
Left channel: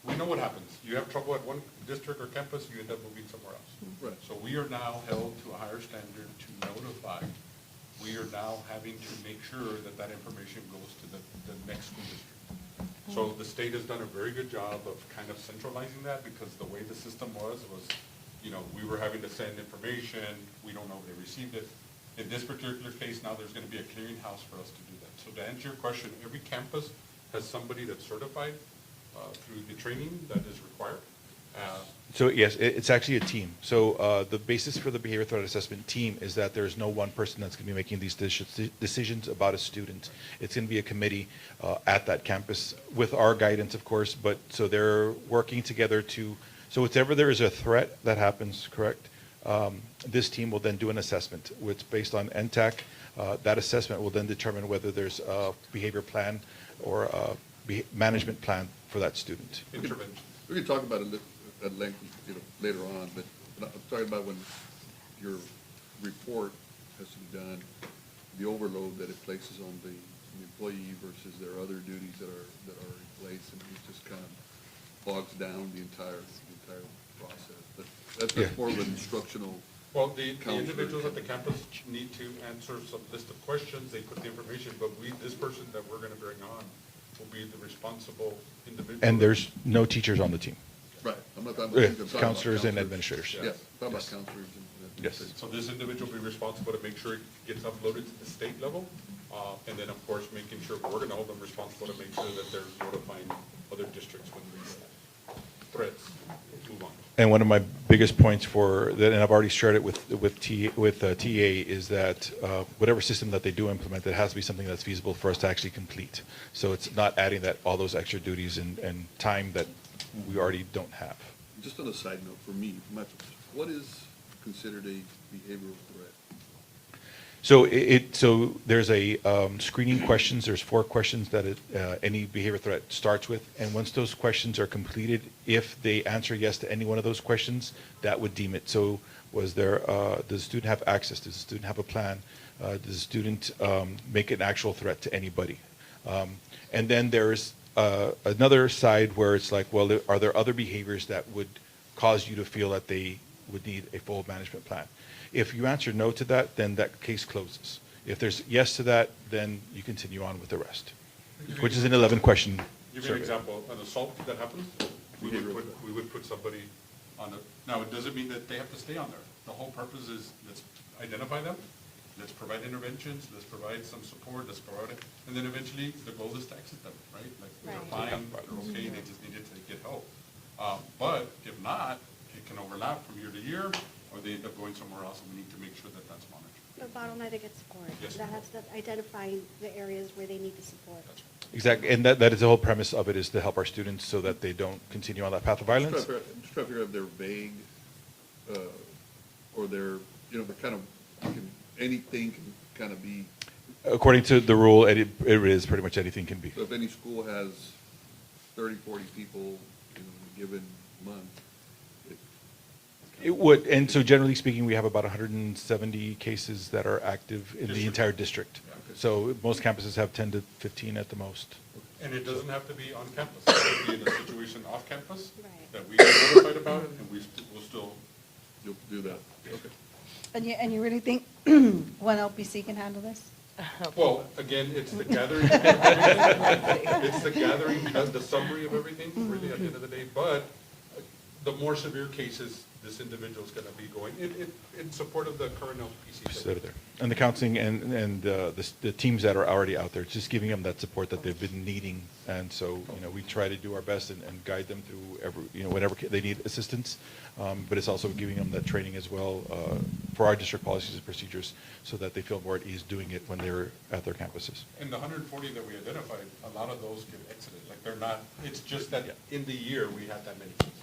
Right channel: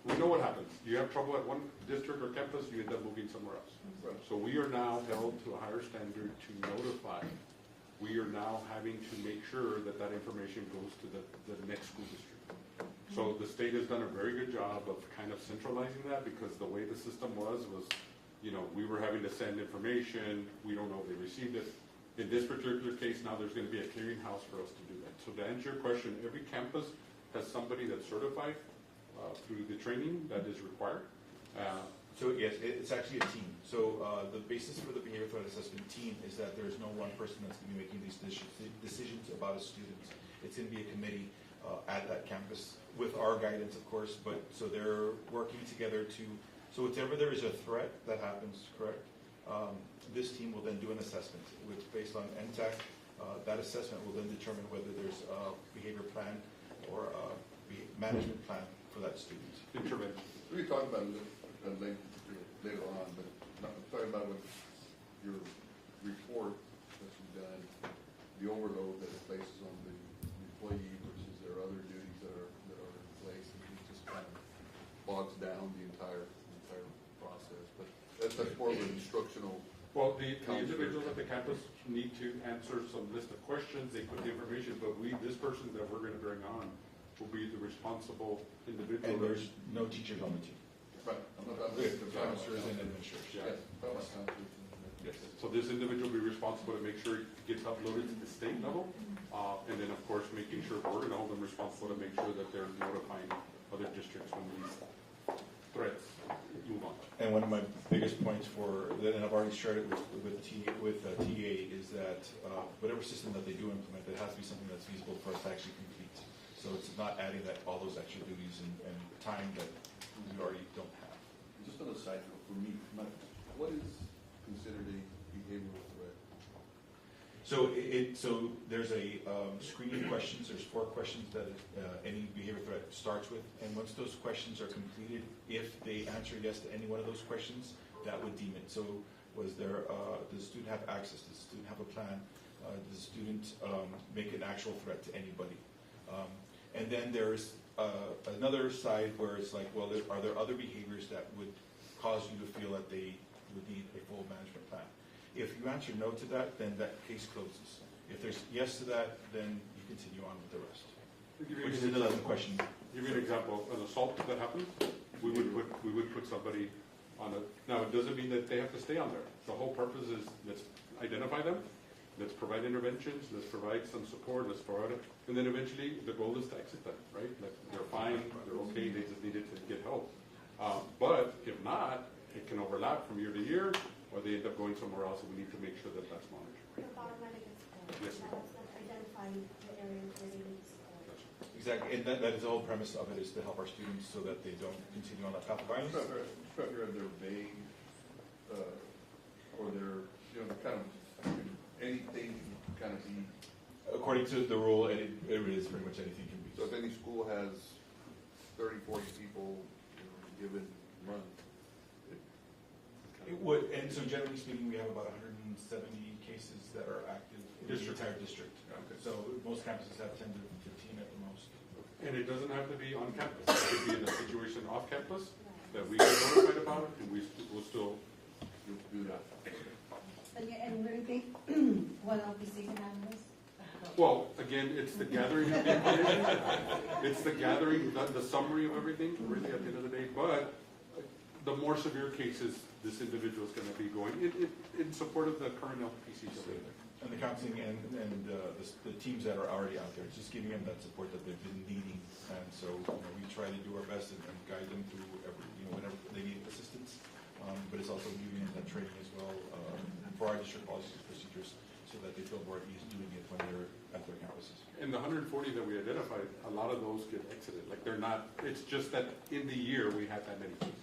we know what happens. You have trouble at one district or campus, you end up moving somewhere else. Right. So we are now held to a higher standard to notify. We are now having to make sure that information goes to the next school district. So the state has done a very good job of kind of centralizing that, because the way the system was, we were having to send information, we don't know if they received it. In this particular case, now there's going to be a clearinghouse for us to do that. So to answer your question, every campus has somebody that's certified through the training that is required. So yes, it's actually a team. So the basis for the behavior threat assessment team is that there's no one person that's going to be making these decisions about a student. It's going to be a committee at that campus with our guidance, of course, but so they're working together so whenever there is a threat that happens, correct, this team will then do an assessment, which based on NTAC, that assessment will then determine whether there's a behavior plan or a management plan for that student. Intervention. We can talk about it at length, later on, but I'm talking about when your report has to be done, the overload that it places on the employee versus their other duties that are in place, and it just kind of bogs down the entire process. But that's more of an instructional. Well, the individuals at the campus need to answer some list of questions. They put the information, but this person that we're going to bring on will be the responsible individual. And there's no teachers on the team. Right. I'm not talking about counselors and administrators. Yeah, talking about counselors. Yes. So this individual will be responsible to make sure it gets uploaded to the state level. And then, of course, making sure we're gonna hold them responsible to make sure that they're notifying other districts when these threats move on. And one of my biggest points for that, and I've already shared it with TA, is that whatever system that they do implement, it has to be something that's feasible for us to actually complete. So it's not adding all those extra duties and time that we already don't have. Just on a side note, for me, what is considered a behavioral threat? So there's a screening questions, there's 4 questions that any behavior threat starts with, and once those questions are completed, if they answer yes to any one of those questions, that would deem it. So does the student have access? Does the student have a plan? Does the student make an actual threat to anybody? And then there's another side where it's like, well, are there other behaviors that would cause you to feel that they would need a full management plan? If you answer no to that, then that case closes. If there's yes to that, then you continue on with the rest, which is an 11-question Give you an survey. example, an assault that happens, we would put somebody on now it doesn't mean that they have to stay on there. The whole purpose is, let's identify them, let's provide interventions, let's provide some support, let's provide it, and then eventually the goal is to exit them, right? Like, they're fine, they're okay, they just needed to get help. But if not, it can overlap from year to year, or they end up going somewhere else, and we need to make sure that that's monitored. The bottom line, they get support. Yes. That's identifying the areas where they need the support. Exactly, and that is the whole premise of it, is to help our students so that they don't continue on that path of violence. I'm just trying to figure out if they're vague, or they're, they're kind of, anything can kind of be. According to the rule, it is pretty much anything can be. So if any school has 30, 40 people in a given month, It would, and so generally speaking, we have about 170 cases that are active in the entire district. So most campuses have 10 to 15 at the most. And it doesn't have to be on campus, it could be in a situation off campus that we are notified about it, and we will still do that. And you really think one LPC can handle this? Well, again, it's the gathering, it's the gathering, the summary of everything, really, at the end of the day, but the more severe cases, this individual is gonna be going, in support of the current LPC. So there. And the counseling and the teams that are already out there, just giving them that support that they've been needing. And so, we try to do our best and guide them through whenever they need assistance. But it's also giving them that training as well for our district policies and procedures so that they feel more at ease doing it when they're at their campuses. In the 140 that we identified, a lot of those get exited, like they're not, it's just that in the year, we had that many cases.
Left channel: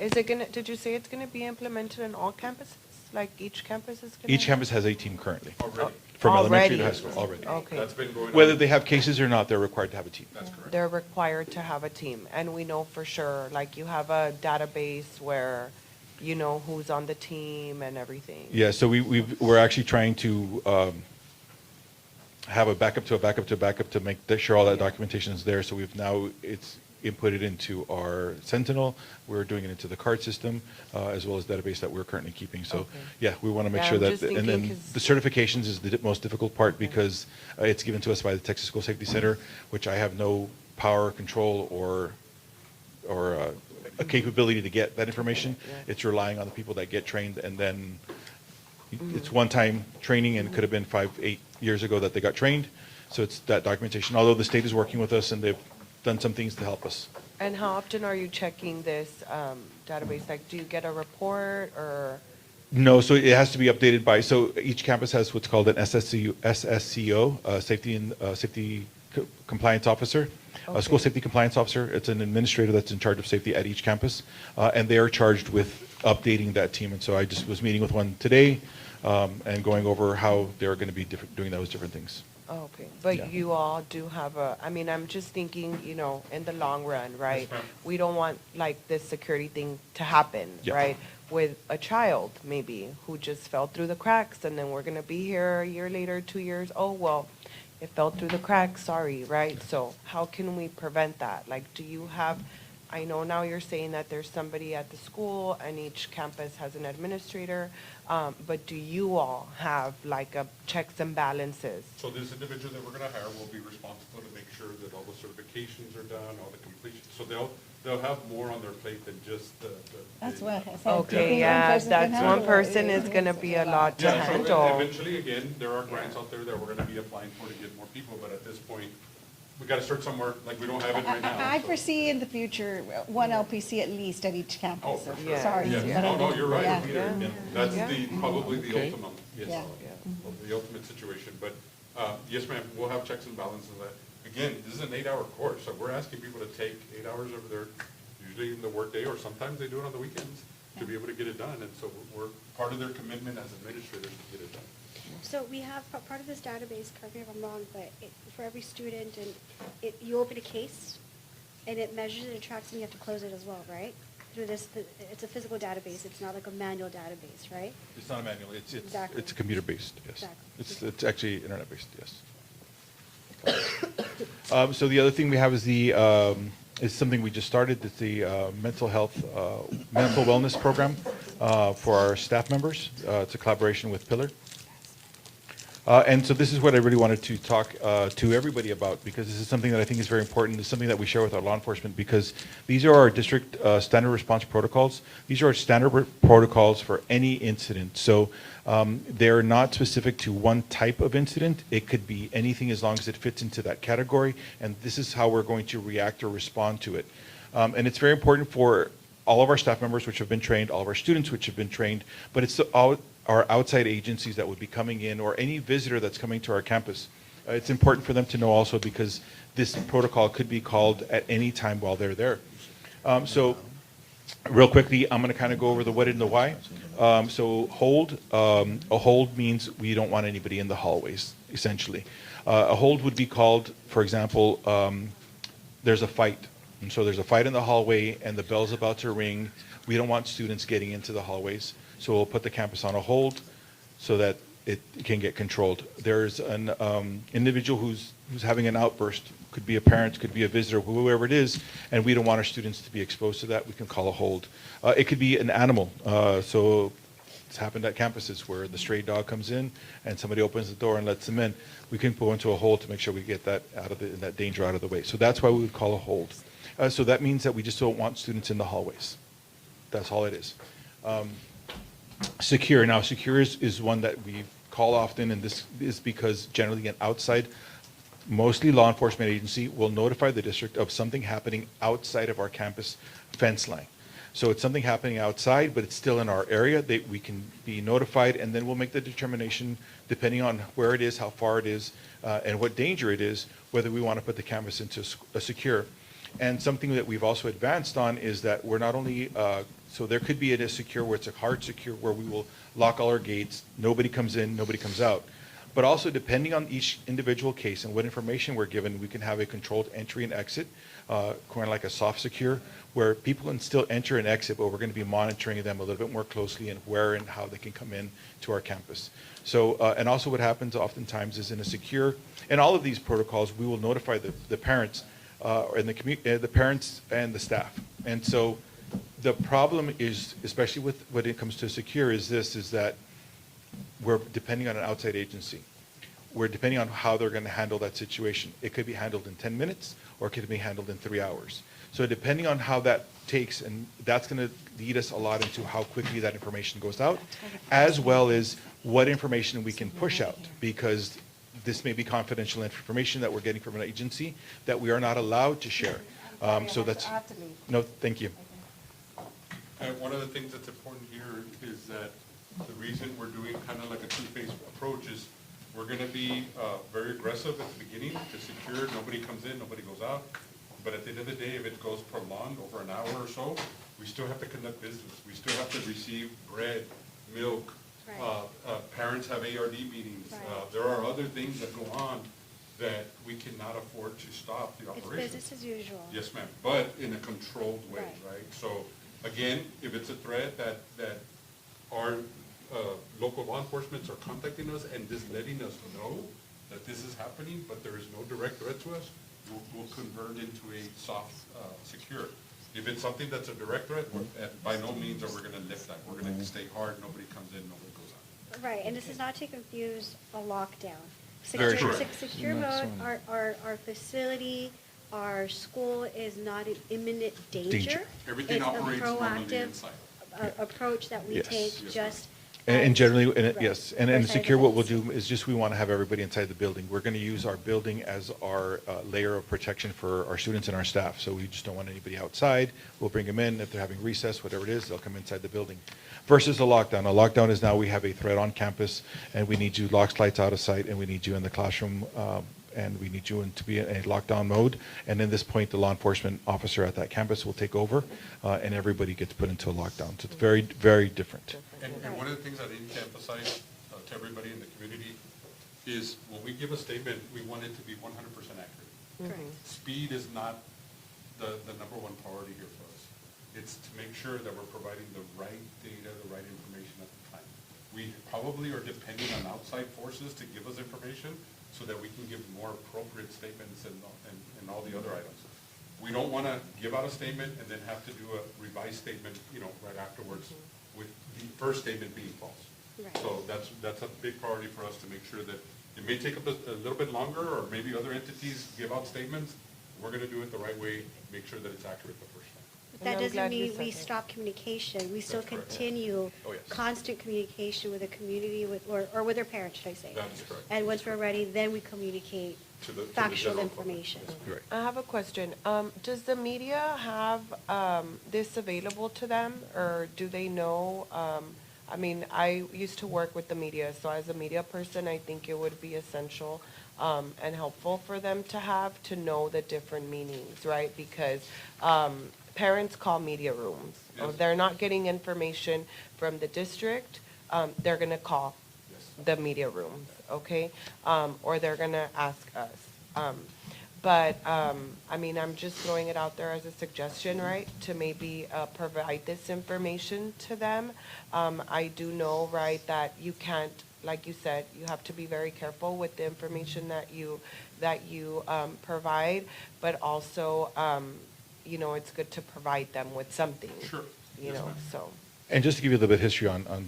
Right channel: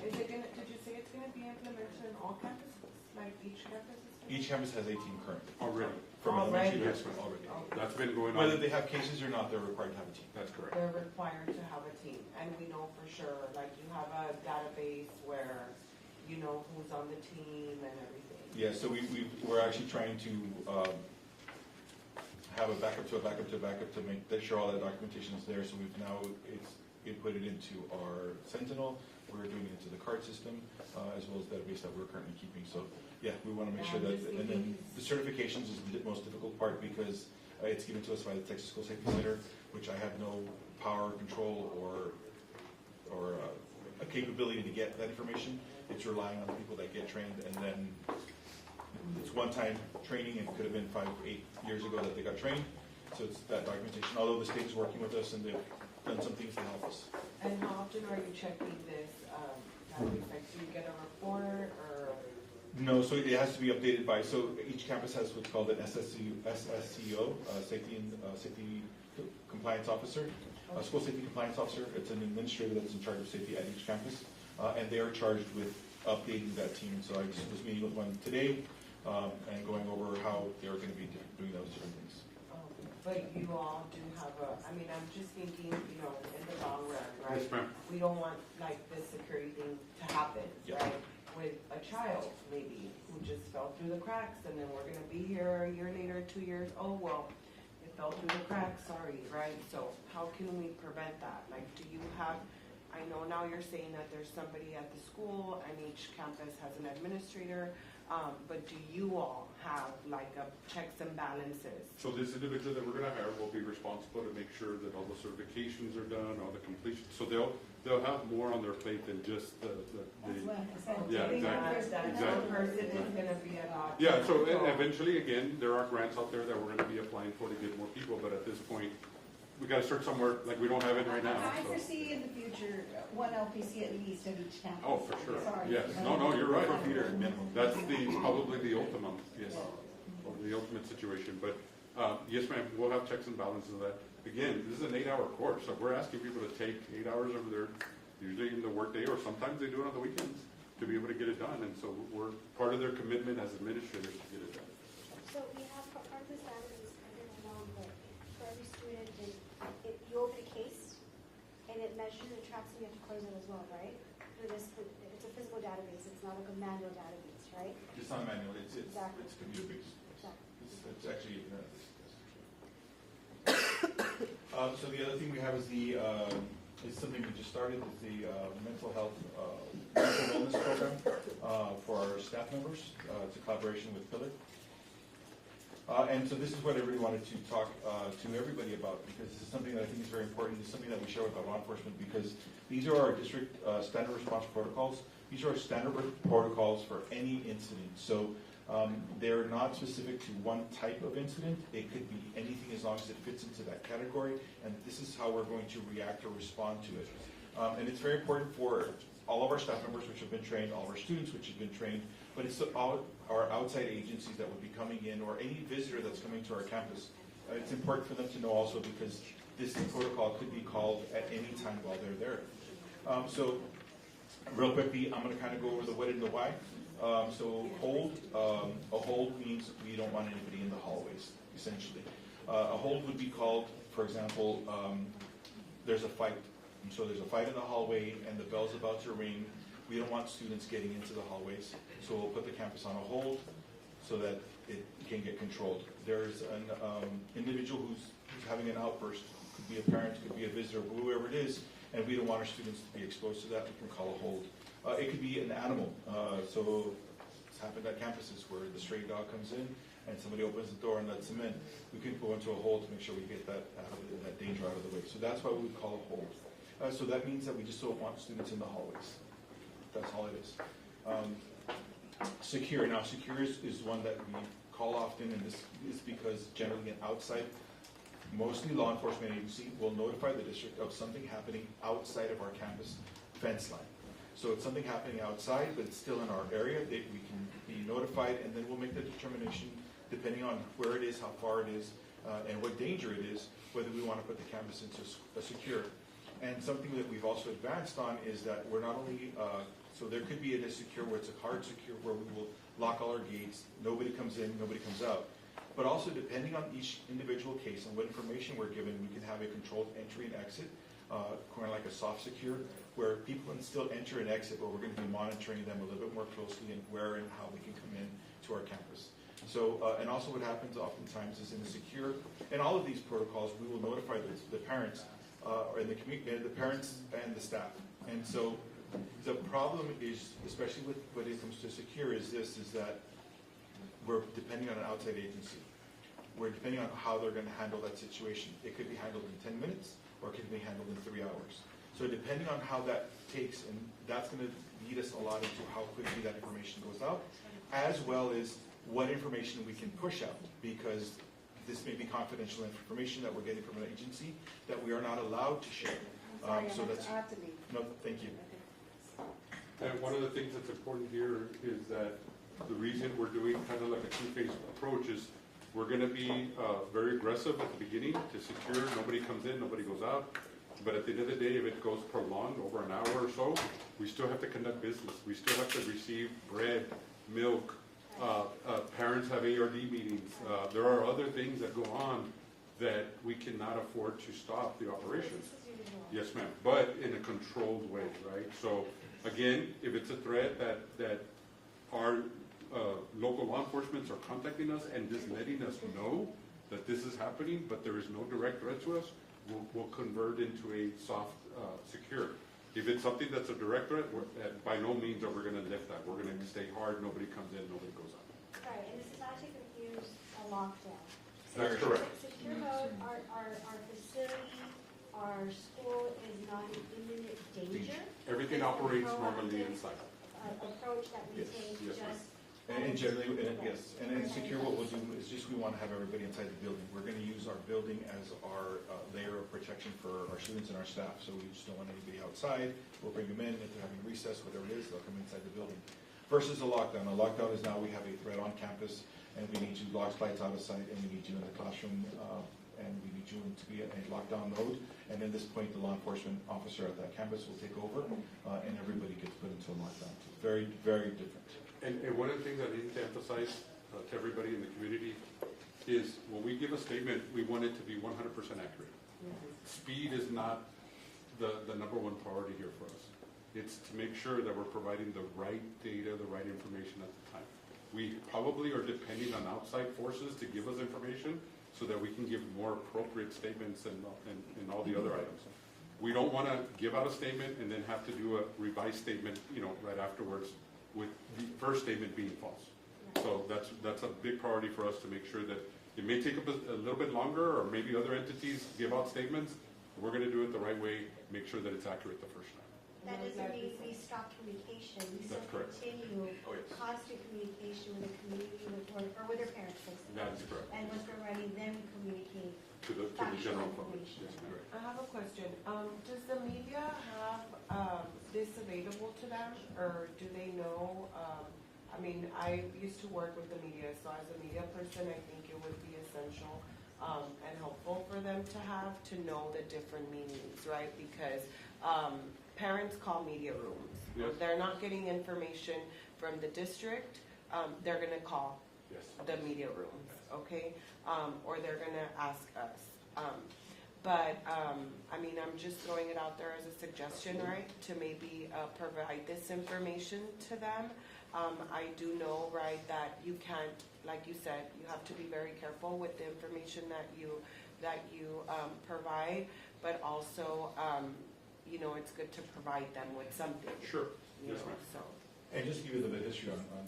Is it gonna, did you say it's gonna be implemented in all campuses? Like each campus is gonna? Each campus has a team currently. Already. From elementary to high Already? school, already. Okay. That's been going on. Whether they have cases or not, they're required to have a team. That's correct. They're required to have a team, and we know for sure, like you have a database where you know who's on the team and everything. Yeah, so we're actually trying to have a backup to a backup to a backup to make sure all that documentation is there. So it's inputted into our Sentinel. We're doing it into the card system, as well as database that we're currently keeping. So, yeah, we want to make Yeah, sure I'm that, just and then thinking the certifications is the most difficult part because it's given to us by the Texas School Safety Center, which I have no power, control, or a capability to get that information. It's relying on the people that get trained, and then it's one-time training, and it could have been 5, 8 years ago that they got trained. So it's that documentation, although the state is working with us and they've done some things to help us. And how often are you checking this database? Like, do you get a report or? No, so it has to be updated by, so each campus has what's called an SSCO, Safety Compliance Officer, a School Safety Compliance Officer. It's an administrator that's in charge of safety at each campus, and they are charged with updating that team. And so I just was meeting with one today and going over how they're going to be doing those different things. Oh, okay, but Yeah. you all do have I'm just thinking, in the long run, right? Yes, ma'am. We don't want like this security thing to happen, Yeah. right? With a child maybe who just fell through the cracks and then we're gonna be here a year later, 2 years, oh, well, it fell through the cracks, sorry, right? So how can we prevent that? Like, do you have, I know now you're saying that there's somebody at the school and each campus has an administrator, but do you all have like a checks and balances? So this individual that we're gonna hire will be responsible to make sure that all the certifications are done, all the completion. So they'll have more on their plate than just the. That's what I said. Okay, Yeah. yeah, that's one person is gonna be a lot to Yeah, so handle. eventually, again, there are grants out there that we're gonna be applying for to get more people, but at this point, we gotta start somewhere, like, we don't have it right now. I so. foresee in the future, one LPC at least at each campus. Oh, for sure. Sorry. Yes. but I No, do. you're right. Yeah. That's probably the ultimate, yes, Yeah. the ultimate situation. But, yes, ma'am, we'll have checks and balances of that. Again, this is an 8-hour course, so we're asking people to take 8 hours over there, usually in the workday, or sometimes they do it on the weekends to be able to get it done. And so we're, part of their commitment as administrators to get it done. So we have, part of this database, correct me if I'm wrong, but for every student, and you open a case, and it measures and it tracks, and you have to close it as well, right? Through this, it's a physical database, it's not like a manual database, right? It's not manual, it's Exactly. computer-based, yes. Exactly. It's actually internet-based, yes. So the other thing we have is is something we just started, it's the mental health, mental wellness program for our staff members. It's a collaboration with Pillar. And so this is what I really wanted to talk to everybody about, because this is something that I think is very important. It's something that we share with our law enforcement, because these are our district standard response protocols. These are our standard protocols for any incident. So they're not specific to one type of incident. It could be anything as long as it fits into that category. And this is how we're going to react or respond to it. And it's very important for all of our staff members which have been trained, all of our students which have been trained, but it's our outside agencies that would be coming in, or any visitor that's coming to our campus. It's important for them to know also, because this protocol could be called at any time while they're there. So real quickly, I'm going to kind of go over the what and the why. So hold, a hold means we don't want anybody in the hallways, essentially. A hold would be called, for example, there's a fight. And so there's a fight in the hallway and the bell's about to ring. We don't want students getting into the hallways. So we'll put the campus on a hold so that it can get controlled. There's an individual who's having an outburst, could be a parent, could be a visitor, whoever it is, and we don't want our students to be exposed to that. We can call a hold. It could be an animal. So it's happened at campuses where the stray dog comes in and somebody opens the door and lets them in. We can go into a hold to make sure we get that out of that danger out of the way. So that's why we would call a hold. So that means that we just don't want students in the hallways. That's all it is. Secure. Now, secure is one that we call often, and this is because generally an outside, mostly law enforcement agency, will notify the district of something happening outside of our campus fence line. So it's something happening outside, but it's still in our area. We can be notified, and then we'll make the determination, depending on where it is, how far it is, and what danger it is, whether we want to put the campus into a secure. And something that we've also advanced on is that we're not only, so there could be a secure where it's a hard secure, where we will lock all our gates, nobody comes in, nobody comes out. But also, depending on each individual case and what information we're given, we can have a controlled entry and exit, kind of like a soft secure, where people can still enter and exit, but we're going to be monitoring them a little bit more closely and where and how they can come in to our campus. So, and also what happens oftentimes is in a secure, and all of these protocols, we will notify the parents and the parents and the staff. And so the problem is, especially with when it comes to secure, is that we're depending on an outside agency. We're depending on how they're going to handle that situation. It could be handled in 10 minutes, or it could be handled in 3 hours. So depending on how that takes, and that's going to lead us a lot into how quickly that information goes out, as well as what information we can push out, because this may be confidential information that we're getting from an agency that we are not allowed to share. So that's, no, thank you. And one of the things that's important here is that the reason we're doing kind of like a two-phase approach is we're going to be very aggressive at the beginning to secure, nobody comes in, nobody goes out. But at the end of the day, if it goes prolonged over an hour or so, we still have to conduct business. We still have to receive bread, milk. Parents have ARD meetings. There are other things that go on that we cannot afford to stop the operation. It's business as usual. Yes, ma'am, but in a controlled way, right? So again, if it's a threat that our local law enforcement are contacting us and just letting us know that this is happening, but there is no direct threat to us, we'll convert into a soft secure. If it's something that's a direct threat, by no means are we going to lift that. We're going to stay hard, nobody comes in, nobody goes out. Right, and this is not to confuse a lockdown. Very Secure, true. secure mode, our facility our school is not in imminent danger. Danger. Everything operates normally inside. It's a proactive approach that we Yes. take just. And as- generally, Right. yes, and Right. secure, what we'll do is just, we want to have everybody inside the building. We're going to use our building as our layer of protection for our students and our staff, so we just don't want anybody outside. We'll bring them in, if they're having recess, whatever it is, they'll come inside the building. Versus a lockdown. A lockdown is now we have a threat on campus, and we need you locks, lights out of sight, and we need you in the classroom, and we need you to be in a lockdown mode. And at this point, the law enforcement officer at that campus will take over, and everybody gets put into a lockdown. So it's very, very different. And one of the things I need to emphasize to everybody in the community is when we give a statement, we want it to be 100% accurate. Speed is not the number one priority here for us. It's to make sure that we're providing the right data, the right information at the time. We probably are depending on outside forces to give us information so that we can give more appropriate statements and all the other items. We don't want to give out a statement and then have to do a revised statement, right afterwards, with the first statement being false. So that's a big priority for us to make sure that it may take a little bit longer, or maybe other entities give out statements. We're going to do it the right way, make sure that it's accurate the first time. But that I'm doesn't glad you mean said we that. stop communication. We still That's correct. continue Oh, yes. constant communication with the community, or with their parents, should I say. That is correct. And once we're ready, then we communicate To the factual general public. information. Right. I have a question. Does the media have this available to them, or do they know? I mean, I used to work with the media, so as a media person, I think it would be essential and helpful for them to know the different meanings, right? Because parents call media rooms. Yes. If they're not getting information from the district, they're going to call Yes. the media rooms, okay? Or they're gonna ask us. I mean, I'm just throwing it out there as a suggestion, right? To maybe provide this information to them. I do know, right, that you can't, like you said, you have to be very careful with the information that you provide, but also, it's good to provide them with something. Sure. Yes, ma'am. So. And just to give you a little bit of history on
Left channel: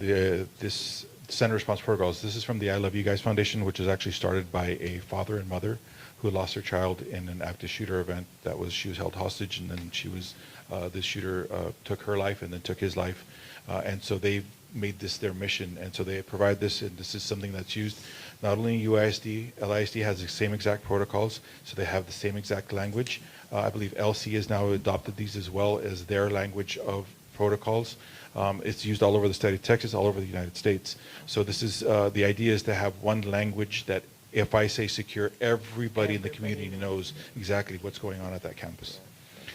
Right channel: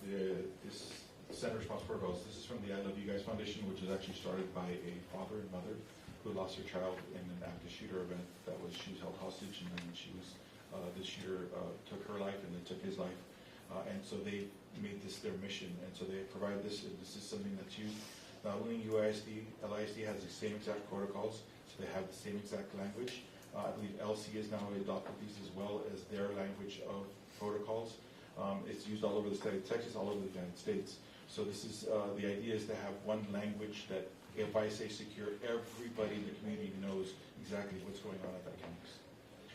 this Center Response Protocols, this is from the I Love You Guys Foundation, which was actually started by a father and mother who lost their child in an active shooter event. She was held hostage, and then this shooter took her life and then took his life. And so they made this their mission, and so they provide this, and this is something that's used not only in UISD, LISD has the same exact protocols, so they have the same exact language. I believe LC has now adopted these as well as their language of protocols. It's used all over the state of Texas, all over the United States. So this is, the idea is to have one language that if I say secure, everybody in the community knows exactly what's going on at that campus.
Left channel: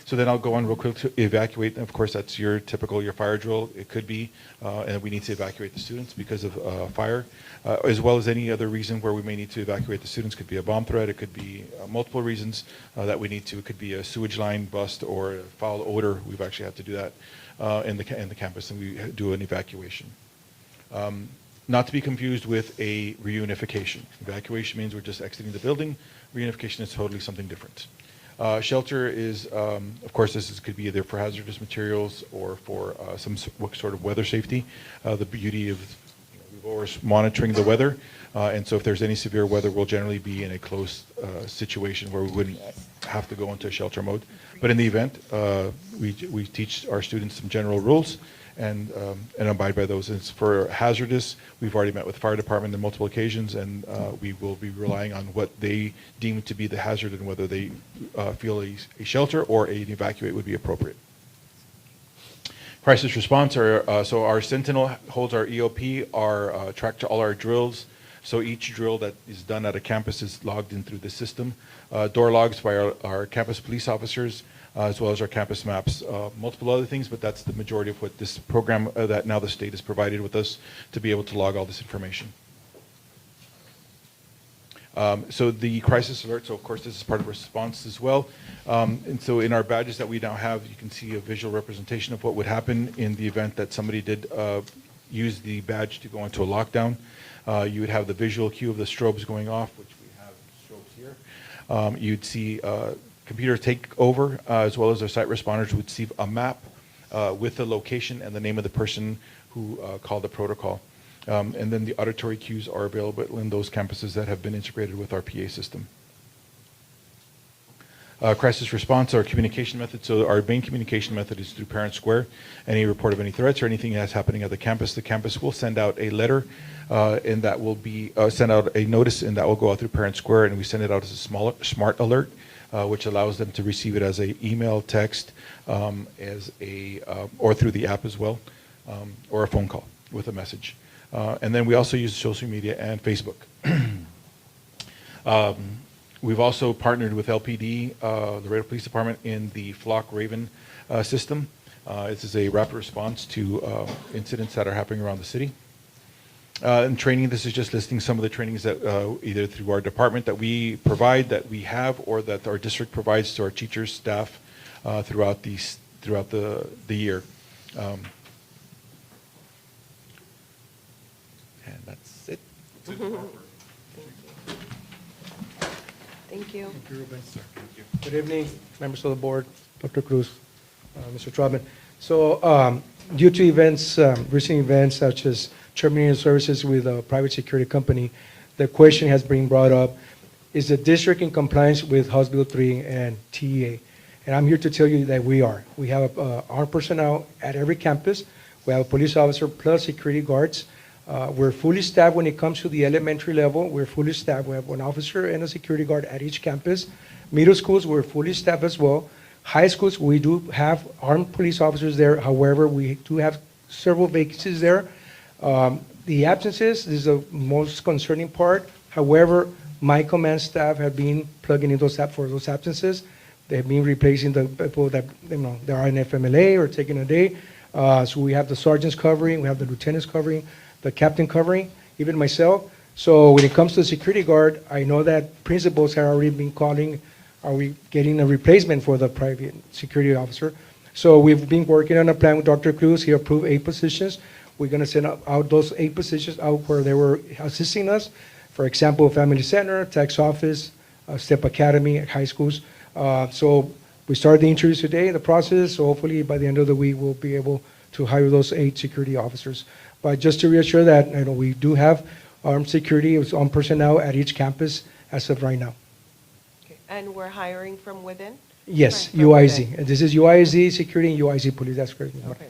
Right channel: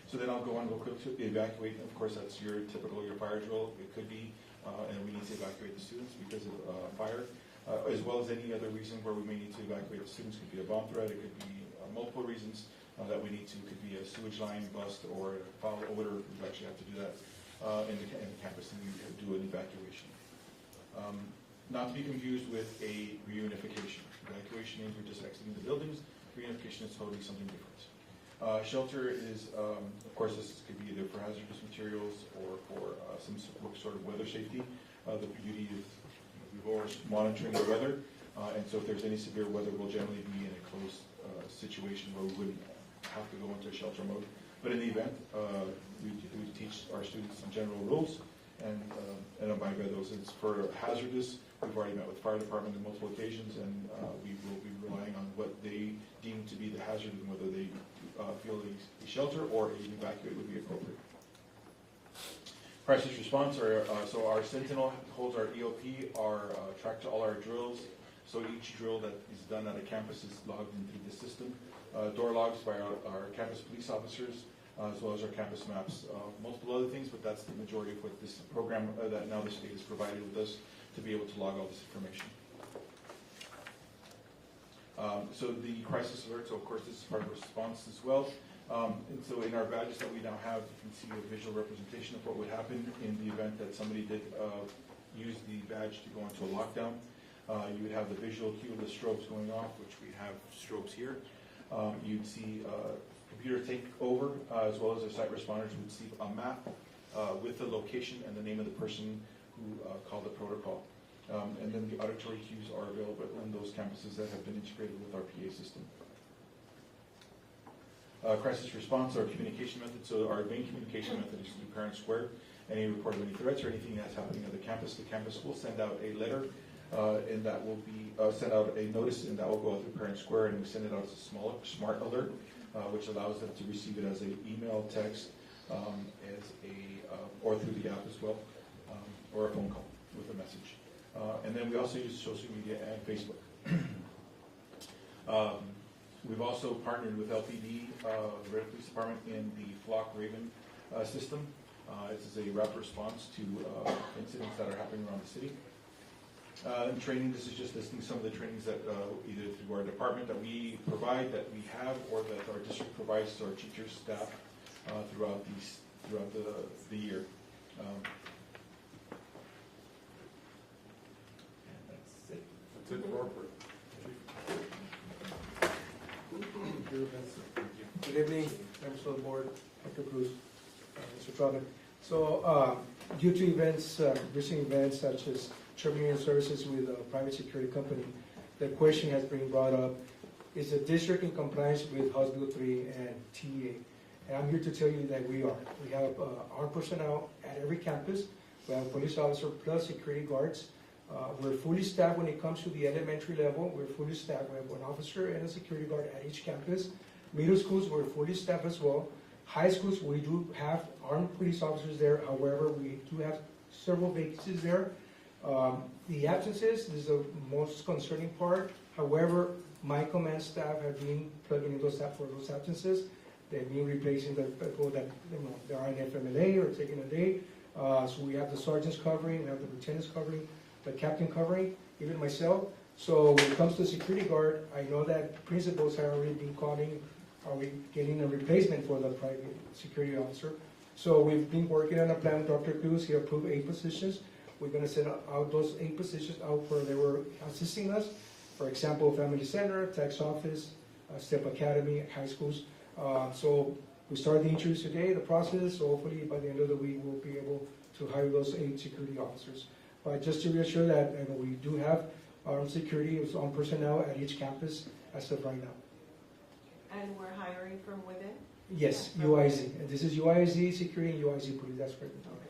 So then I'll go on real quick to evacuate. Of course, that's your fire drill. It could be, and we need to evacuate the students because of fire, as well as any other reason where we may need to evacuate the students. Could be a bomb threat. It could be multiple reasons that we need to. It could be a sewage line bust or a foul odor. We've actually had to do that in the campus, and we do an evacuation. Not to be confused with a reunification. Evacuation means we're just exiting the building. Reunification is totally something different. Shelter is, of course, could be either for hazardous materials or for some sort of weather safety. The beauty of, we're always monitoring the weather, and so if there's any severe weather, we'll generally be in a closed situation where we wouldn't have to go into a shelter mode. But in the event, we teach our students some general rules and abide by those. And for hazardous, we've already met with the fire department on multiple occasions, and we will be relying on what they deem to be the hazard and whether they feel a shelter or an evacuate would be appropriate. Crisis response, so our Sentinel holds our EOP, our track to all our drills. So each drill that is done at a campus is logged in through the system. Door logs by our campus police officers, as well as our campus maps. Multiple other things, but that's the majority of what this program that now the state has provided with us to be able to log all this information. So the crisis alert, so of course this is part of response as well. And so in our badges that we now have, you can see a visual representation of what would happen in the event that somebody did use the badge to go into a lockdown. You would have the visual cue of the strobes going off, which we have strobes here. You'd see computer take over, as well as our site responders would see a map with the location and the name of the person who called the protocol. And then the auditory cues are available in those campuses that have been integrated with our PA system. Crisis response, our communication method, so our main communication method is through Parent Square. Any report of any threats or anything that's happening at the campus will send out a letter, and that will be, send out a notice, and that will go out through Parent Square, and we send it out as a smart alert, which allows them to receive it as a email, text, or through the app as well, or a phone call with a message. And then we also use social media and Facebook. We've also partnered with LPD, the Laredo Police Department, in the Flock Raven system. This is a rapid response to incidents that are happening around the city. And training, this is just listing some of the trainings that either through our department that we provide, that we have, or that our district provides to our teachers, staff throughout the year. And that's it. Thank you. Good evening, members of the board, Dr. Cruz, Mr. Trotman. So due to events, recent events such as terminating services with a private security company, the question has been brought up, is the district in compliance with House Bill 3 and TEA? And I'm here to tell you that we are. We have armed personnel at every campus. We have a police officer plus security guards. We're fully staffed when it comes to the elementary level. We're fully staffed. We have one officer and a security guard at each campus. Middle schools, we're fully staffed as well. High schools, we do have armed police officers there. However, we do have several vacancies there. The absences is the most concerning part. However, my command staff have been plugging in for those absences. They've been replacing the people that they are in FMLA or taking a day. So we have the sergeants covering, we have the lieutenants covering, the captain covering, even myself. So when it comes to the security guard, I know that principals have already been calling, are we getting a replacement for the private security officer? So we've been working on a plan with Dr. Cruz. He approved 8 positions. We're going to send out those 8 positions out where they were assisting us. For example, Family Center, Tax Office, STEP Academy at high schools. So we started the interviews today, the process. So hopefully by the end of the week, we'll be able to hire those 8 security officers. But just to reassure that, we do have armed security on personnel at each campus as of right now. Okay. And we're hiring from within? Yes, From UIZ. within. This is UIZ security and UIZ police. That's correct. Okay.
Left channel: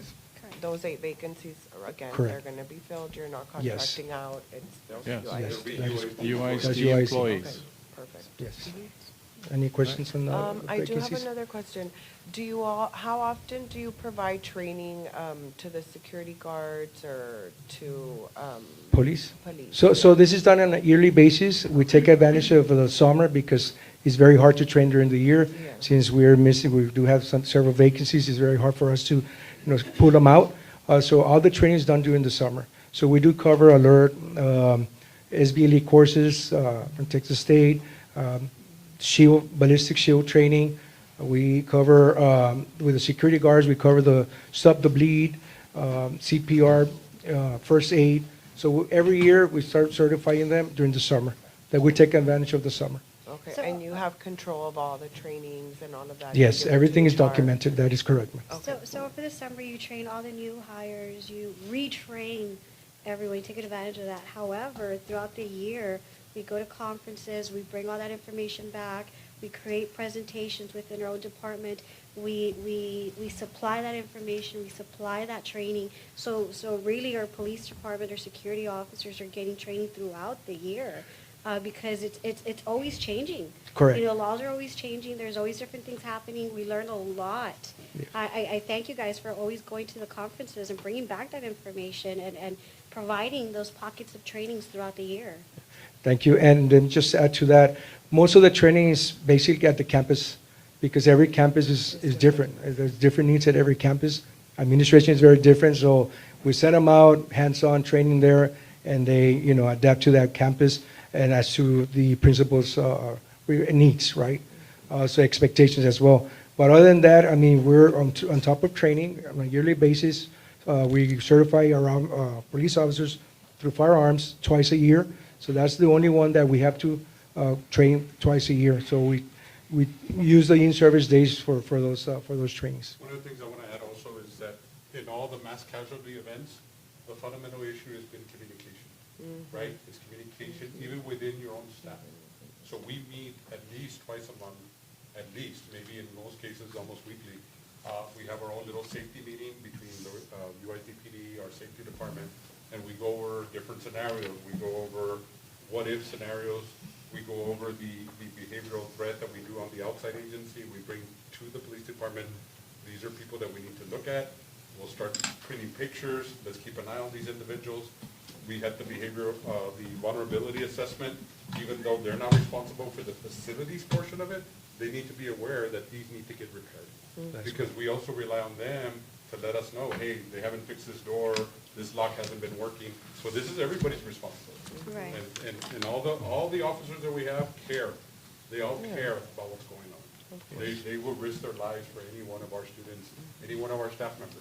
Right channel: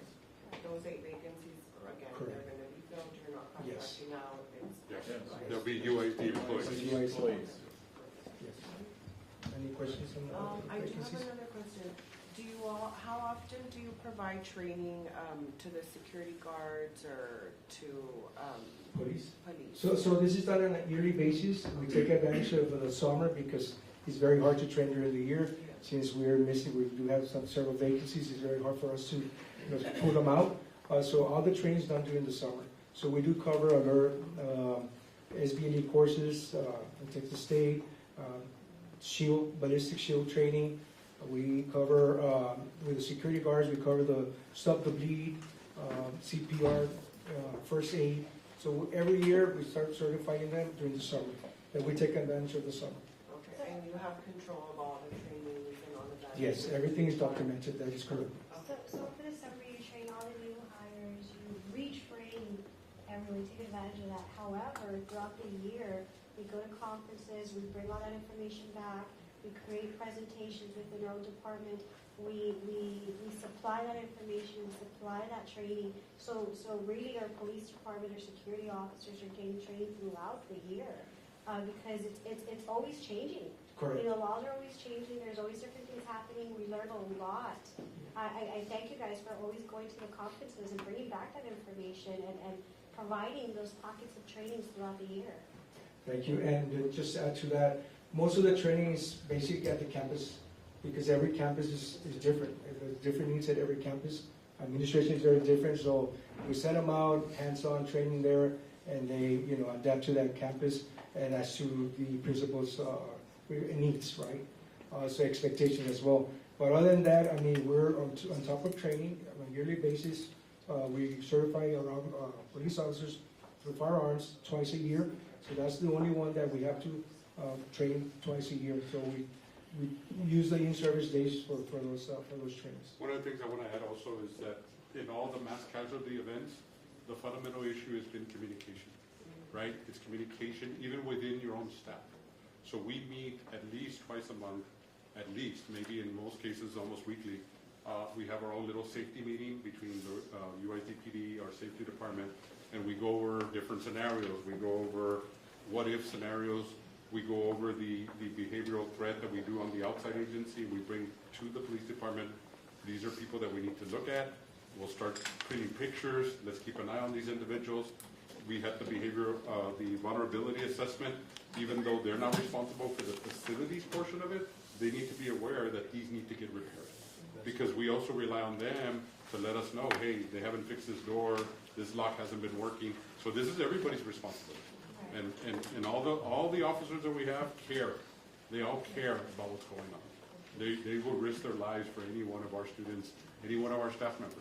Those 8 vacancies, again, Correct. they're going to be filled, you're not Yes. contracting out, it's Yes, UIC. there'll be That's UIC UIC. employees. Okay, perfect. Yes. Any questions on the I do have vacancies? another question. How often do you provide training to the security guards or to Police? police? So this is done on a yearly basis. We take advantage of the summer because it's very hard to train during the year. Yeah. Since we do have several vacancies, it's very hard for us to, pull them out. So all the training is done during the summer. So we do cover alert, SBLE courses from Texas State, ballistic shield training. We cover, with the security guards, we cover the stop the bleed, CPR, first aid. So every year, we start certifying them during the summer, that we take advantage of the summer. Okay, So- and you have control of all the trainings and all of that? Yes, You give it to everything is HR? documented. That is correct, ma'am. So for the summer, you train all the new hires, you retrain everyone, you take advantage of that. However, throughout the year, we go to conferences, we bring all that information back, we create presentations within our own department, we supply that information, we supply that training. So really, our police department or security officers are getting training throughout the year. Because it's always changing. Correct. Laws are always changing, there's always different things happening, we learn a lot. I thank you guys for always going to the conferences and bringing back that information and providing those pockets of trainings throughout the year. Thank you. And then just to add to that, most of the training is basically at the campus because every campus is different. There's different needs at every campus. Administration is very different, so we send them out, hands-on training there, and they, adapt to that campus and as to the principal's needs, right? So expectations as well. But other than that, we're on top of training on a yearly basis. We certify our police officers through firearms twice a year. So that's the only one that we have to train twice a year. So we use the in-service days for those trainings. One of the things I want to add also is that in all the mass casualty events, the fundamental issue has been communication, right? It's communication even within your own staff. So we meet at least twice a month at least, maybe in most cases, almost weekly, we have our own little safety meeting between the UICPD, our safety department, and we go over different scenarios. We go over what-if scenarios. We go over the behavioral threat that we do on the outside agency. We bring to the police department, these are people that we need to look at. We'll start printing pictures. Let's keep an eye on these individuals. We have the the vulnerability assessment. Even though they're not responsible for the facilities portion of it, they need to be aware that these need to get repaired. Because we also rely on them to let us know, hey, they haven't fixed this door, this lock hasn't been working. So this is everybody's responsibility. Right. And all the officers that we have care. They all care about what's going on. They will risk their lives for any one of our students, any one of our staff members.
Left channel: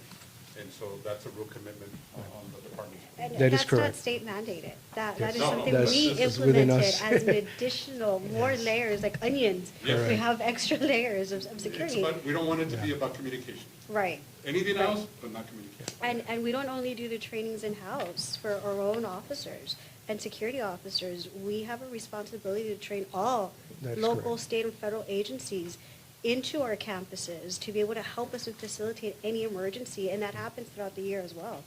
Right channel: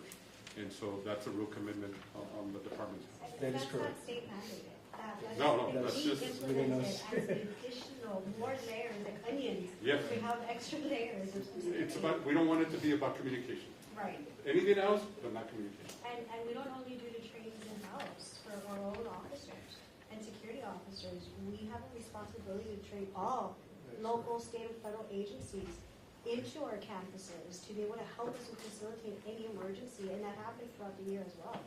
And so that's a real commitment on the department. And That is that's correct. not state mandated. That is No, no, something That's- we this is within implemented us. as an additional, more layers, like onions. Yes. We have extra layers of It's security. fun. We don't want it to be about communication. Right. Anything else, but not communication. And we don't only do the trainings in-house for our own officers and security officers. We have a responsibility to train all That's local, correct. state, and federal agencies into our campuses to be able to help us to facilitate any emergency, and that happens throughout the year as well.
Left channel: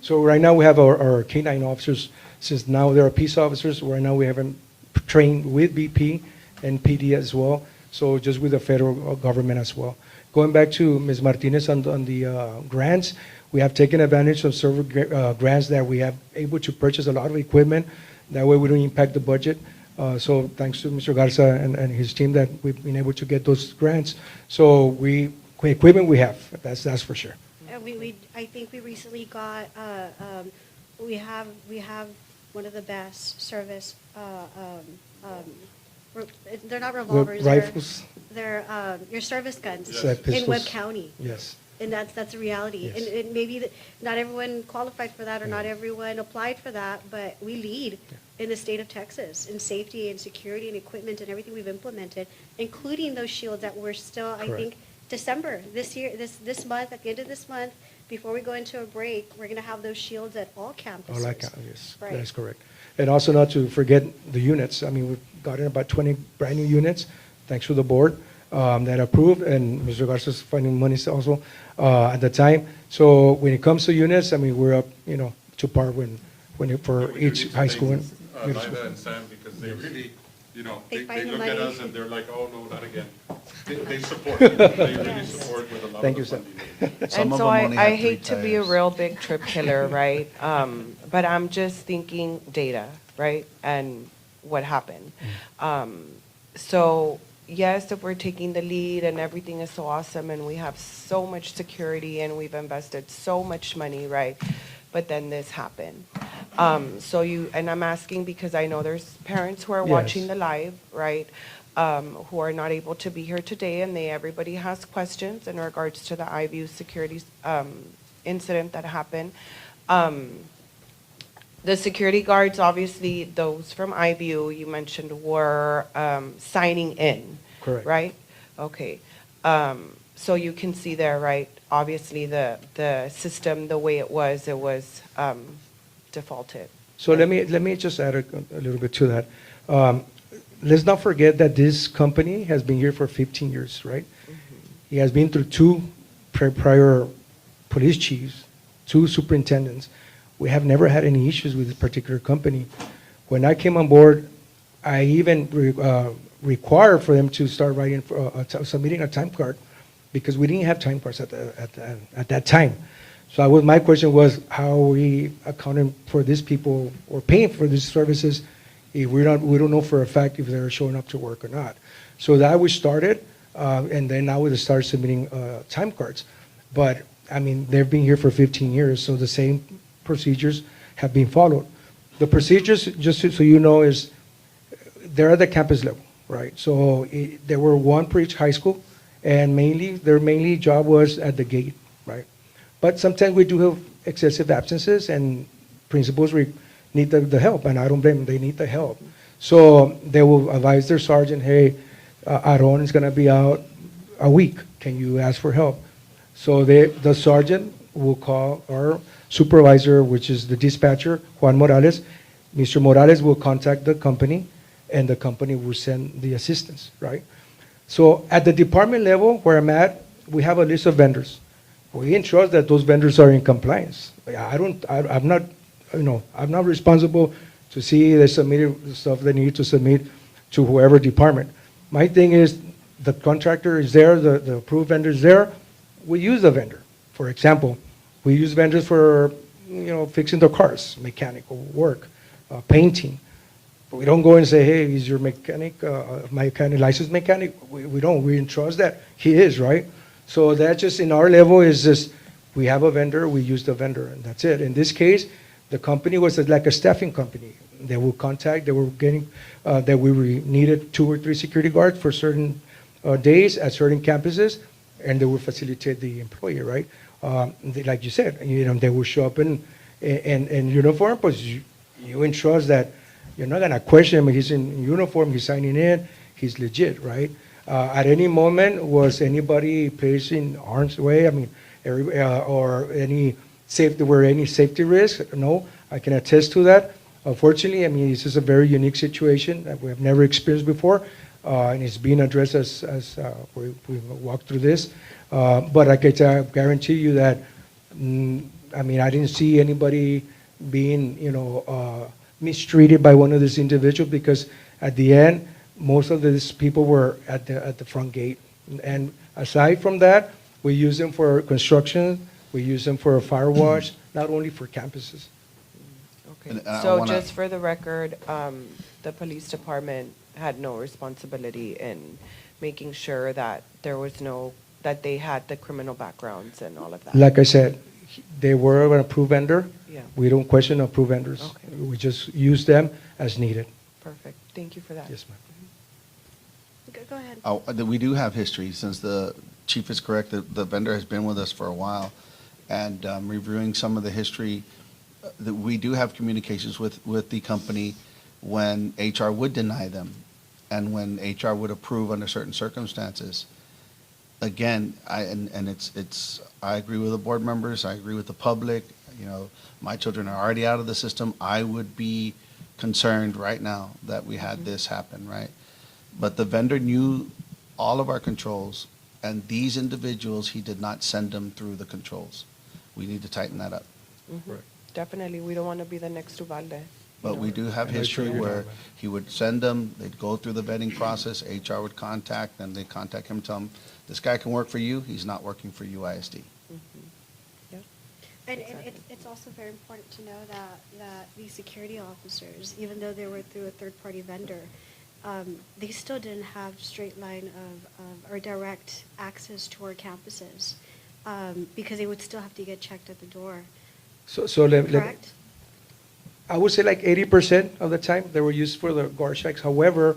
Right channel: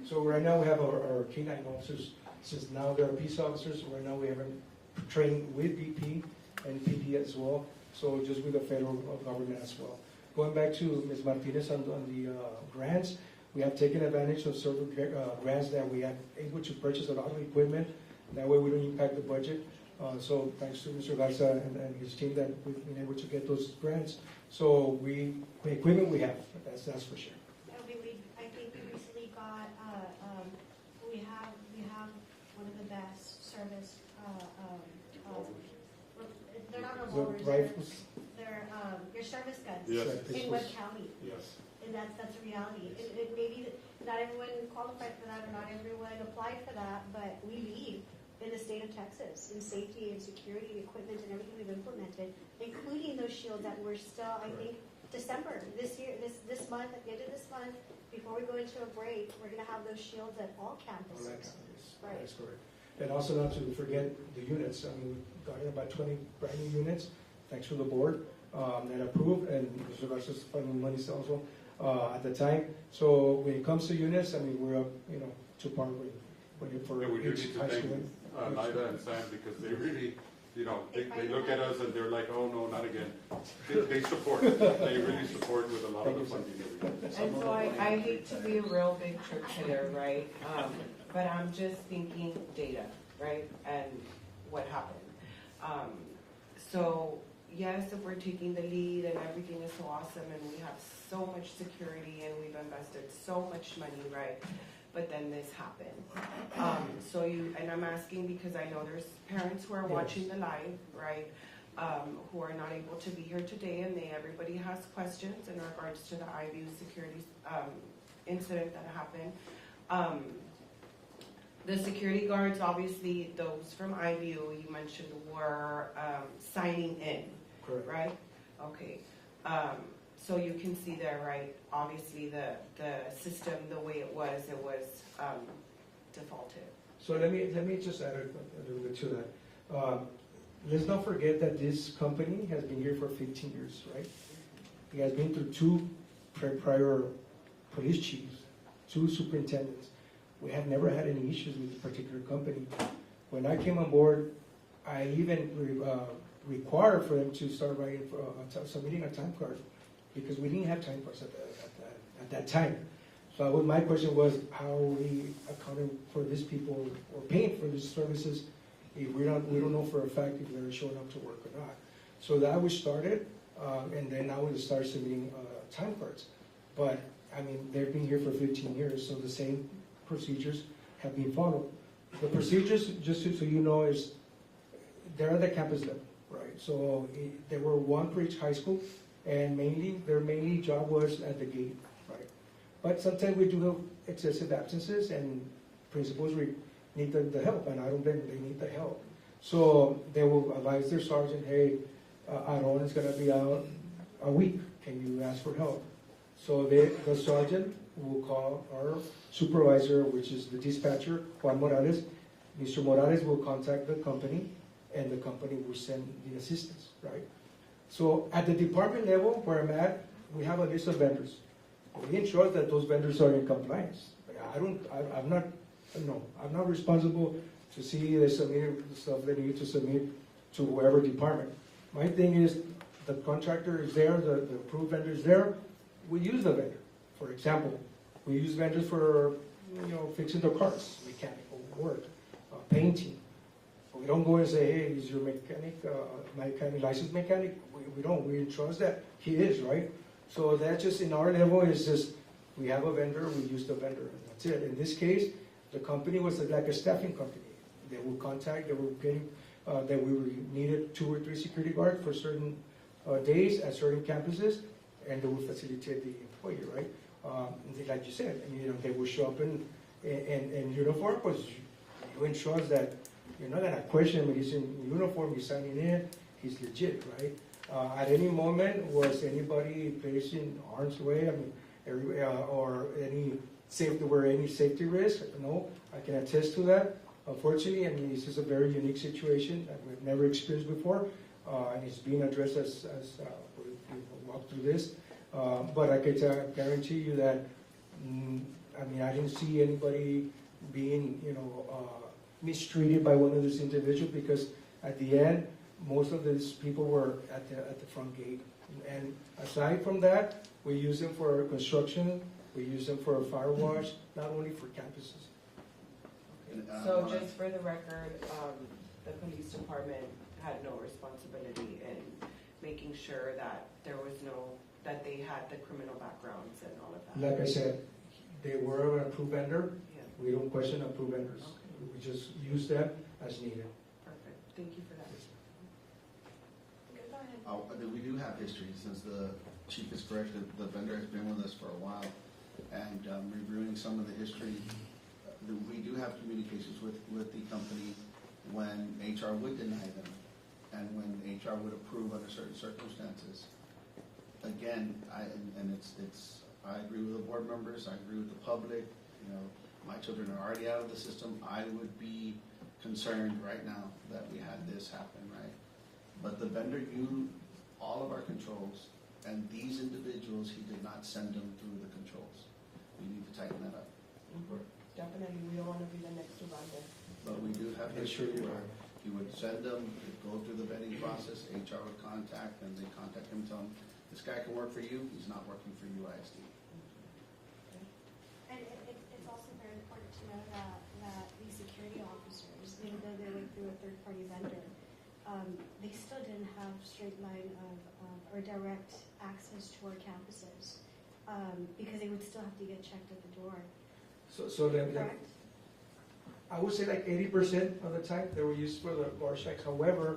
So right now, we have our K-9 officers, since now they're peace officers, right now we have them trained with BP and PD as well, so just with the federal government as well. Going back to Ms. Martinez on the grants, we have taken advantage of several grants that we have able to purchase a lot of equipment. That way we don't impact the budget. So thanks to Mr. Garza and his team that we've been able to get those grants. So equipment we have, that's for sure. I think we recently got, we have one of the best service, they're not revolvers. Rifles? They're your service guns Yes. Like in Webb pistols? County. Yes. And that's a reality. Yes. And maybe not everyone qualified for that or not everyone applied for that, but we lead in the state of Texas in safety and security and equipment and everything we've implemented, including those shields that we're still, I Correct. think, December, this year, this month, at the end of this month, before we go into a break, we're going to have those shields at all campuses. All like, yes, Right. that is correct. And also not to forget the units. I mean, we've gotten about 20 brand-new units, thanks to the board that approved, and Mr. Garza's finding money also at the time. So when it comes to units, I mean, we're up, to par for Yeah, we do each need to high thank, school. Lida and Sam, because they really, They they find the look at money. us and they're like, oh, no, not again. They support, they really support with a lot of Thank the you, Sam. funding. Some And of so them only I have hate 3 to be a tires. real big trip killer, right? But I'm just thinking data, right? And what happened. So yes, if we're taking the lead and everything is so awesome and we have so much security and we've invested so much money, right? But then this happened. And I'm asking because I know there's parents who are watching Yes. the live, right? Who are not able to be here today, and everybody has questions in regards to the iView security incident that happened. The security guards, obviously, those from iView you mentioned were signing in. Correct. Right? Okay. So you can see there, right? Obviously, the system, the way it was defaulted. So let me just add a little bit to that. Let's not forget that this company has been here for 15 years, right? It has been through 2 prior police chiefs, 2 superintendents. We have never had any issues with this particular company. When I came on board, I even required for them to start writing, submitting a time card, because we didn't have time cards at that time. So my question was, how are we accounting for these people or paying for these services if we don't know for a fact if they're showing up to work or not? So that we started, and then now we start submitting time cards. But I mean, they've been here for 15 years, so the same procedures have been followed. The procedures, just so you know, is they're at the campus level, right? So there were 1 per each high school, and their mainly job was at the gate, right? But sometimes we do have excessive absences, and principals need the help, and I don't blame them, they need the help. So they will advise their sergeant, hey, Aaron is gonna be out a week, can you ask for help? So the sergeant will call our supervisor, which is the dispatcher, Juan Morales. Mr. Morales will contact the company, and the company will send the assistance, right? So at the department level where I'm at, we have a list of vendors. We entrust that those vendors are in compliance. I'm not, I'm not responsible to see they submitted the stuff they need to submit to whoever department. My thing is, the contractor is there, the approved vendor is there, we use the vendor. For example, we use vendors for, fixing the cars, mechanical work, painting. We don't go and say, hey, is your mechanic, licensed mechanic? We don't, we entrust that he is, right? So that just in our level is just, we have a vendor, we use the vendor, and that's it. In this case, the company was like a staffing company. They will contact, they were getting, that we needed 2 or 3 security guards for certain days at certain campuses, and they will facilitate the employee, right? Like you said, they will show up in uniform, but you entrust that you're not gonna question him. He's in uniform, he's signing in, he's legit, right? At any moment, was anybody placed in harm's way? I mean, or any safety risk? No, I can attest to that. Unfortunately, I mean, this is a very unique situation that we have never experienced before, and it's being addressed as we walk through this. But I can guarantee you that, I mean, I didn't see anybody being, mistreated by one of these individuals, because at the end, most of these people were at the front gate. And aside from that, we use them for construction, we use them for fire wash, not only for campuses. Okay, And I so wanna- just for the record, the police department had no responsibility in making sure that there was that they had the criminal backgrounds and all of that? Like I said, they were an approved vendor. Yeah. We don't question approved vendors. Okay. We just use them as needed. Perfect, thank you for that. Yes, ma'am. Go ahead. We do have history, since the chief is correct, the vendor has been with us for a while. And reviewing some of the history, that we do have communications with the company when HR would deny them and when HR would approve under certain circumstances. Again, I agree with the board members, I agree with the public, my children are already out of the system. I would be concerned right now that we had this happen, right? But the vendor knew all of our controls, and these individuals, he did not send them through the controls. We need to tighten that up. Mhm. Definitely, we don't want to be the next Uvalde. But we do have And I'm sure history you're where not. he would send them, they'd go through the vetting process, HR would contact them, they'd contact him, tell him, this guy can work for you, he's not working for UISD. And it's also very important to know that these security officers, even though they were through a third-party vendor, they still didn't have straight line or direct access to our campuses, because they would still have to get checked at the door, So correct? I would say like 80% of the time they were used for the guard checks. However,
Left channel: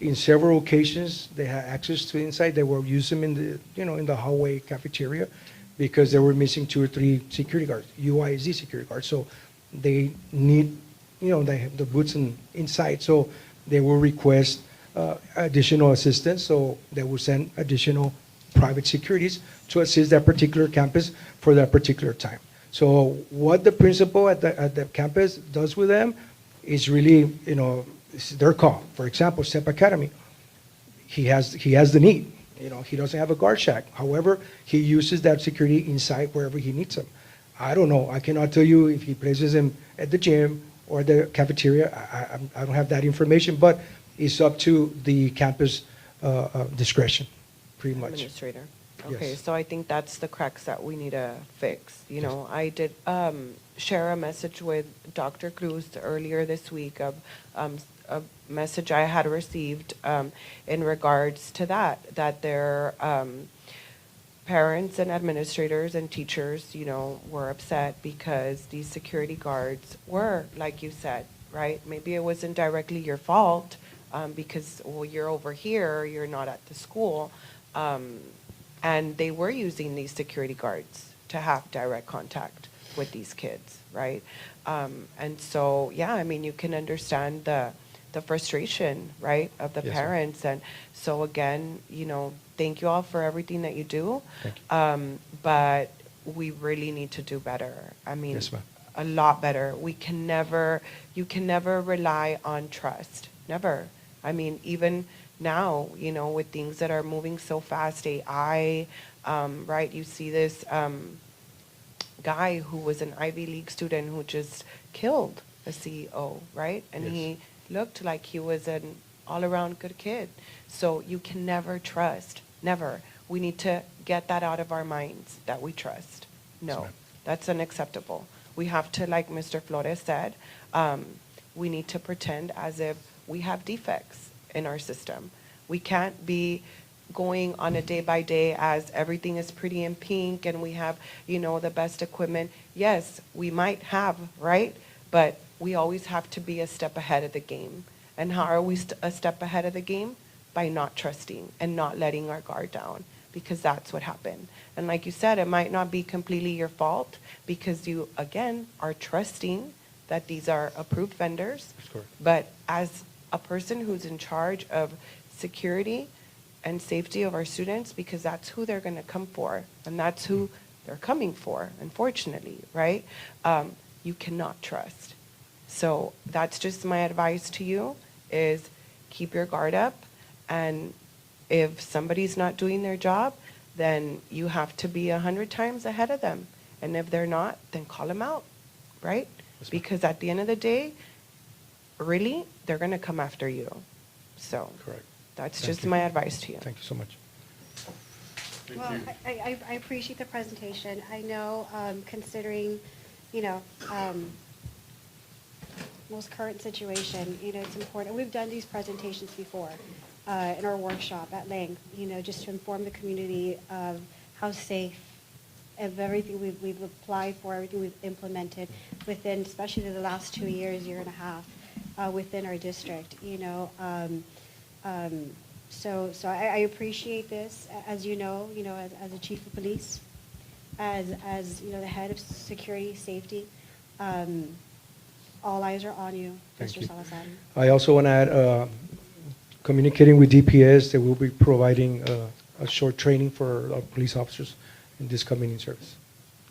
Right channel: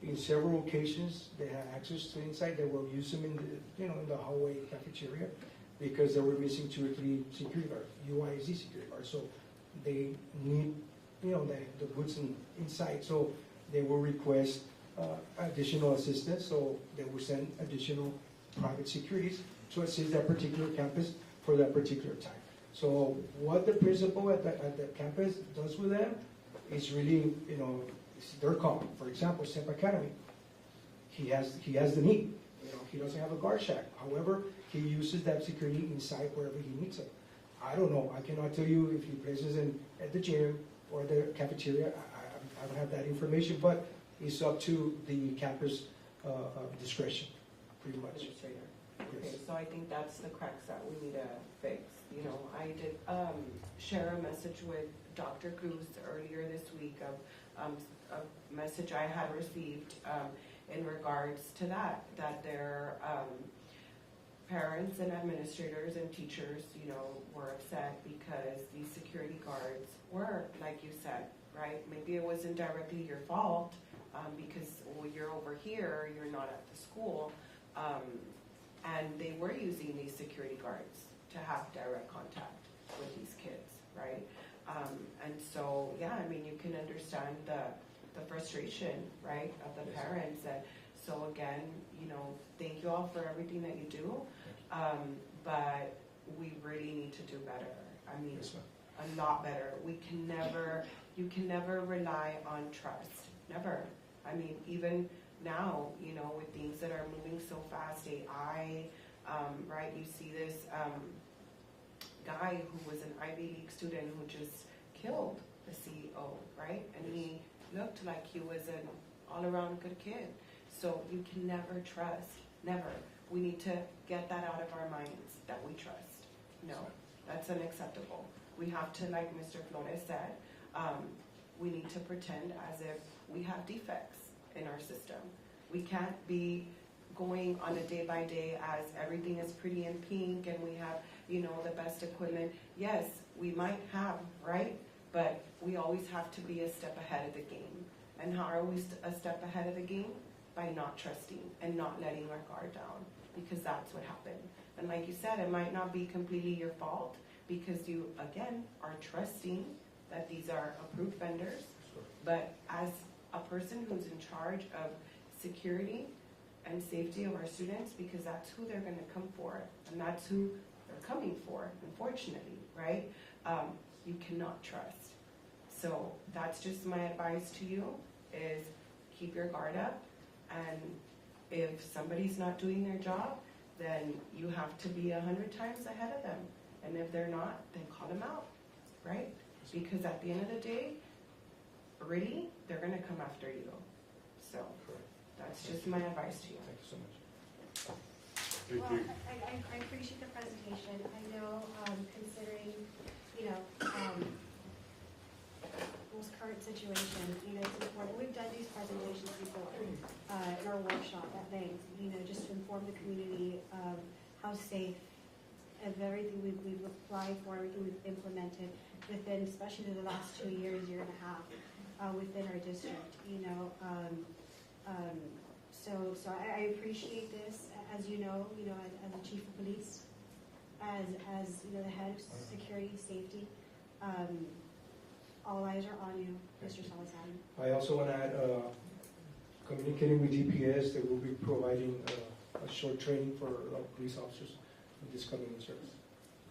in several occasions, they had access to inside. They were using them in the, in the hallway cafeteria, because they were missing 2 or 3 security guards, UISD security guards. So they need, they have the boots inside. So they will request additional assistance. So they will send additional private securities to assist that particular campus for that particular time. So what the principal at the campus does with them is really, it's their call. For example, STEP Academy, he has the need. He doesn't have a guard shack. However, he uses that security inside wherever he needs them. I don't know. I cannot tell you if he places them at the gym or the cafeteria. I don't have that information, but it's up to the campus discretion, pretty much. Administrator. Okay, Yes. so I think that's the cracks that we need to fix. I did share a message with Dr. Cruz earlier this week of a message I had received in regards to that their parents and administrators and teachers, were upset because these security guards were, like you said, right? Maybe it wasn't directly your fault because, you're over here, you're not at the school. And they were using these security guards to have direct contact with these kids, right? And so, yeah, I mean, you can understand the frustration, right, of the Yes, ma'am. parents. And so again, thank you all for everything that you do. Thank But we really need to do better. I mean, Yes, ma'am. a lot better. You can never rely on trust, never. I mean, even now, you know, with things that are moving so fast, AI, right? You see this guy who was an Ivy League student who just killed a CEO, right? And he looked like he was an all-around good kid. So you can never trust, never. We need to get that out of our minds, that we trust. No, that's unacceptable. We have to, like Mr. Flores said, we need to pretend as if we have defects in our system. We can't be going on a day by day as everything is pretty in pink and we have, you know, the best equipment. Yes, we might have, right? But we always have to be a step ahead of the game. And how are we a step ahead of the game? By not trusting and not letting our guard down, because that's what happened. And like you said, it might not be completely your fault because you, again, are trusting that these are approved vendors. But as a person who's in charge of security and safety of our students, because that's who they're going to come for, and that's who they're coming for, unfortunately, right? You cannot trust. So that's just my advice to you, is keep your guard up, and if somebody's not doing their job, then you have to be 100 times ahead of them. And if they're not, then call them out, right? Because at the end of the day, really, they're going to come after you. So that's just my advice to you. Thank you so much. Well, I appreciate the presentation. I know, considering, you know, most current situation, you know, it's important. We've done these presentations before in our workshop at length, you know, just to inform the community of how safe of everything we've applied for, everything we've implemented within, especially the last 2 years, year and a half, within our district, you know. So I appreciate this, as you know, as a chief of police, as you know, the head of security, safety. All eyes are on you, Mr. Salazar. I also want to add, communicating with DPS, they will be providing a short training for our police officers in this community service.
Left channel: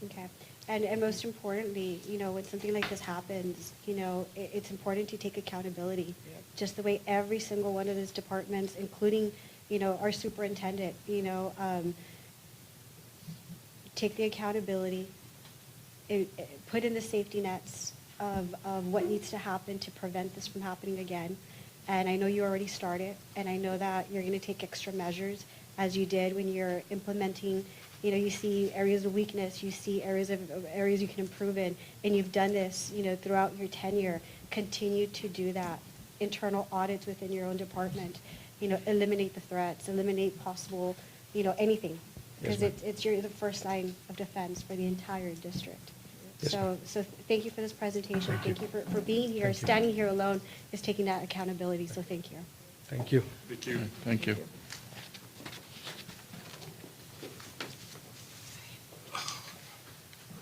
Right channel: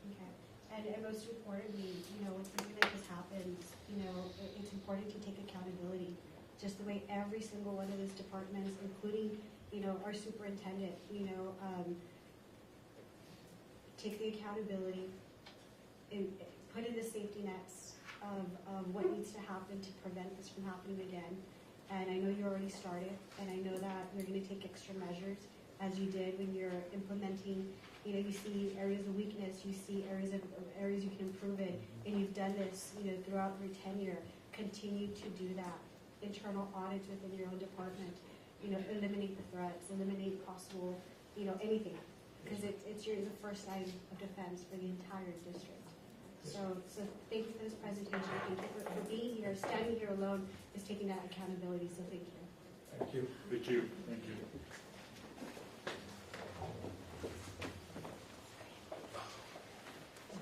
Okay. And most importantly, you know, when something like this happens, you know, it's important to take accountability, just the way every single one of these departments, including, you know, our superintendent, you know, take the accountability, put in the safety nets of what needs to happen to prevent this from happening again. And I know you already started, and I know that you're going to take extra measures, as you did when you're implementing. You know, you see areas of weakness, you see areas you can improve in, and you've done this, you know, throughout your tenure. Continue to do that. Internal audits within your own department. You know, eliminate the threats, eliminate possible, you know, anything, because it's the first line of defense for the entire district. So thank you for this presentation. Thank you for being here. Standing here alone is taking that accountability. So thank you. Thank you. Thank you. Thank you.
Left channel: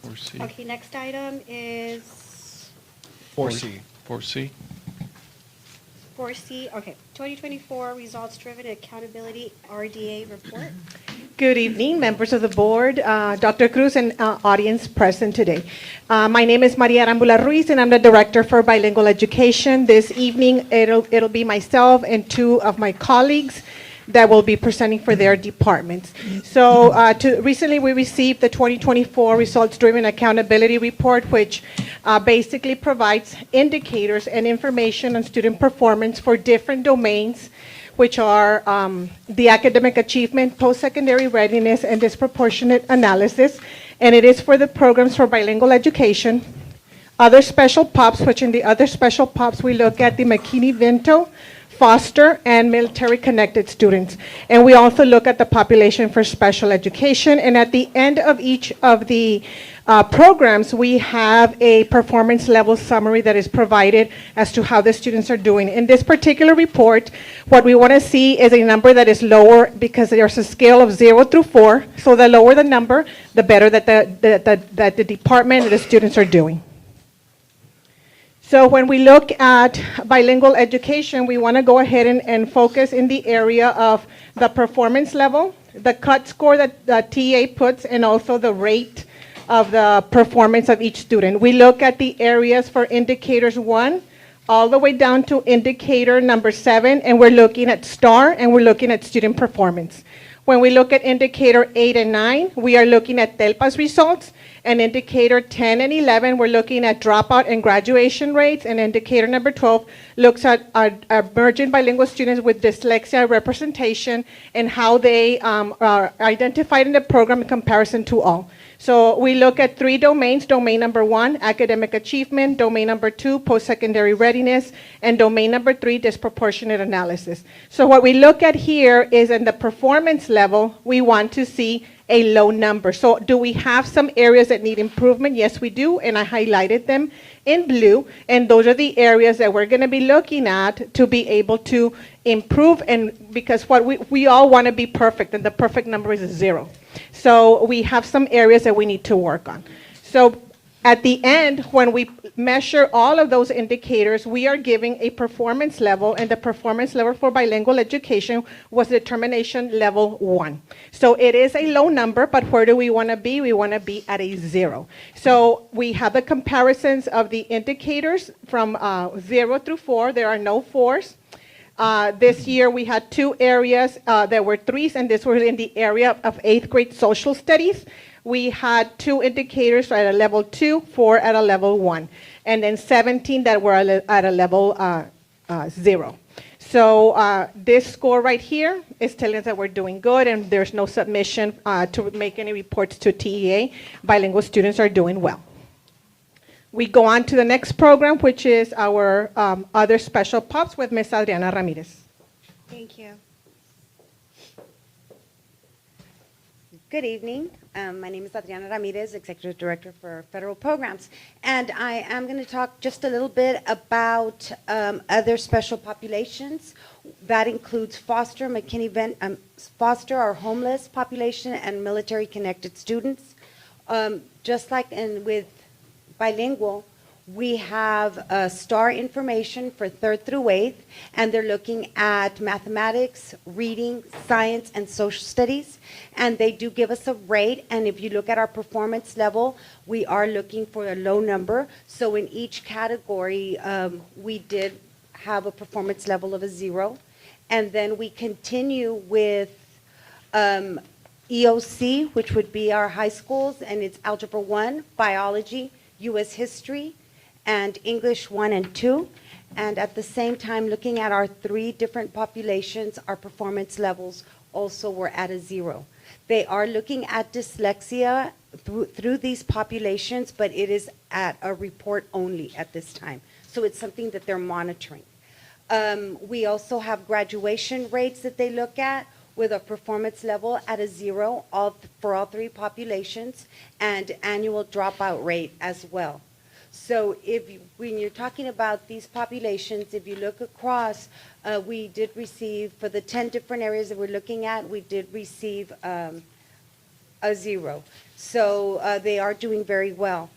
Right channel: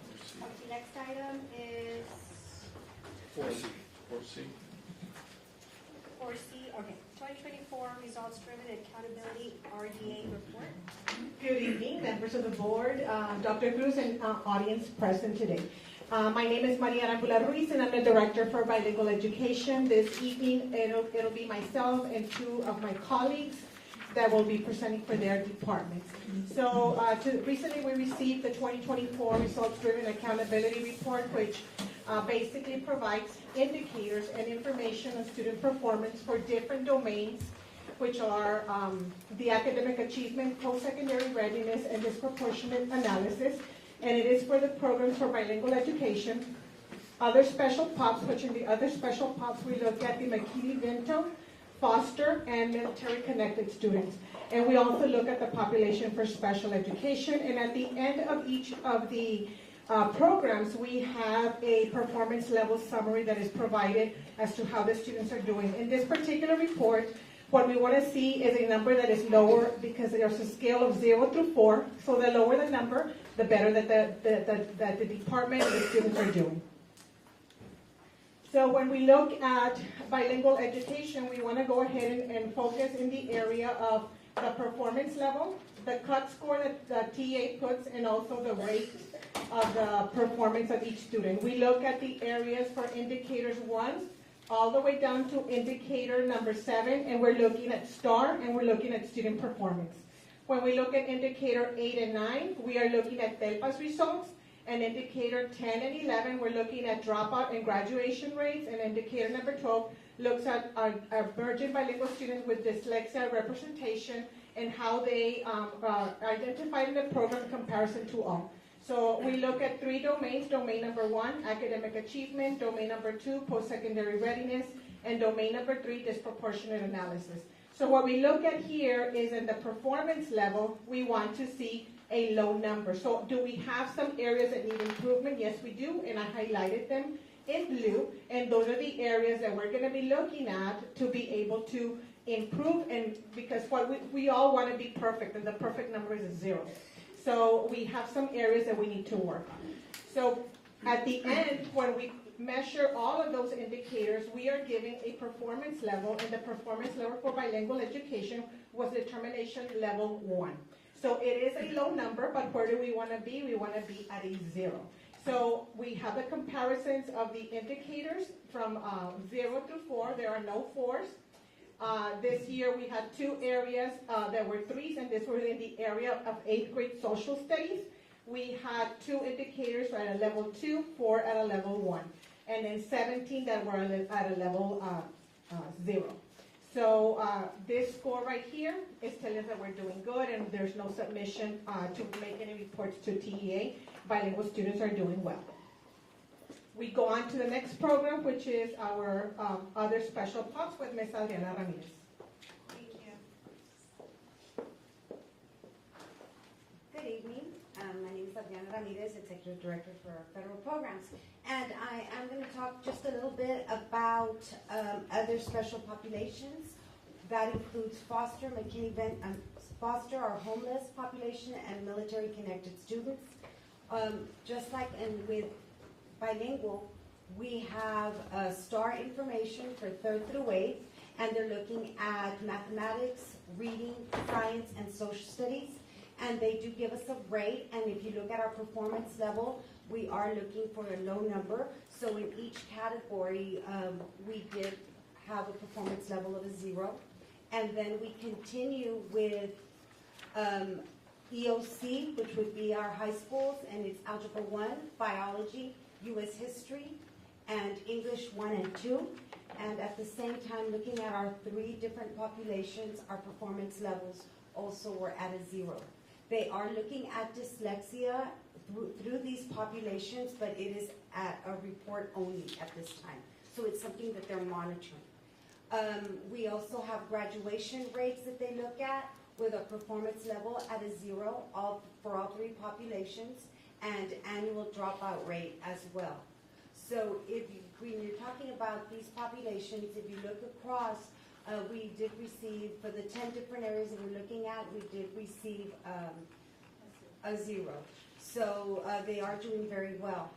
4C. Okay, next item is 4C. 4C. 4C. Okay, 2024 results-driven accountability RDA report. Good evening, members of the board, Dr. Cruz, and audience present today. My name is Maria Arambula Ruiz, and I'm the director for bilingual education. This evening, it'll be myself and two of my colleagues that will be presenting for their departments. So recently we received the 2024 results-driven accountability report, which basically provides indicators and information on student performance for different domains, which are the academic achievement, post-secondary readiness, and disproportionate analysis. And it is for the programs for bilingual education. Other special POPs, which in the other special POPs, we look at the McKinney-Vento, foster, and military-connected students. And we also look at the population for special education. And at the end of each of the programs, we have a performance level summary that is provided as to how the students are doing. In this particular report, what we want to see is a number that is lower, because there's a scale of 0 through 4. So the lower the number, the better that the department and the students are doing. So when we look at bilingual education, we want to go ahead and focus in the area of the performance level, the cut score that the TA puts, and also the rate of the performance of each student. We look at the areas for indicators 1 all the way down to indicator number 7, and we're looking at STAR, and we're looking at student performance. When we look at indicator 8 and 9, we are looking at TELPA's results, and indicator 10 and 11, we're looking at dropout and graduation rates, and indicator number 12 looks at our emerging bilingual students with dyslexia representation and how they are identified in the program in comparison to all. So we look at 3 domains: domain number 1, academic achievement; domain number 2, post-secondary readiness; and domain number 3, disproportionate analysis. So what we look at here is in the performance level, we want to see a low number. So do we have some areas that need improvement? Yes, we do, and I highlighted them in blue, and those are the areas that we're going to be looking at to be able to improve, and because what we all want to be perfect, and the perfect number is 0. So we have some areas that we need to work on. So at the end, when we measure all of those indicators, we are giving a performance level, and the performance level for bilingual education was determination level 1. So it is a low number, but where do we want to be? We want to be at a 0. So we have the comparisons of the indicators from 0 through 4. There are no 4s. This year we had 2 areas that were 3s, and this was in the area of 8th grade social studies. We had 2 indicators at a level 2, 4 at a level 1, and then 17 that were at a level 0. So this score right here is telling us that we're doing good, and there's no submission to make any reports to TEA. Bilingual students are doing well. We go on to the next program, which is our other special POPs with Ms. Adriana Ramirez. Thank you. Good evening. My name is Adriana Ramirez, Executive Director for Federal Programs. And I am going to talk just a little bit about other special populations. That includes foster, foster or homeless population, and military-connected students. Just like with bilingual, we have STAR information for 3rd through 8th, and they're looking at mathematics, reading, science, and social studies. And they do give us a rate, and if you look at our performance level, we are looking for a low number. So in each category, we did have a performance level of a 0. And then we continue with EOC, which would be our high schools, and it's Algebra 1, Biology, U.S. History, and English 1 and 2. And at the same time, looking at our 3 different populations, our performance levels also were at a 0. They are looking at dyslexia through these populations, but it is at a report only at this time. So it's something that they're monitoring. We also have graduation rates that they look at with a performance level at a 0 for all 3 populations, and annual dropout rate as well. So when you're talking about these populations, if you look across, we did receive, for the 10 different areas that we're looking at, we did receive a 0. So they are doing very well.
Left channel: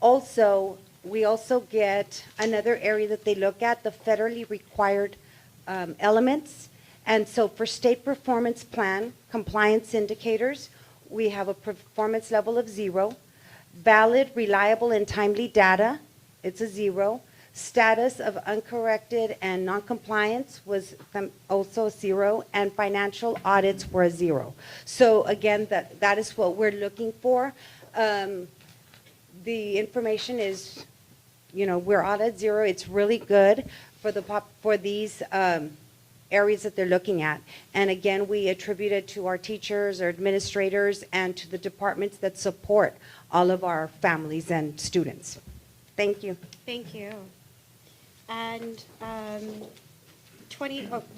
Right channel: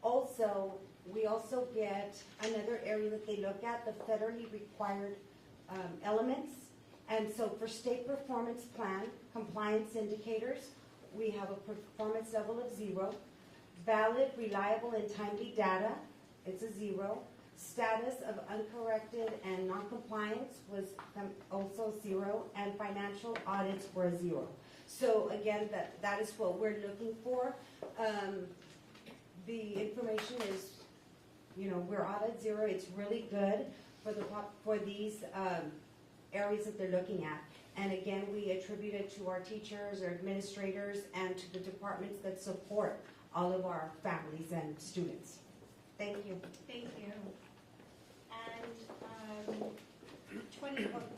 Also, we also get another area that they look at, the federally required elements. And so for state performance plan compliance indicators, we have a performance level of 0. Valid, reliable, and timely data, it's a 0. Status of uncorrected and noncompliance was also 0, and financial audits were a 0. So again, that is what we're looking for. The information is, we're all at 0. It's really good for these areas that they're looking at. And again, we attribute it to our teachers, our administrators, and to the departments that support all of our families and students. Thank you. Thank you. And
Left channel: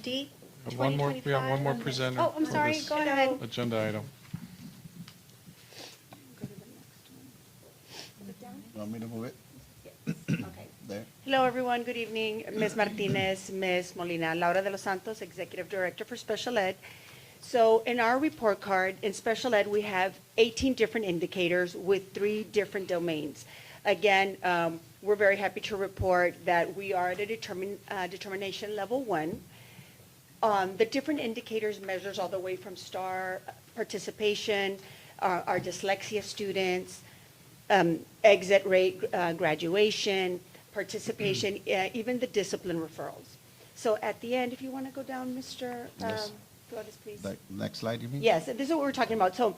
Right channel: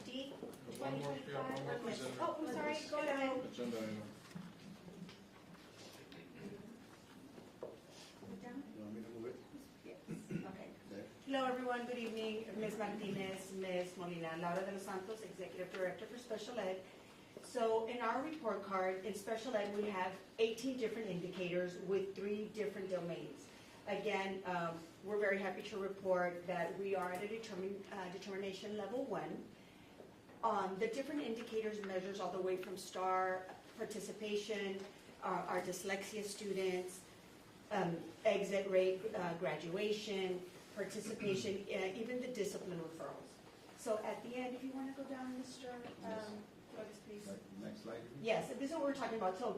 D, One more, we have one more 2025. presenter. Oh, I'm for sorry, this go ahead. Agenda item. You want me to move it? There. Hello, everyone. Good evening. Ms. Martinez, Ms. Molina, Laura de los Santos, Executive Director for Special Ed. So in our report card, in Special Ed, we have 18 different indicators with 3 different domains. Again, we're very happy to report that we are at a determination level 1. The different indicators measures all the way from STAR, participation, our dyslexia students, exit rate, graduation, participation, even the discipline referrals. So at the end, if you want to go down, Mr. Yes. Flores, please. Next slide, you mean? Yes, this is what we're talking about. So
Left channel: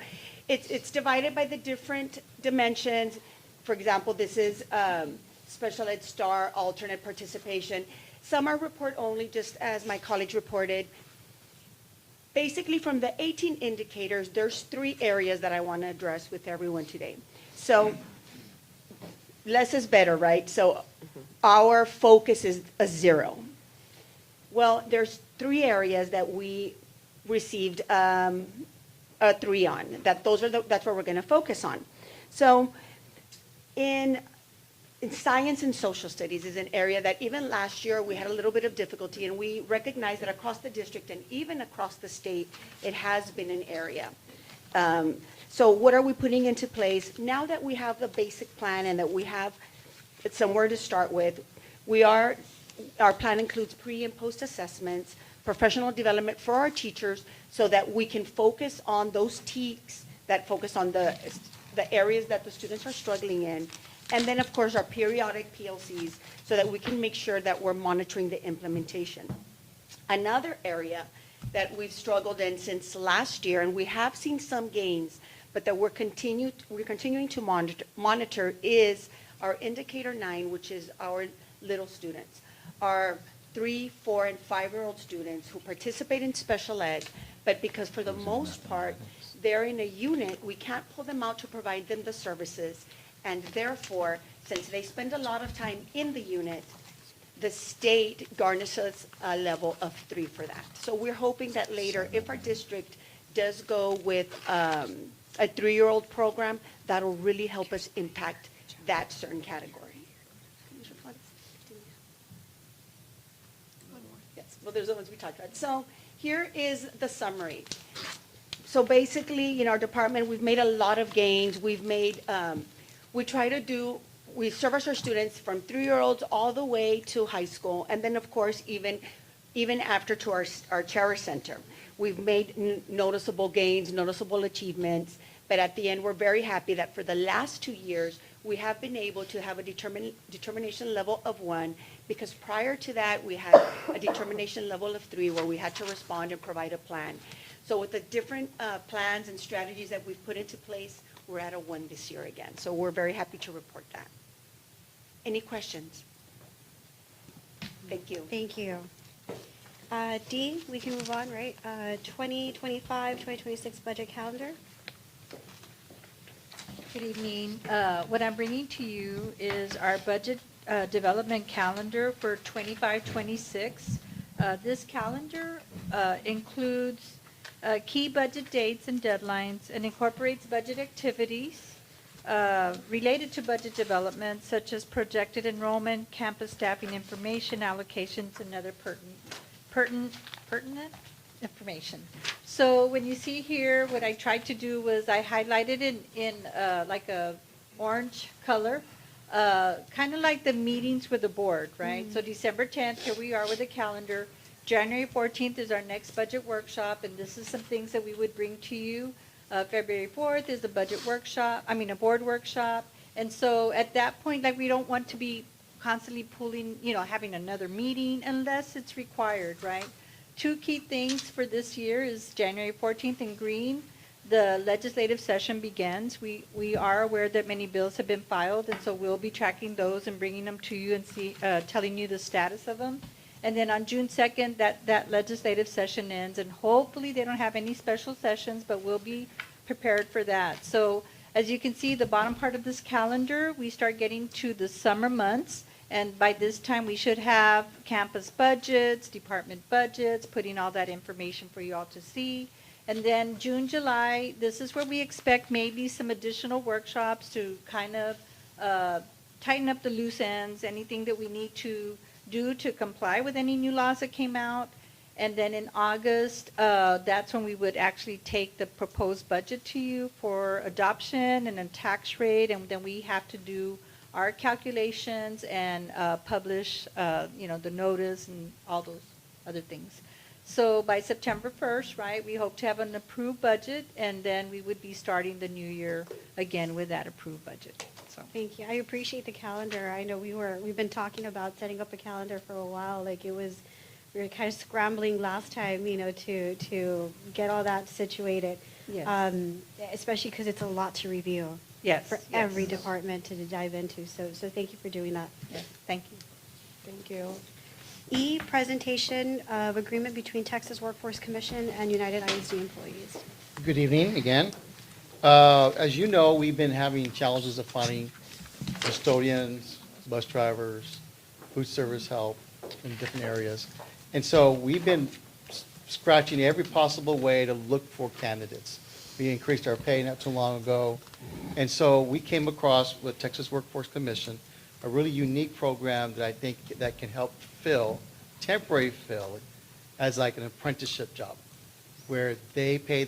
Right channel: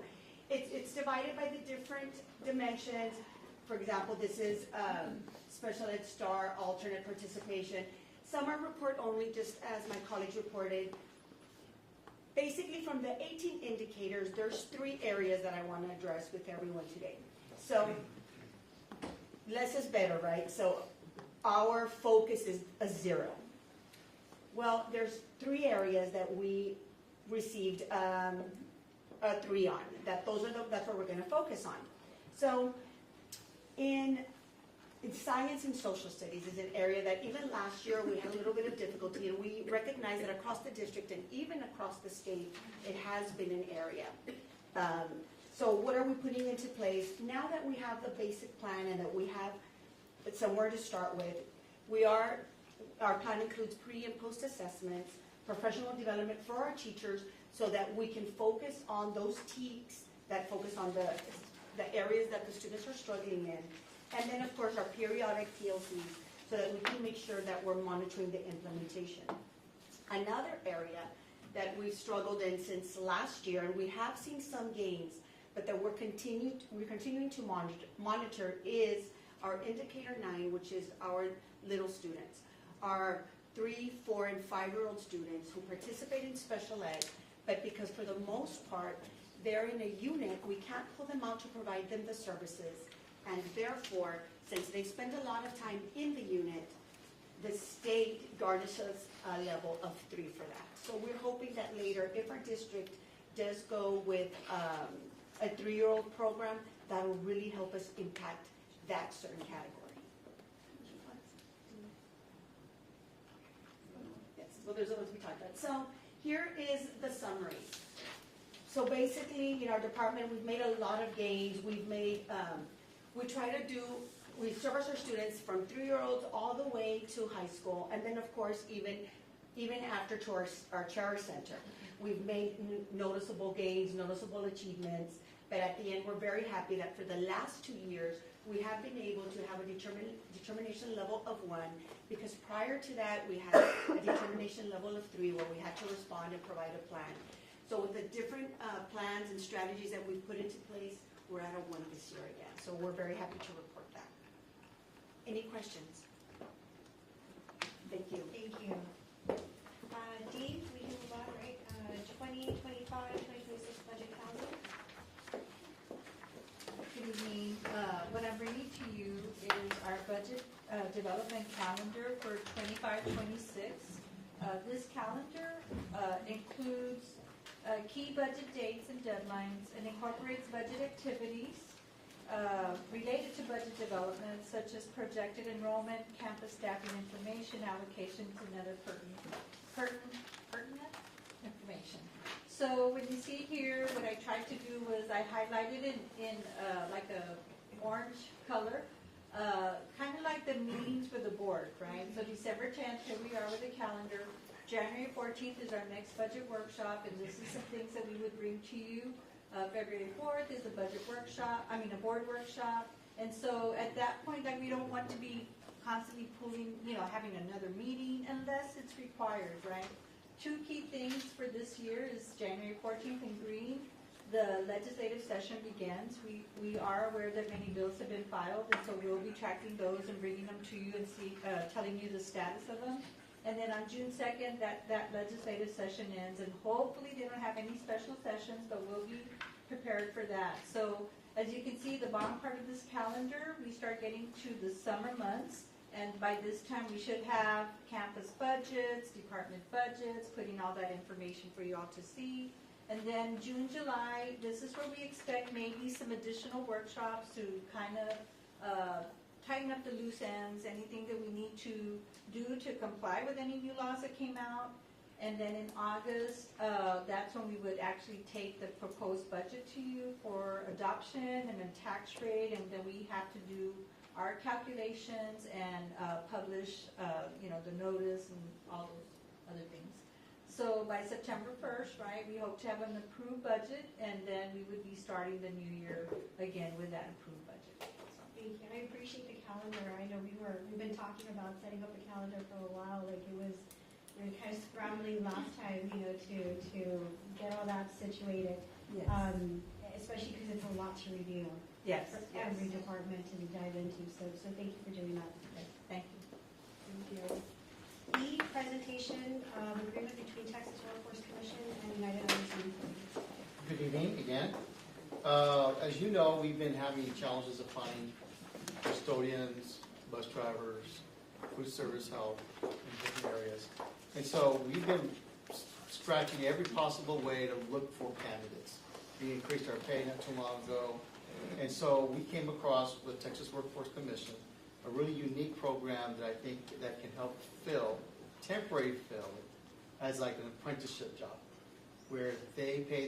it's divided by the different dimensions. For example, this is special ed star, alternate participation. Some are report only, just as my colleagues reported. Basically, from the 18 indicators, there's 3 areas that I want to address with everyone today. So less is better, right? So our focus is a 0. Well, there's 3 areas that we received a 3 on. That's what we're going to focus on. So in science and social studies is an area that even last year we had a little bit of difficulty, and we recognize that across the district and even across the state, it has been an area. So what are we putting into place? Now that we have the basic plan and that we have somewhere to start with, our plan includes pre and post assessments, professional development for our teachers so that we can focus on those TEKs that focus on the areas that the students are struggling in. And then, of course, our periodic PLCs so that we can make sure that we're monitoring the implementation. Another area that we've struggled in since last year, and we have seen some gains, but that we're continuing to monitor is our indicator 9, which is our little students, our 3, 4, and 5-year-old students who participate in special ed, but because for the most part, they're in a unit, we can't pull them out to provide them the services. And therefore, since they spend a lot of time in the unit, the state garnishes a level of 3 for that. So we're hoping that later, if our district does go with a 3-year-old program, that'll really help us impact that certain category. Yes, well, there's the ones we talked about. So here is the summary. So basically, in our department, we've made a lot of gains. We service our students from 3-year-olds all the way to high school, and then of course even after to our Charter Center. We've made noticeable gains, noticeable achievements, but at the end we're very happy that for the last 2 years we have been able to have a determination level of 1, because prior to that we had a determination level of 3 where we had to respond and provide a plan. So with the different plans and strategies that we've put into place, we're at a 1 this year again. So we're very happy to report that. Any questions? Thank you. Thank you. D, we can move on, right? 2025, 2026 budget calendar. Good evening. What I'm bringing to you is our budget development calendar for 25-26. This calendar includes key budget dates and deadlines and incorporates budget activities related to budget development, such as projected enrollment, campus staffing information, allocations, and other pertinent information. So when you see here, what I tried to do was I highlighted in like a orange color, kind of like the meetings with the board, right? So December 10th, here we are with the calendar. January 14th is our next budget workshop, and this is some things that we would bring to you. February 4th is a a board workshop. And so at that point, like, we don't want to be constantly pulling, having another meeting unless it's required, right? 2 key things for this year is January 14th in green, the legislative session begins. We are aware that many bills have been filed, and so we'll be tracking those and bringing them to you and telling you the status of them. And then on June 2nd, that legislative session ends, and hopefully they don't have any special sessions, but we'll be prepared for that. So as you can see, the bottom part of this calendar, we start getting to the summer months, and by this time we should have campus budgets, department budgets, putting all that information for you all to see. And then June, July, this is where we expect maybe some additional workshops to kind of tighten up the loose ends, anything that we need to do to comply with any new laws that came out. And then in August, that's when we would actually take the proposed budget to you for adoption and a tax rate, and then we have to do our calculations and publish, the notice and all those other things. So by September 1st, right, we hope to have an approved budget, and then we would be starting the new year again with that approved budget. So so. Thank you. I appreciate the calendar. I know we've been talking about setting up a calendar for a while. Like we were kind of scrambling last time, to get all that situated. Yes. Especially because it's a lot to review. Yes, For yes. every department to dive into. So thank you for doing that. Yes, thank you. Thank you. E, presentation of agreement between Texas Workforce Commission and United ISD employees. Good evening again. As you know, we've been having challenges of finding custodians, bus drivers, food service help in different areas. And so we've been scratching every possible way to look for candidates. We increased our pay not too long ago. And so we came across with Texas Workforce Commission, a really unique program that I think that can help temporary fill as like an apprenticeship job, where they pay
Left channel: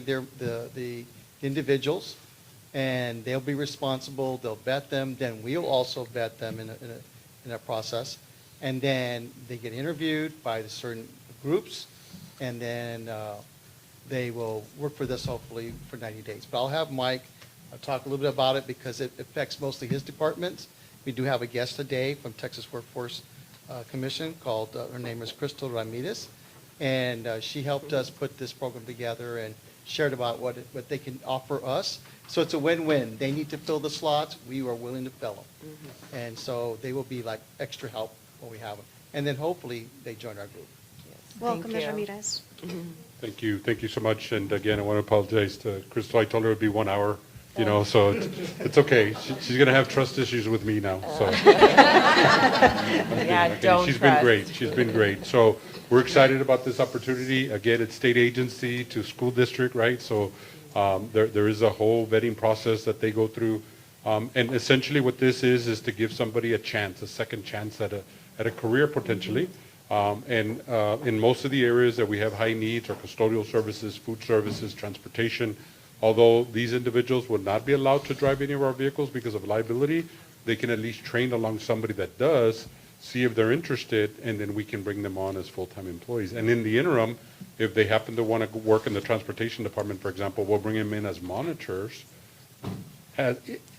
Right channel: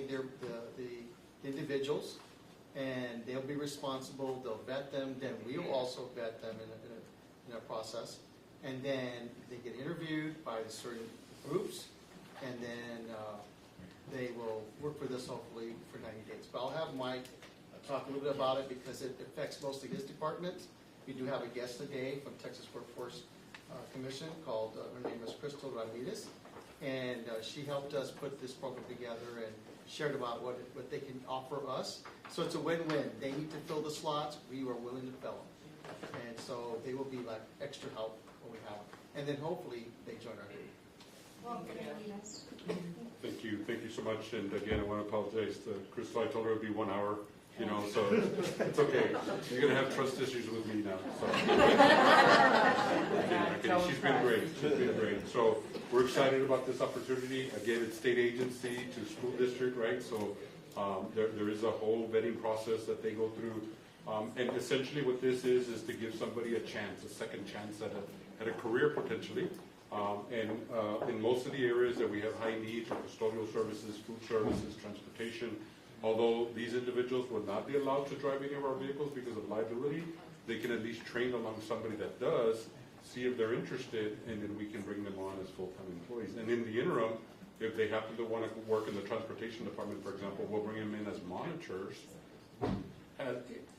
the individuals, and they'll be responsible, they'll vet them, then we'll also vet them in a process. And then they get interviewed by the certain groups, and then they will work with us hopefully for 90 days. But I'll have Mike talk a little bit about it because it affects mostly his departments. We do have a guest today from Texas Workforce Commission called, her name is Crystal Ramirez, and she helped us put this program together and shared about what they can offer us. So it's a win-win. They need to fill the slots. We are willing to fill them. And so they will be like extra help when we have them. And then hopefully they join our group. Welcome, Ms. Ramirez. Thank you. Thank you so much. And again, I want to apologize to Crystal. I told her it would be 1 hour, so it's okay. She's going to have trust issues with me now, so. She's been great. She's been great. So we're excited about this opportunity. Again, it's state agency to school district, right? So there is a whole vetting process that they go through. And essentially what this is to give somebody a chance, a second chance at a career potentially. And in most of the areas that we have high needs are custodial services, food services, transportation. Although these individuals would not be allowed to drive any of our vehicles because of liability, they can at least train along somebody that does, see if they're interested, and then we can bring them on as full-time employees. And in the interim, if they happen to want to work in the transportation department, for example, we'll bring them in as monitors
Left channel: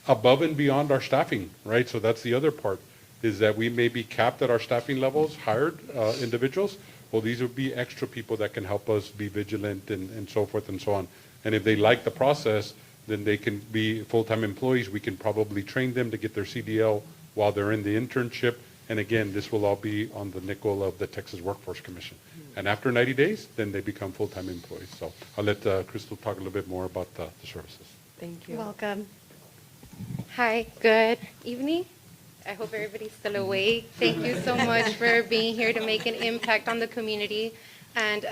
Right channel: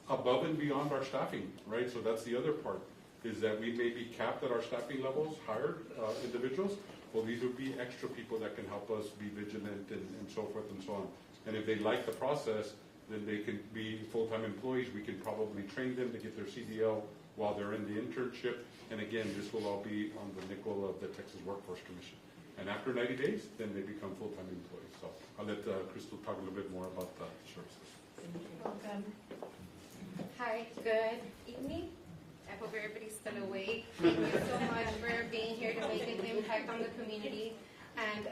above and beyond our staffing, right? So that's the other part, is that we may be capped at our staffing levels, hired individuals. Well, these would be extra people that can help us be vigilant and so forth and so on. And if they like the process, then they can be full-time employees. We can probably train them to get their CDL while they're in the internship. And again, this will all be on the nickel of the Texas Workforce Commission. And after 90 days, then they become full-time employees. So I'll let Crystal talk a little bit more about the services. Thank you. Welcome. Hi, good evening. I hope everybody's still awake. Thank you so much for being here to make an impact on the community. And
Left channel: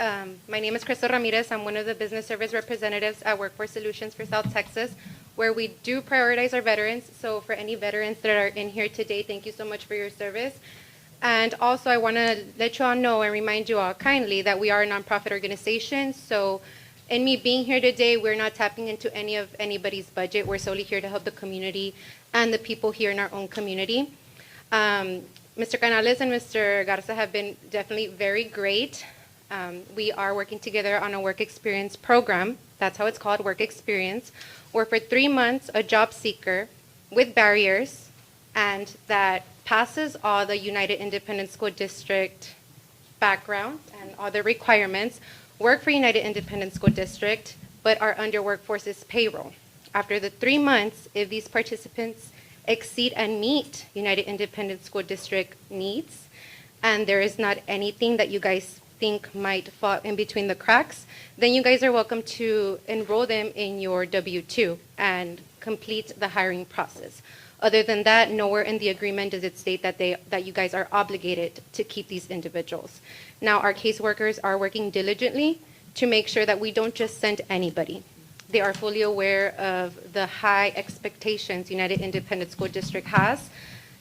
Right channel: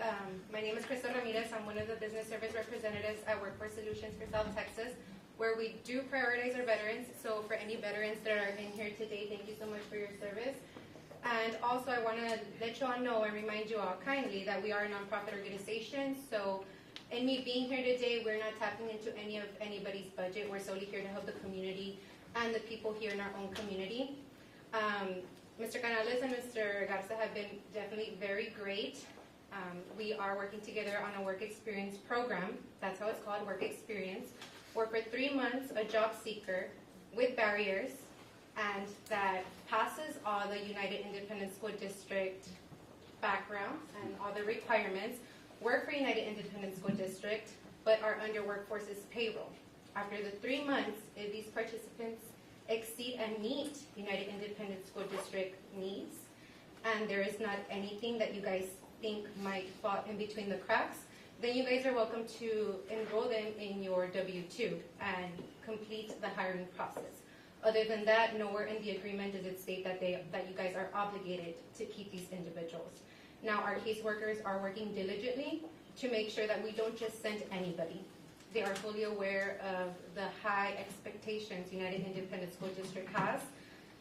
my name is Crystal Ramirez. I'm one of the business service representatives at Workforce Solutions for South Texas, where we do prioritize our veterans. So for any veterans that are in here today, thank you so much for your service. And also I want to let you all know and remind you all kindly that we are a nonprofit organization. So in me being here today, we're not tapping into anybody's budget. We're solely here to help the community and the people here in our own community. Mr. Canales and Mr. Garza have been definitely very great. We are working together on a work experience program. That's how it's called, work experience, where for 3 months, a job seeker with barriers and that passes all the United Independent School District background and all the requirements, work for United Independent School District, but are under Workforce's payroll. After the 3 months, if these participants exceed and meet United Independent School District needs, and there is not anything that you guys think might fall in between the cracks, then you guys are welcome to enroll them in your W-2 and complete the hiring process. Other than that, nowhere in the agreement does it state that you guys are obligated to keep these individuals. Now, our caseworkers are working diligently to make sure that we don't just send anybody. They are fully aware of the high expectations United Independent School District has.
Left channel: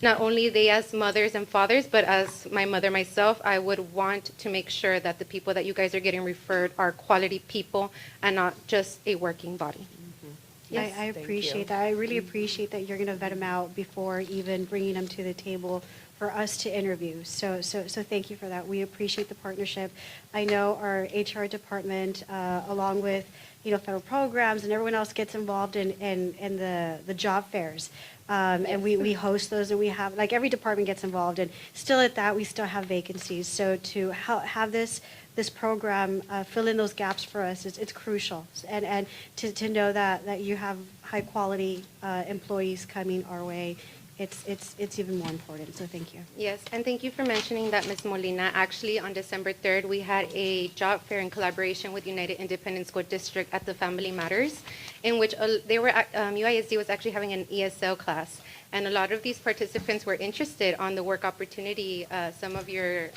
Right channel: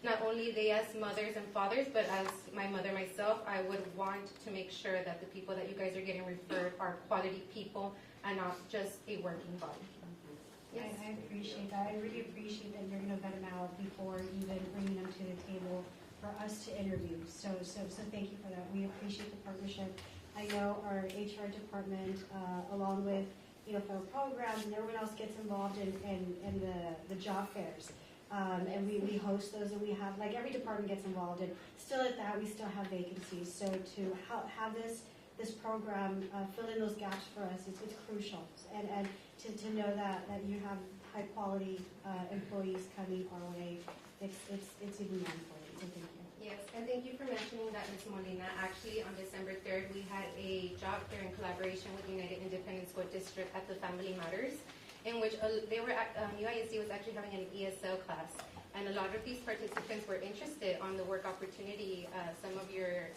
Not only they as mothers and fathers, but as my mother myself, I would want to make sure that the people that you guys are getting referred are quality people and not just a working body. Yes. I appreciate that. I really appreciate that you're going to vet them out before even bringing them to the table for us to interview. So thank you for that. We appreciate the partnership. I know our HR department, along with federal programs, and everyone else gets involved in the job fairs. And we host those, and we have, like, every department gets involved, and still at that, we still have vacancies. So to have this program fill in those gaps for us, it's crucial. And to know that you have high-quality employees coming our way, it's even more important, so thank you. Yes, and thank you for mentioning that, Ms. Molina. Actually, on December 3rd, we had a job fair in collaboration with United Independent School District at the Family Matters, in which UISD was actually having an ESL class. And a lot of these participants were interested on the work opportunity some of your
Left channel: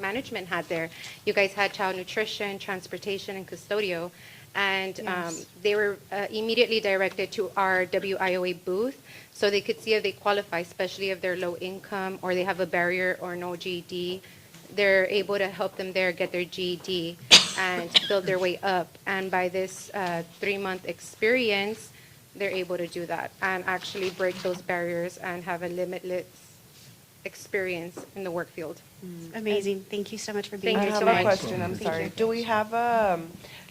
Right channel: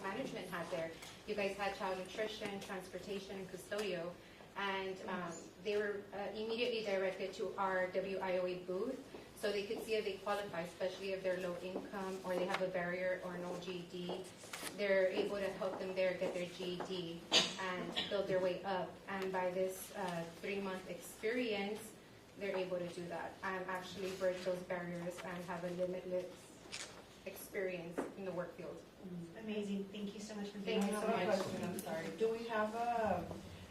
management had there. You guys had child nutrition, transportation, and custodio. And they were immediately directed to our WIOA booth so they could see if they qualify, especially if they're low income or they have a barrier or no GED. They're able to help them there get their GED and build their way up. And by this 3-month experience, they're able to do that and actually break those barriers and have a limitless experience in the work field. Amazing. Thank you so much for being I here have tonight. a question, I'm Thank sorry. you. Do we have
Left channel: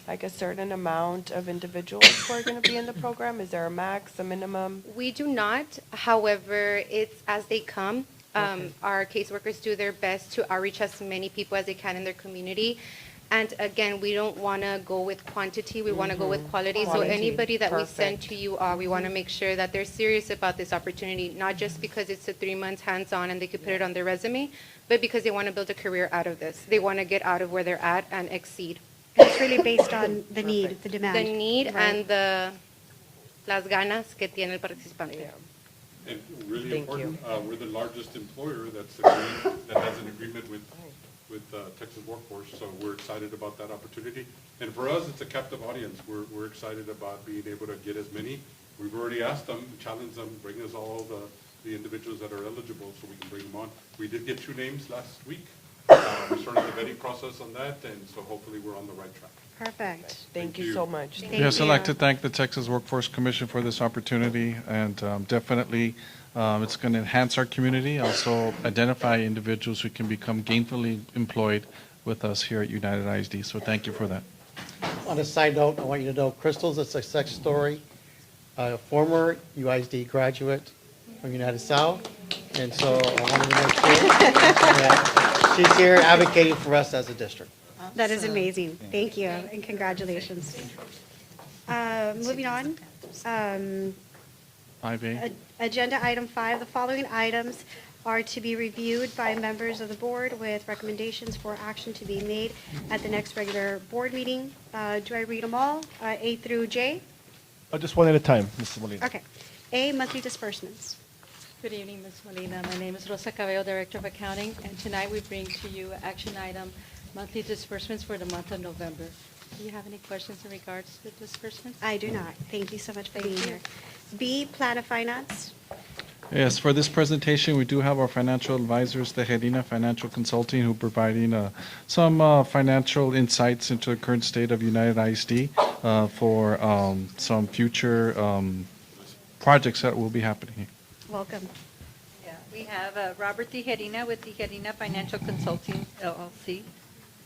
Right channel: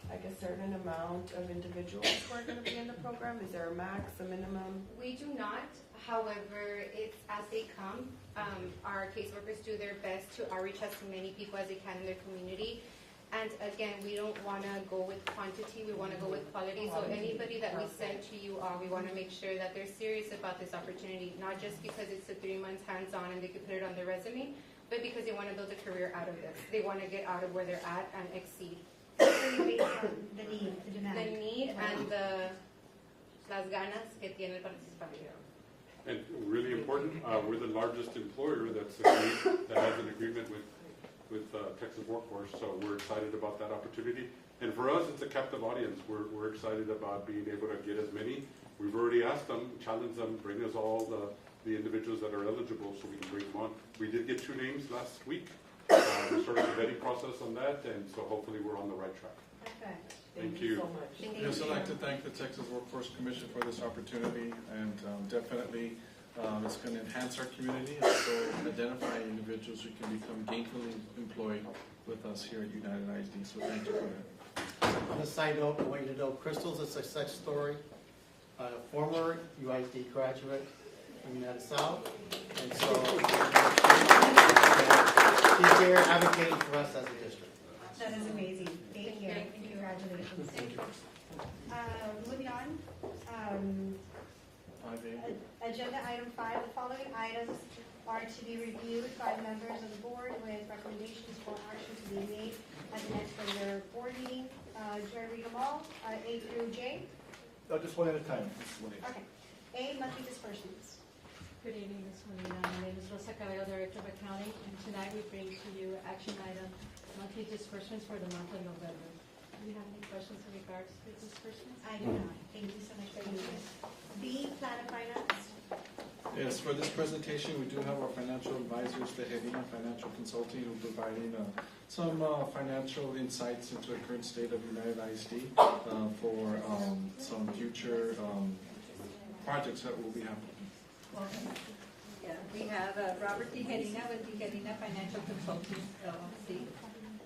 like a certain amount of individuals who are going to be in the program? Is there a max, a minimum? We do not. However, it's as they come. Our caseworkers do their best to outreach as many people as they can in their community. And again, we don't want to go with quantity. We want to go with quality. So Quality. anybody that we send Perfect. to you, we want to make sure that they're serious about this opportunity, not just because it's a 3 months hands-on and they could put it on their resume, but because they want to build a career out of this. They want to get out of where they're at and exceed. It's really based on the need, the demand. The need Right. and las ganas que tiene el participante. And really Thank important, we're the largest employer that has an agreement with Texas Workforce, so we're excited about that opportunity. And for us, it's a captive audience. We're excited about being able to get as many. We've already asked them, challenged them, bring us all the individuals that are eligible so we can bring them on. We did get 2 names last week. We started the vetting process on that, and so hopefully we're on the right track. Perfect. Thank you so much. Yes, I'd like to thank the Texas Workforce Commission for this opportunity, and definitely it's going to enhance our community, also identify individuals who can become gainfully employed with us here at United ISD. So thank you for that. On a side note, I want you to know Crystal's a success story, a former UISD graduate from United South, and so I wanted to make sure that she's here advocating for us as a district. That is amazing. Thank you, and congratulations. Moving on. 5A. Agenda item 5, the following items are to be reviewed by members of the board with recommendations for action to be made at the next regular board meeting. Do I read them all, A through J? Just one at a time, Mrs. Molina. Okay. A, monthly disbursements. Good evening, Ms. Molina. My name is Rosa Cabello, Director of Accounting, and tonight we bring to you action item, monthly disbursements for the month of November. Do you have any questions in regards to disbursements? I do not. Thank you so much for being here. B, plan of finance. Yes, for this presentation, we do have our financial advisors, the Tejerina Financial Consulting, who are providing some financial insights into the current state of United ISD for some future projects that will be happening. Welcome. Yeah, we have Robert Tejerina with Tejerina Financial Consulting, LLC.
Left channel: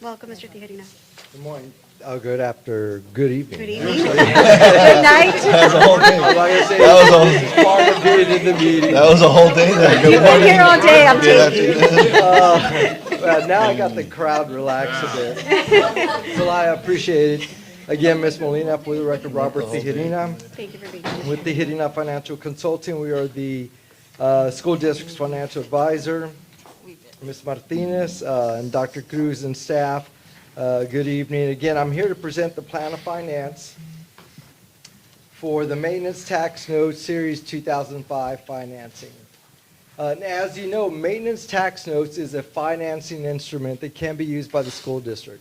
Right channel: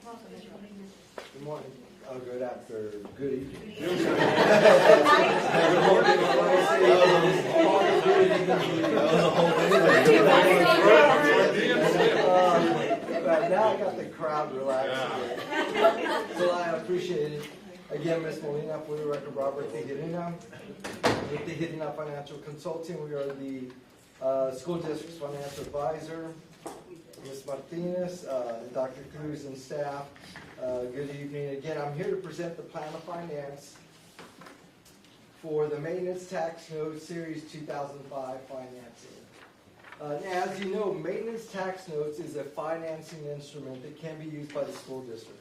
Welcome, Mr. Tejerina. Good morning. Good evening. Good evening. Good night. That was a whole day. Like I say, that was getting in the meeting. That was a whole day there. Good You've been morning. here all day, I'm Yeah, taking. Well, now I got the crowd relaxed a bit. So I appreciate it. Again, Ms. Molina, for the record, Robert Tejerina. Thank you for being here. With Tejerina Financial Consulting, we are the school district's financial advisor. Ms. Martinez and Dr. Cruz and staff, good evening. Again, I'm here to present the plan of finance for the Maintenance Tax Note Series 2005 financing. Now, as you know, Maintenance Tax Notes is a financing instrument that can be used by the school district.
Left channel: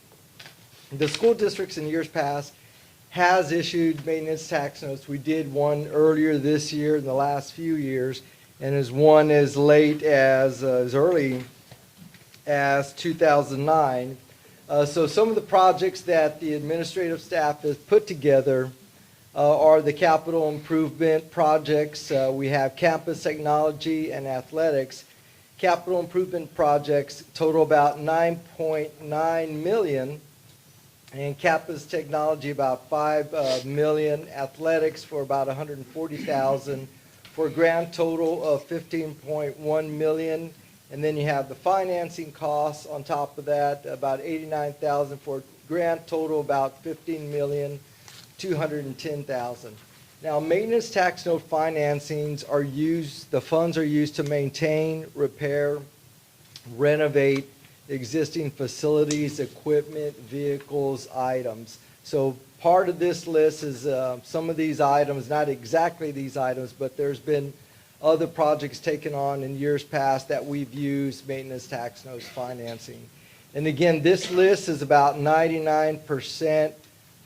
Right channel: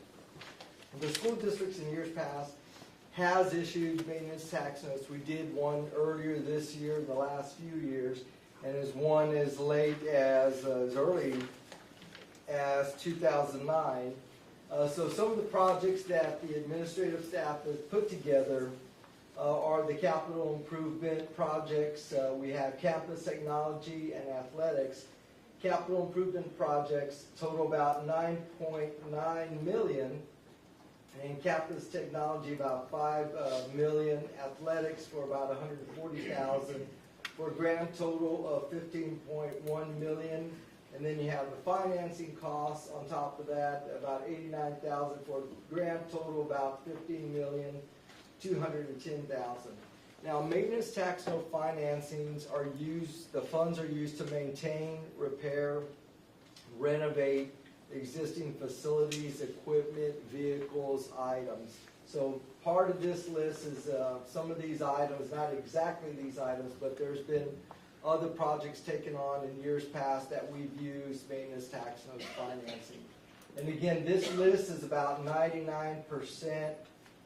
The school districts in years past has issued maintenance tax notes. We did one earlier this year in the last few years, and as one as late as early as 2009. So some of the projects that the administrative staff has put together are the capital improvement projects. We have campus technology and athletics. Capital improvement projects total about $9.9 million. and campus technology about 5 million, athletics for about 140,000, for a grand total of 15.1 million. And then you have the financing costs on top of that, about 89,000, for a grand total about 15,210,000. Now, maintenance tax note financings are used, the funds are used to maintain, repair, renovate existing facilities, equipment, vehicles, items. So part of this list is some of these items, not exactly these items, but there's been other projects taken on in years past that we've used maintenance tax notes financing. And again, this list is about 99%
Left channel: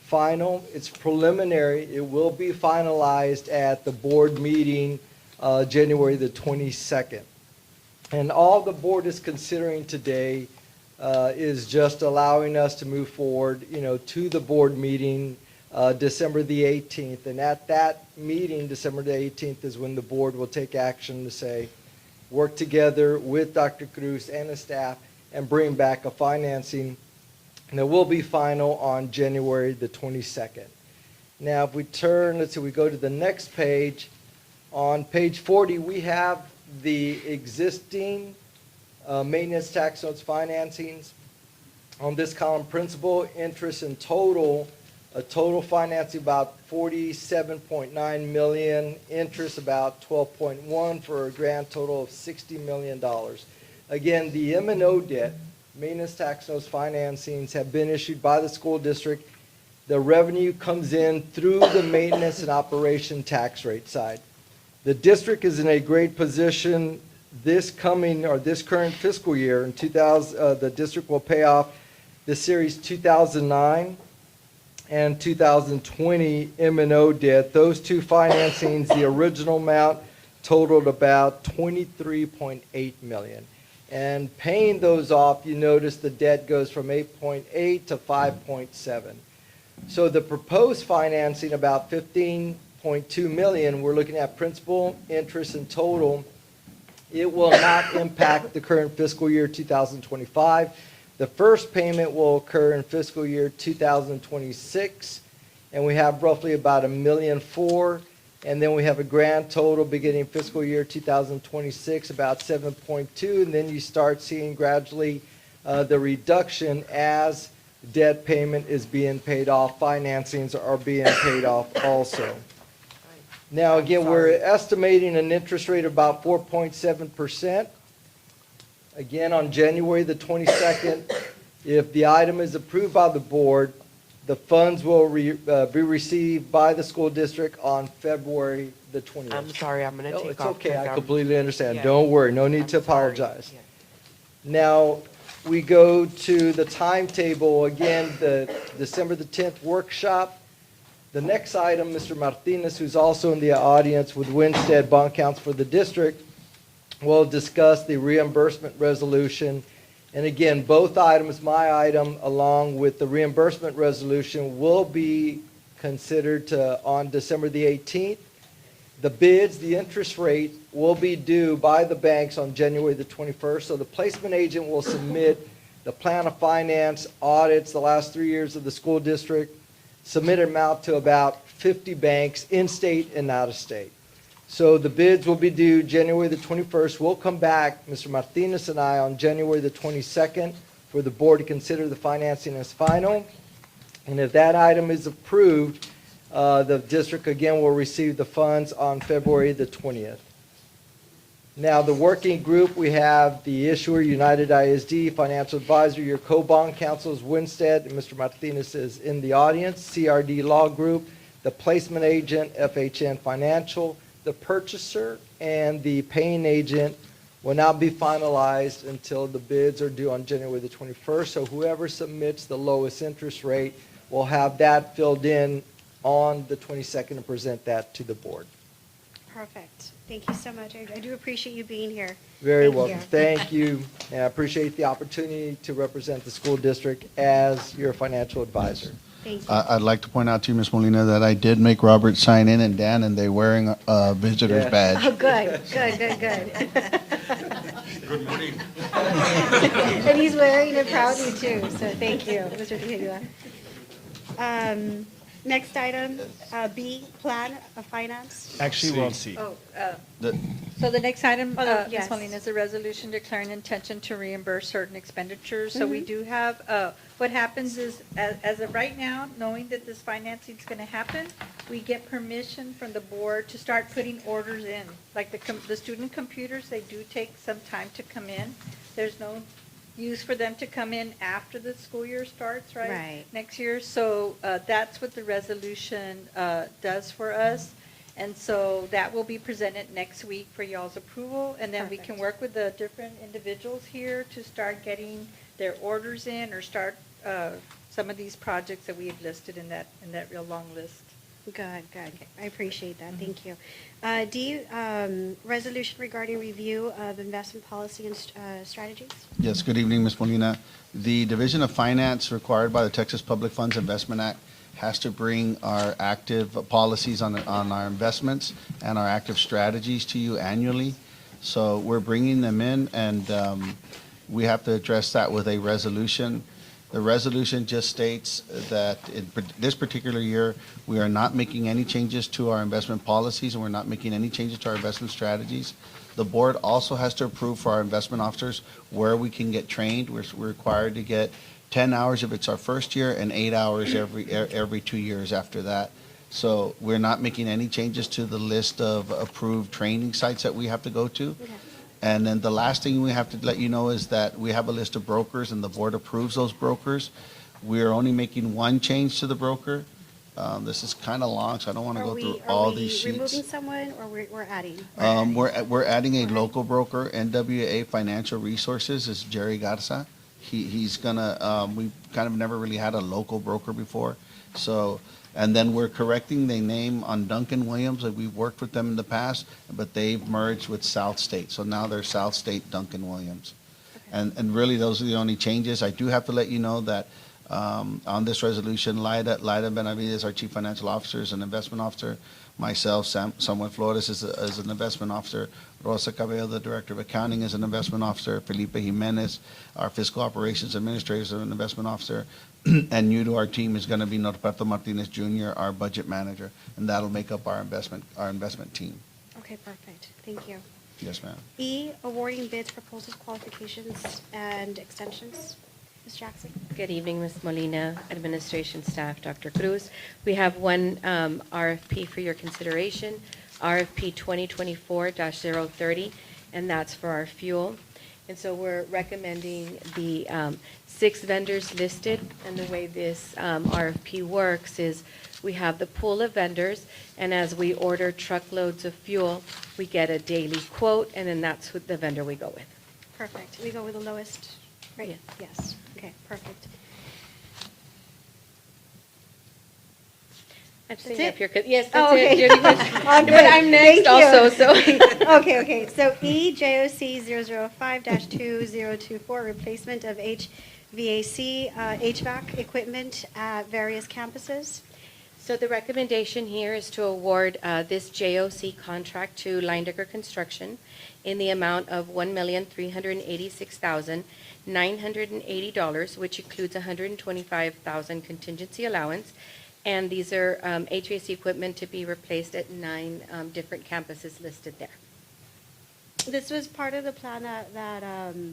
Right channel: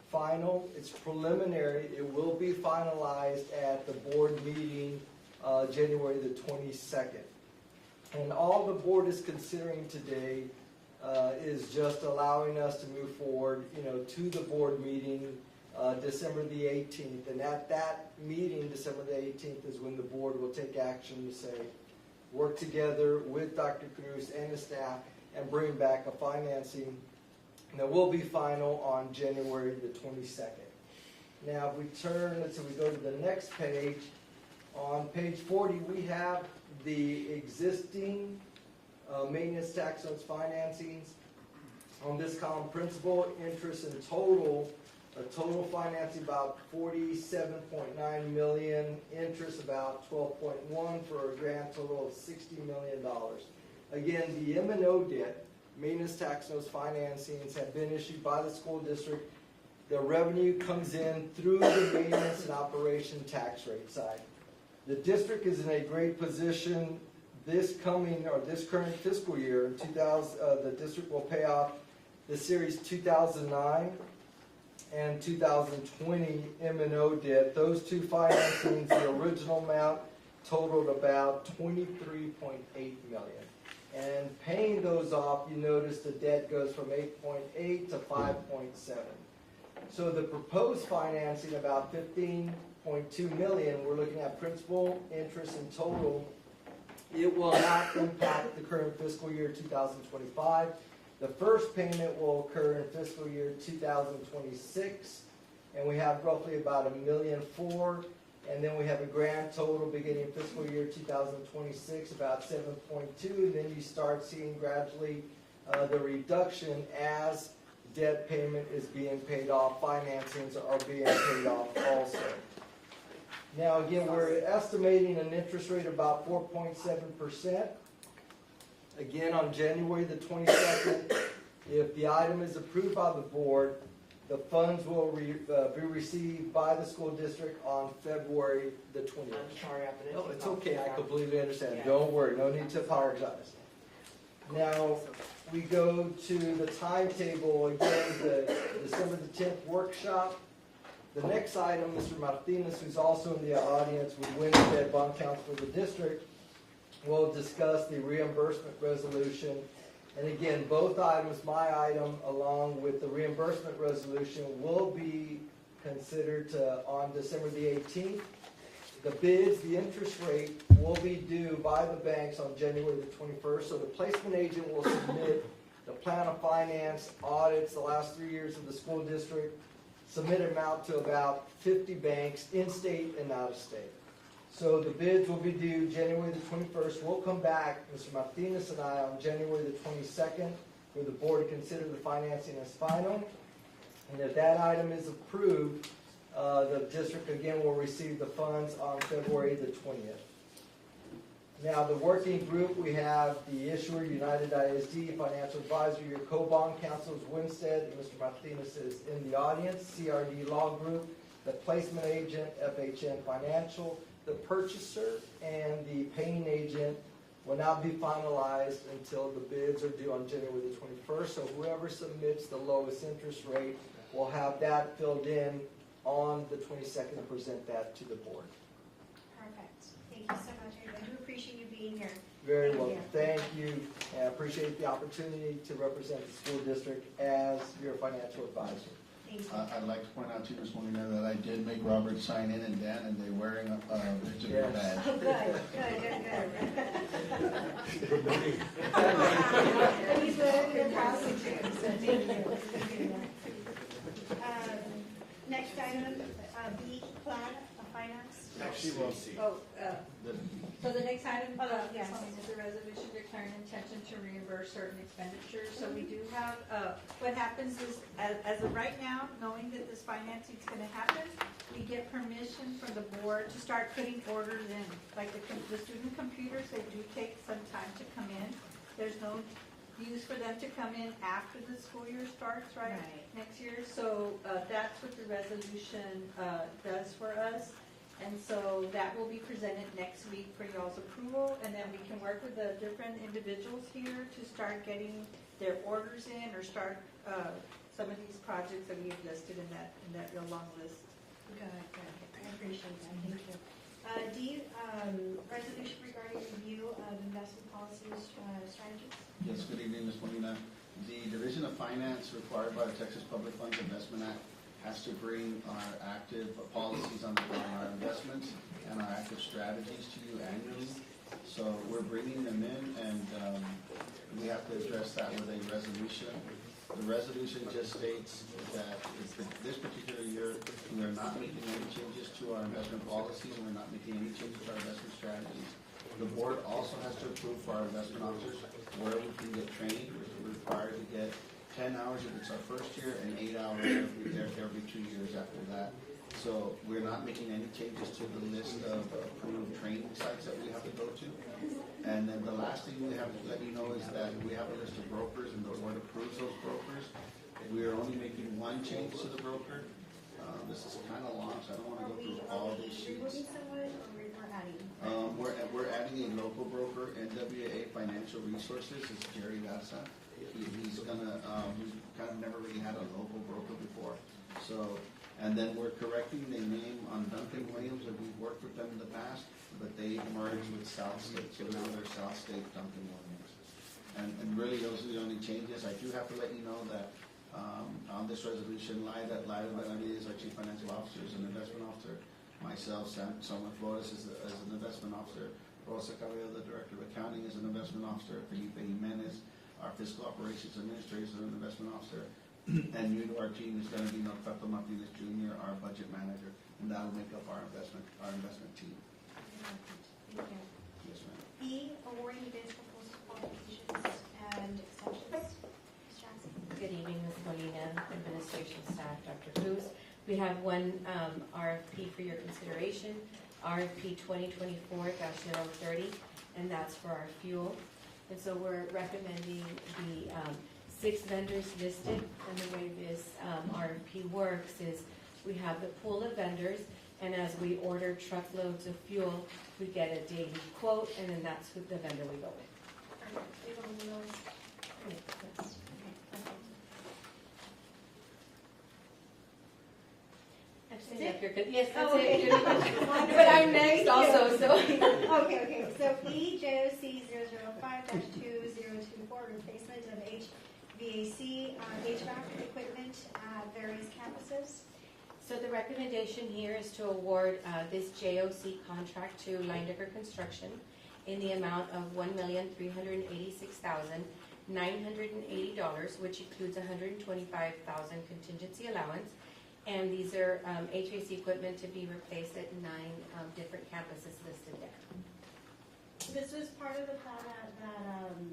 final. It's preliminary. It will be finalized at the board meeting January the 22nd. And all the board is considering today is just allowing us to move forward, to the board meeting December the 18th. And at that meeting, December the 18th, is when the board will take action to say, work together with Dr. Cruz and the staff and bring back a financing that will be final on January the 22nd. Now, if we turn, let's see, we go to the next page. On page 40, we have the existing maintenance tax notes financings. On this column, principal, interest, and total, a total financing about 47.9 million, interest about 12.1, for a grand total of $60 million. Again, the M&O debt, maintenance tax notes financings, have been issued by the school district. The revenue comes in through the maintenance and operation tax rate side. The district is in a great position this current fiscal year. In the district will pay off the Series 2009 and 2020 M&O debt. Those two financings, the original amount totaled about $23.8 million. And paying those off, you notice the debt goes from 8.8 to 5.7. So the proposed financing, about 15.2 million, we're looking at principal, interest, and total. It will not impact the current fiscal year 2025. The first payment will occur in fiscal year 2026, and we have roughly about $1.4 million. And then we have a grand total beginning fiscal year 2026, about 7.2, and then you start seeing gradually the reduction as debt payment is being paid off, financings are being paid off also. Now, again, we're estimating an interest rate of about 4.7%. Again, on January the 22nd, if the item is approved by the board, the funds will be received by the school district on February the 20th. I'm sorry, I'm going to take off. It's okay, I because completely understand. Yeah. Don't worry, no need to apologize. Now, we go to the timetable, again, the December the 10th workshop. The next item, Mr. Martinez, who's also in the audience with Winstead Bond Counsel for the district, will discuss the reimbursement resolution. And again, both items, my item along with the reimbursement resolution, will be considered on December the 18th. The bids, the interest rate, will be due by the banks on January the 21st. So the placement agent will submit the plan of finance audits the last 3 years of the school district, submit an amount to about 50 banks in-state and out-of-state. So the bids will be due January the 21st. We'll come back, Mr. Martinez and I, on January the 22nd for the board to consider the financing as final. And if that item is approved, the district again will receive the funds on February the 20th. Now, the working group, we have the issuer, United ISD, financial advisor, your co-bond counsel is Winstead, and Mr. Martinez is in the audience, CRD Law Group, the placement agent, FHN Financial, the purchaser, and the paying agent will not be finalized until the bids are due on January the 21st. So whoever submits the lowest interest rate will have that filled in on the 22nd and present that to the board. Perfect. Thank you so much. I do appreciate you being here. Very Thank welcome. you. Thank you. And I appreciate the opportunity to represent the school district as your financial advisor. Thank you. I'd like to point out to you, Ms. Molina, that I did make Robert sign in and Dan, and they're wearing a visitor's Yes. badge. Oh, good. Good morning. And he's wearing it proudly too, so thank you, Mr. Tejeda. Next item, B, plan of finance. Actually, we're on C. Oh, The- so the next item, Oh, Ms. yes. Molina, is a resolution declaring intention to reimburse certain expenditures. So we do have, what happens is, as of right now, knowing that this financing is gonna happen, we get permission from the board to start putting orders in. Like the student computers, they do take some time to come in. There's no use for them to come in after the school year starts, right? Right. Next year, so that's what the resolution does for us. And so that will be presented next week for y'all's approval, and then we can work with the different individuals here to start getting their orders in or start some of these projects that we have listed in that real long list. Good. I appreciate that, thank you. D, resolution regarding review of investment policy and strategies. Yes, good evening, Ms. Molina. The Division of Finance required by the Texas Public Funds Investment Act has to bring our active policies on our investments and our active strategies to you annually. So we're bringing them in, and we have to address that with a resolution. The resolution just states that in this particular year, we are not making any changes to our investment policies, and we're not making any changes to our investment strategies. The board also has to approve for our investment officers where we can get trained. We're required to get 10 hours if it's our first year and 8 hours every 2 years after that. So we're not making any changes to the list of approved training sites that we have to go to. And then the last thing we have to let you know is that we have a list of brokers, and the board approves those brokers. We are only making one change to the broker. This is kind of long, so I don't want to go through all these Are we removing sheets. someone, or we're adding? We're adding a local broker, NWA Financial Resources, is Jerry Garza. He's gonna, we've kind of never really had a local broker before. So, and then we're correcting the name on Duncan Williams, like we've worked with them in the past, but they've merged with South State. So now they're South State Duncan Williams. And really, those are the only changes. I do have to let you know that on this resolution, Laida Benavides, our Chief Financial Officer, is an investment officer. Myself, Samuel Flores is an investment officer. Rosa Cabello, the Director of Accounting, is an investment officer. Felipe Jimenez, our Fiscal Operations Administrator, is an investment officer. And new to our team is going to be Norberto Martinez Jr., our Budget Manager, and that'll make up our investment team. Okay, perfect, thank you. Yes, ma'am. E, awarding bids, proposals, qualifications, and extensions. Ms. Jackson? Good evening, Ms. Molina, administration staff, Dr. Cruz. We have one RFP for your consideration, RFP 2024-030, and that's for our fuel. And so we're recommending the 6 vendors listed, and the way this RFP works is we have the pool of vendors, and as we order truckloads of fuel, we get a daily quote, and then that's what the vendor we go with. Perfect, we go with the lowest, right? Yes. Yes, okay, perfect. I'm That's saying it? if you're good, yes, Oh, that's it. okay. You're good. Oh, But good. I'm next Thank also, you. so. Okay, so E, JOC 005-2024, replacement of HVAC, HVAC equipment at various campuses. So the recommendation here is to award this JOC contract to Leindecker Construction in the amount of $1,386,980, which includes $125,000 contingency allowance. And these are HVAC equipment to be replaced at 9 different campuses listed there. This was part of the plan that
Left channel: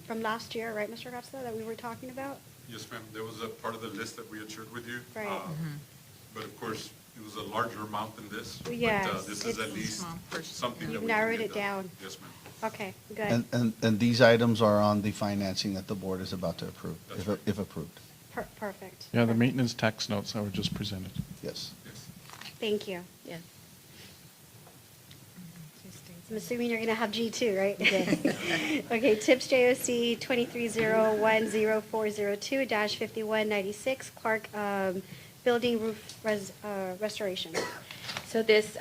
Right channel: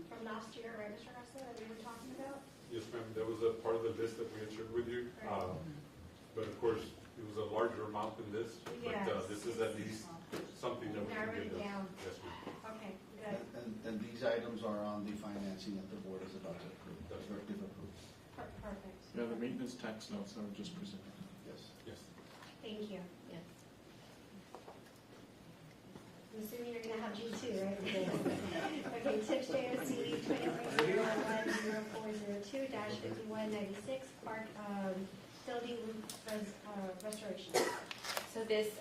from last year, right, Mr. Garza, that we were talking about? Yes, ma'am, there was a part of the list that we had shared with you. Right. But of course, it was a larger amount than this. Yes, But this is at least something that You've we can narrowed get it done. down. Yes, ma'am. Okay, good. And these items are on the financing that the board is about to approve, if approved. Perfect. Yeah, the maintenance tax notes that were just presented. Yes. Yes. Thank you. Yes. I'm assuming you're going to have G2, right? Okay, TIPS JOC 230104002-5196, Clark Building Roof Restoration. So this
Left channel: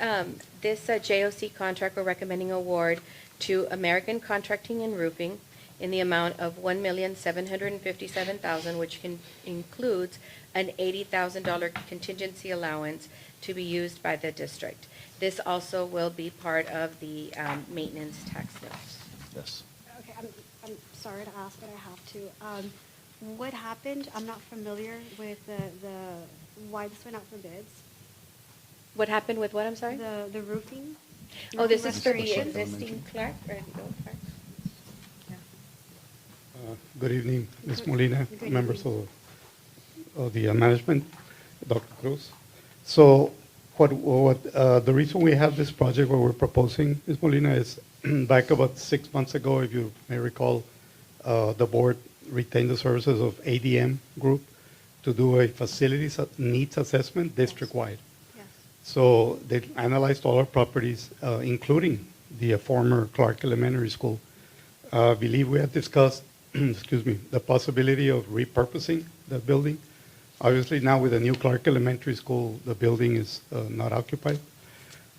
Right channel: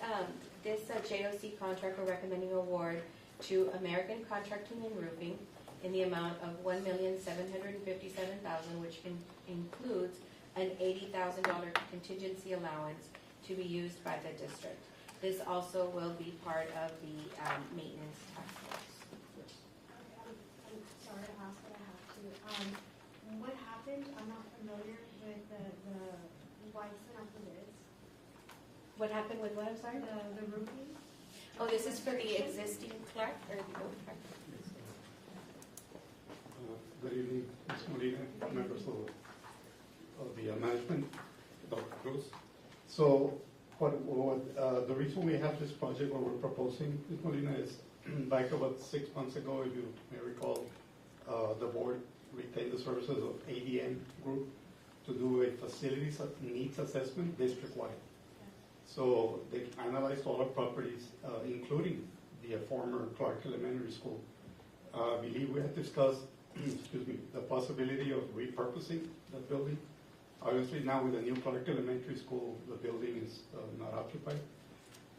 JOC contract, we're recommending award to American Contracting and Roofing in the amount of $1,757,000, which includes an $80,000 contingency allowance to be used by the district. This also will be part of the maintenance tax notes. Yes. Okay, I'm sorry to ask, but I have to. What happened? I'm not familiar with why this went out for bids. What happened with what, I'm sorry? The roofing. Oh, this is for the Restoration. existing Clark? Good evening, Ms. Molina, members of the management, Dr. Cruz. So the reason we have this project, what we're proposing, Ms. Molina, is back about 6 months ago, if you may recall, the board retained the services of ADM Group to do a facilities needs assessment district-wide. So they analyzed all our properties, including the former Clark Elementary School. I believe we had discussed, excuse me, the possibility of repurposing the building. Obviously now with the new Clark Elementary School, the building is not occupied.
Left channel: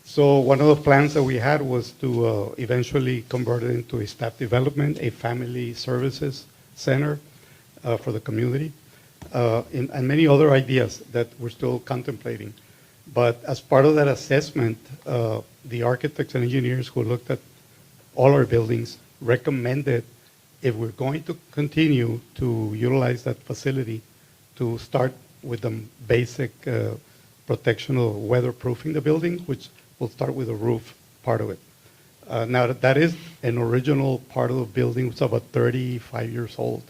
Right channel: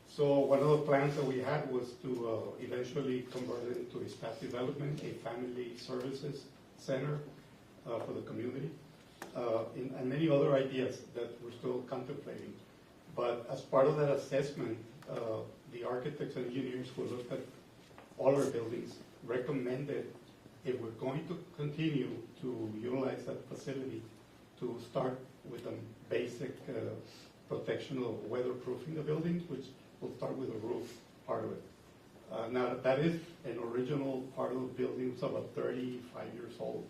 So one of the plans that we had was to eventually convert it into a staff development, a family services center for the community, and many other ideas that we're still contemplating. But as part of that assessment, the architects and engineers who looked at all our buildings recommended, if we're going to continue to utilize that facility, to start with the basic protection of weatherproofing the building, which will start with the roof part of it. Now, that is an original part of the building. It's about 35 years old.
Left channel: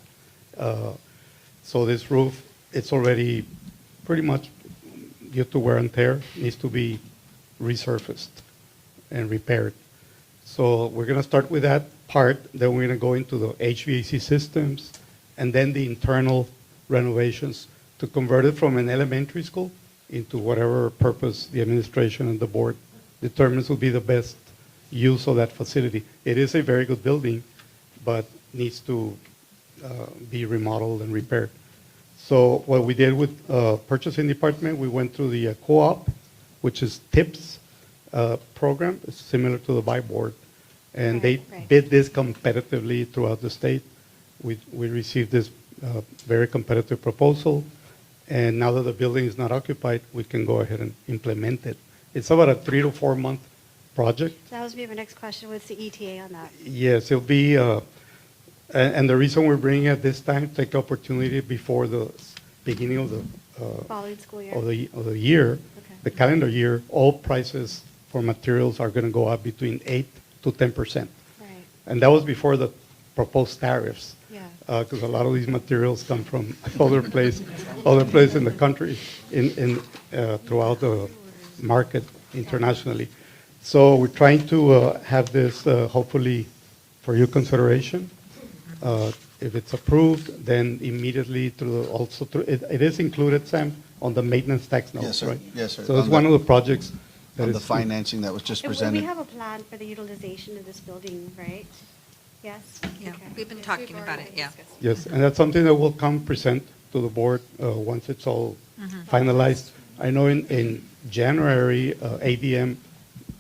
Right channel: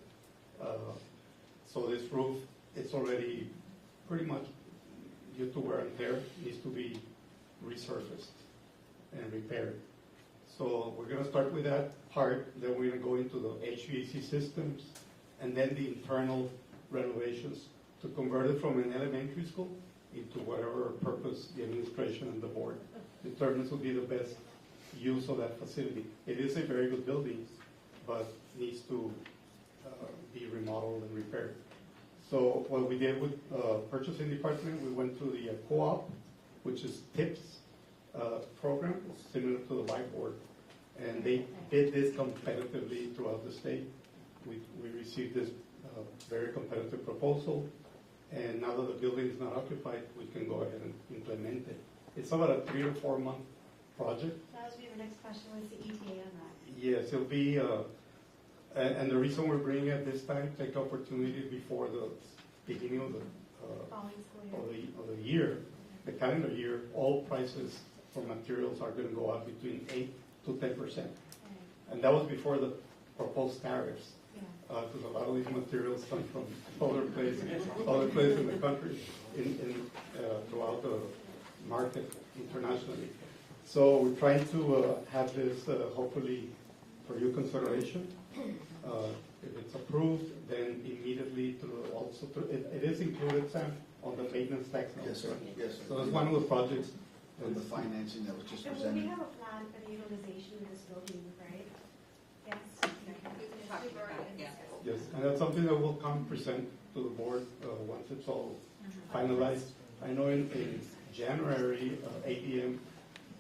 So this roof, it's already pretty much due to wear and tear, needs to be resurfaced and repaired. So we're going to start with that part, then we're going to go into the HVAC systems, and then the internal renovations to convert it from an elementary school into whatever purpose the administration and the board determines will be the best use of that facility. It is a very good building, but needs to be remodeled and repaired. So what we did with purchasing department, we went through the co-op, which is TIPS program, it's similar to the buy board, and they bid this competitively throughout the state. We received this very competitive proposal, and now that the building is not occupied, we can go ahead and implement it. It's about a 3 to 4 month project. That was my next question. What's the ETA on that? Yes, it'll be, and the reason we're bringing it this time, take opportunity before the beginning of the Following school year. of the year, the calendar year, all prices for materials are going to go up between 8 to 10%. Right. And that was before the proposed tariffs. Yeah. Because a lot of these materials come from other place in the country, throughout the market internationally. So we're trying to have this hopefully for your consideration. If it's approved, then immediately it is included, Sam, on the maintenance tax notes, Yes, sir. right? Yes, sir. So it's On one the- of the projects that On is. the financing that was just And presented. we have a plan for the utilization of this building, right? Yes? Yeah, we've been talking about it, yeah. Yes, and that's something that will come present to the board once it's all finalized. I know in January, ADM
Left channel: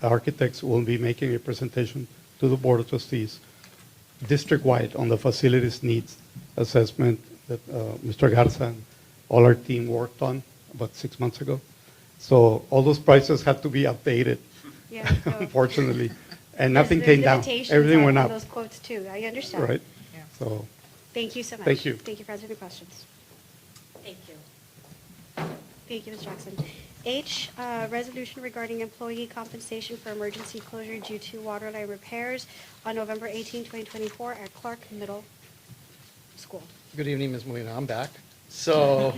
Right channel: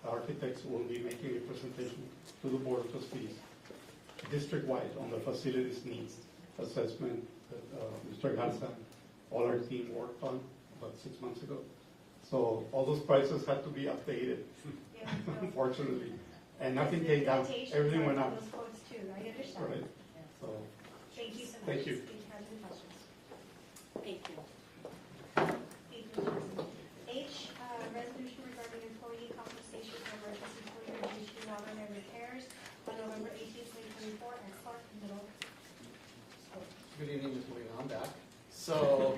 Architects will be making a presentation to the Board of Trustees, district-wide, on the facilities needs assessment that Mr. Garza and all our team worked on about 6 months ago. So all those prices had to be updated, Yeah, no. unfortunately, and Yes, nothing there's came down. limitations Everything on went up. those quotes too, I understand. Right? So, Thank you so much. Thank you. Thank you for answering the questions. Thank you. Thank you, Ms. Jackson. H, resolution regarding employee compensation for emergency closure due to water line repairs on November 18, 2024 at Clark Middle School. Good evening, Ms. Molina. I'm back. So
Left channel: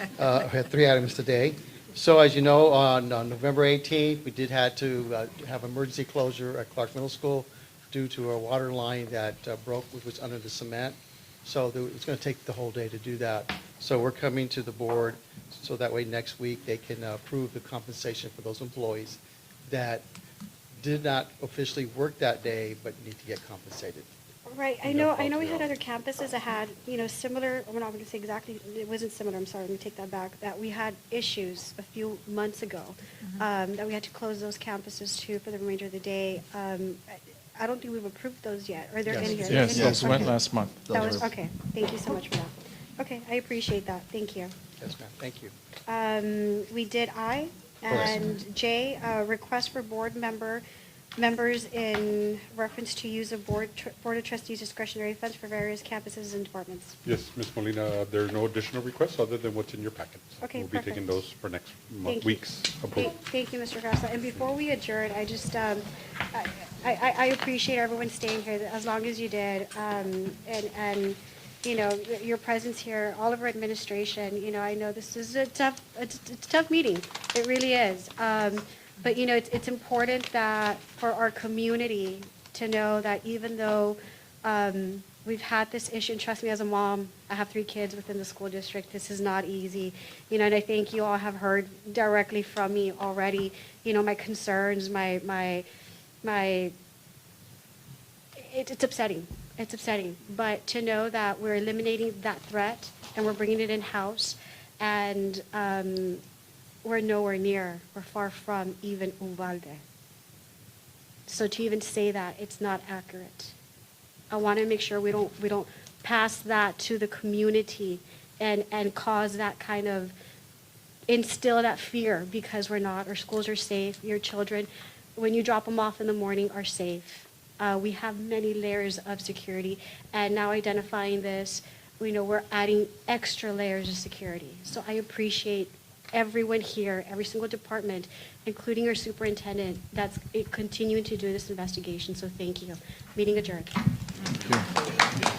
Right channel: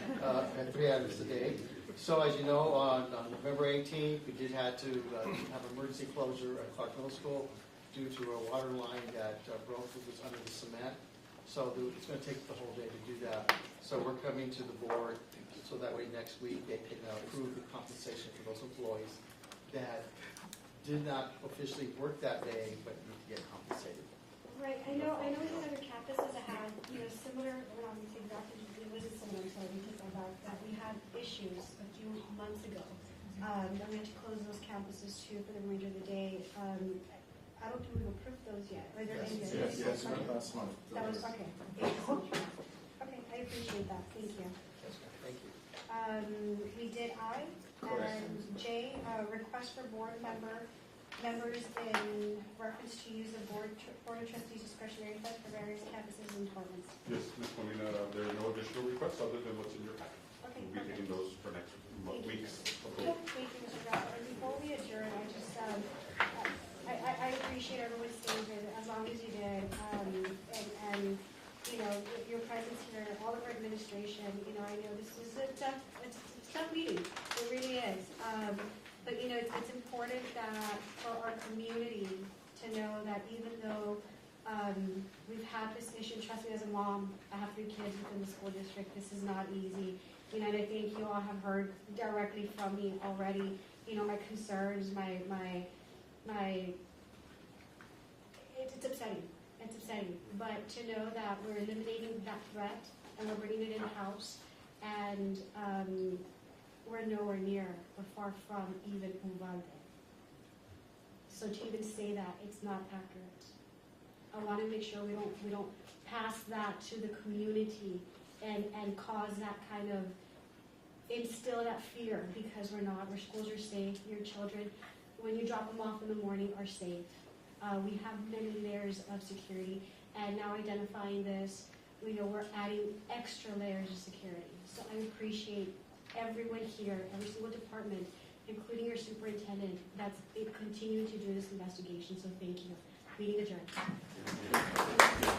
we had 3 items today. So as you know, on November 18th, we did have to have emergency closure at Clark Middle School due to a water line that broke, which was under the cement. So it's going to take the whole day to do that. So we're coming to the board so that way next week they can approve the compensation for those employees that did not officially work that day but need to get compensated. Right, I know we had other campuses that had, similar, I'm not going to say exactly, it wasn't similar, I'm sorry, let me take that back, that we had issues a few months ago, that we had to close those campuses too for the remainder of the day. I don't think we've approved those yet. Are there any here? Yes, those went last month. That was, okay, thank you so much for that. Okay, I appreciate that, thank you. Yes, ma'am. Thank you. We did I, Correct. and J, request for board member Members, in reference to use of Board of Trustees discretionary funds for various campuses and departments. Yes, Ms. Molina, there are no additional requests other than what's in your packet. Okay, We'll be taking perfect. those for next Thank you. week's approval. Thank you, Mr. Garza. And before we adjourn, I just, I appreciate everyone staying here as long as you did. And, you know, your presence here, all of our administration, you know, I know this is it's a tough meeting. It really is. But, you know, it's important that for our community to know that even though we've had this issue, and trust me, as a mom, I have 3 kids within the school district, this is not easy. You know, and I think you all have heard directly from me already, you know, my concerns, it's upsetting. It's upsetting. But to know that we're eliminating that threat and we're bringing it in-house, and we're nowhere near, we're far from even Uvalde. So to even say that, it's not accurate. I want to make sure we don't pass that to the community and cause that kind of, instill that fear, because we're not. Our schools are safe. Your children, when you drop them off in the morning, are safe. We have many layers of security, and now identifying this, we know we're adding extra layers of security. So I appreciate everyone here, every single department, including our superintendent, that's continuing to do this investigation. So thank you. Meeting adjourned. Thank you.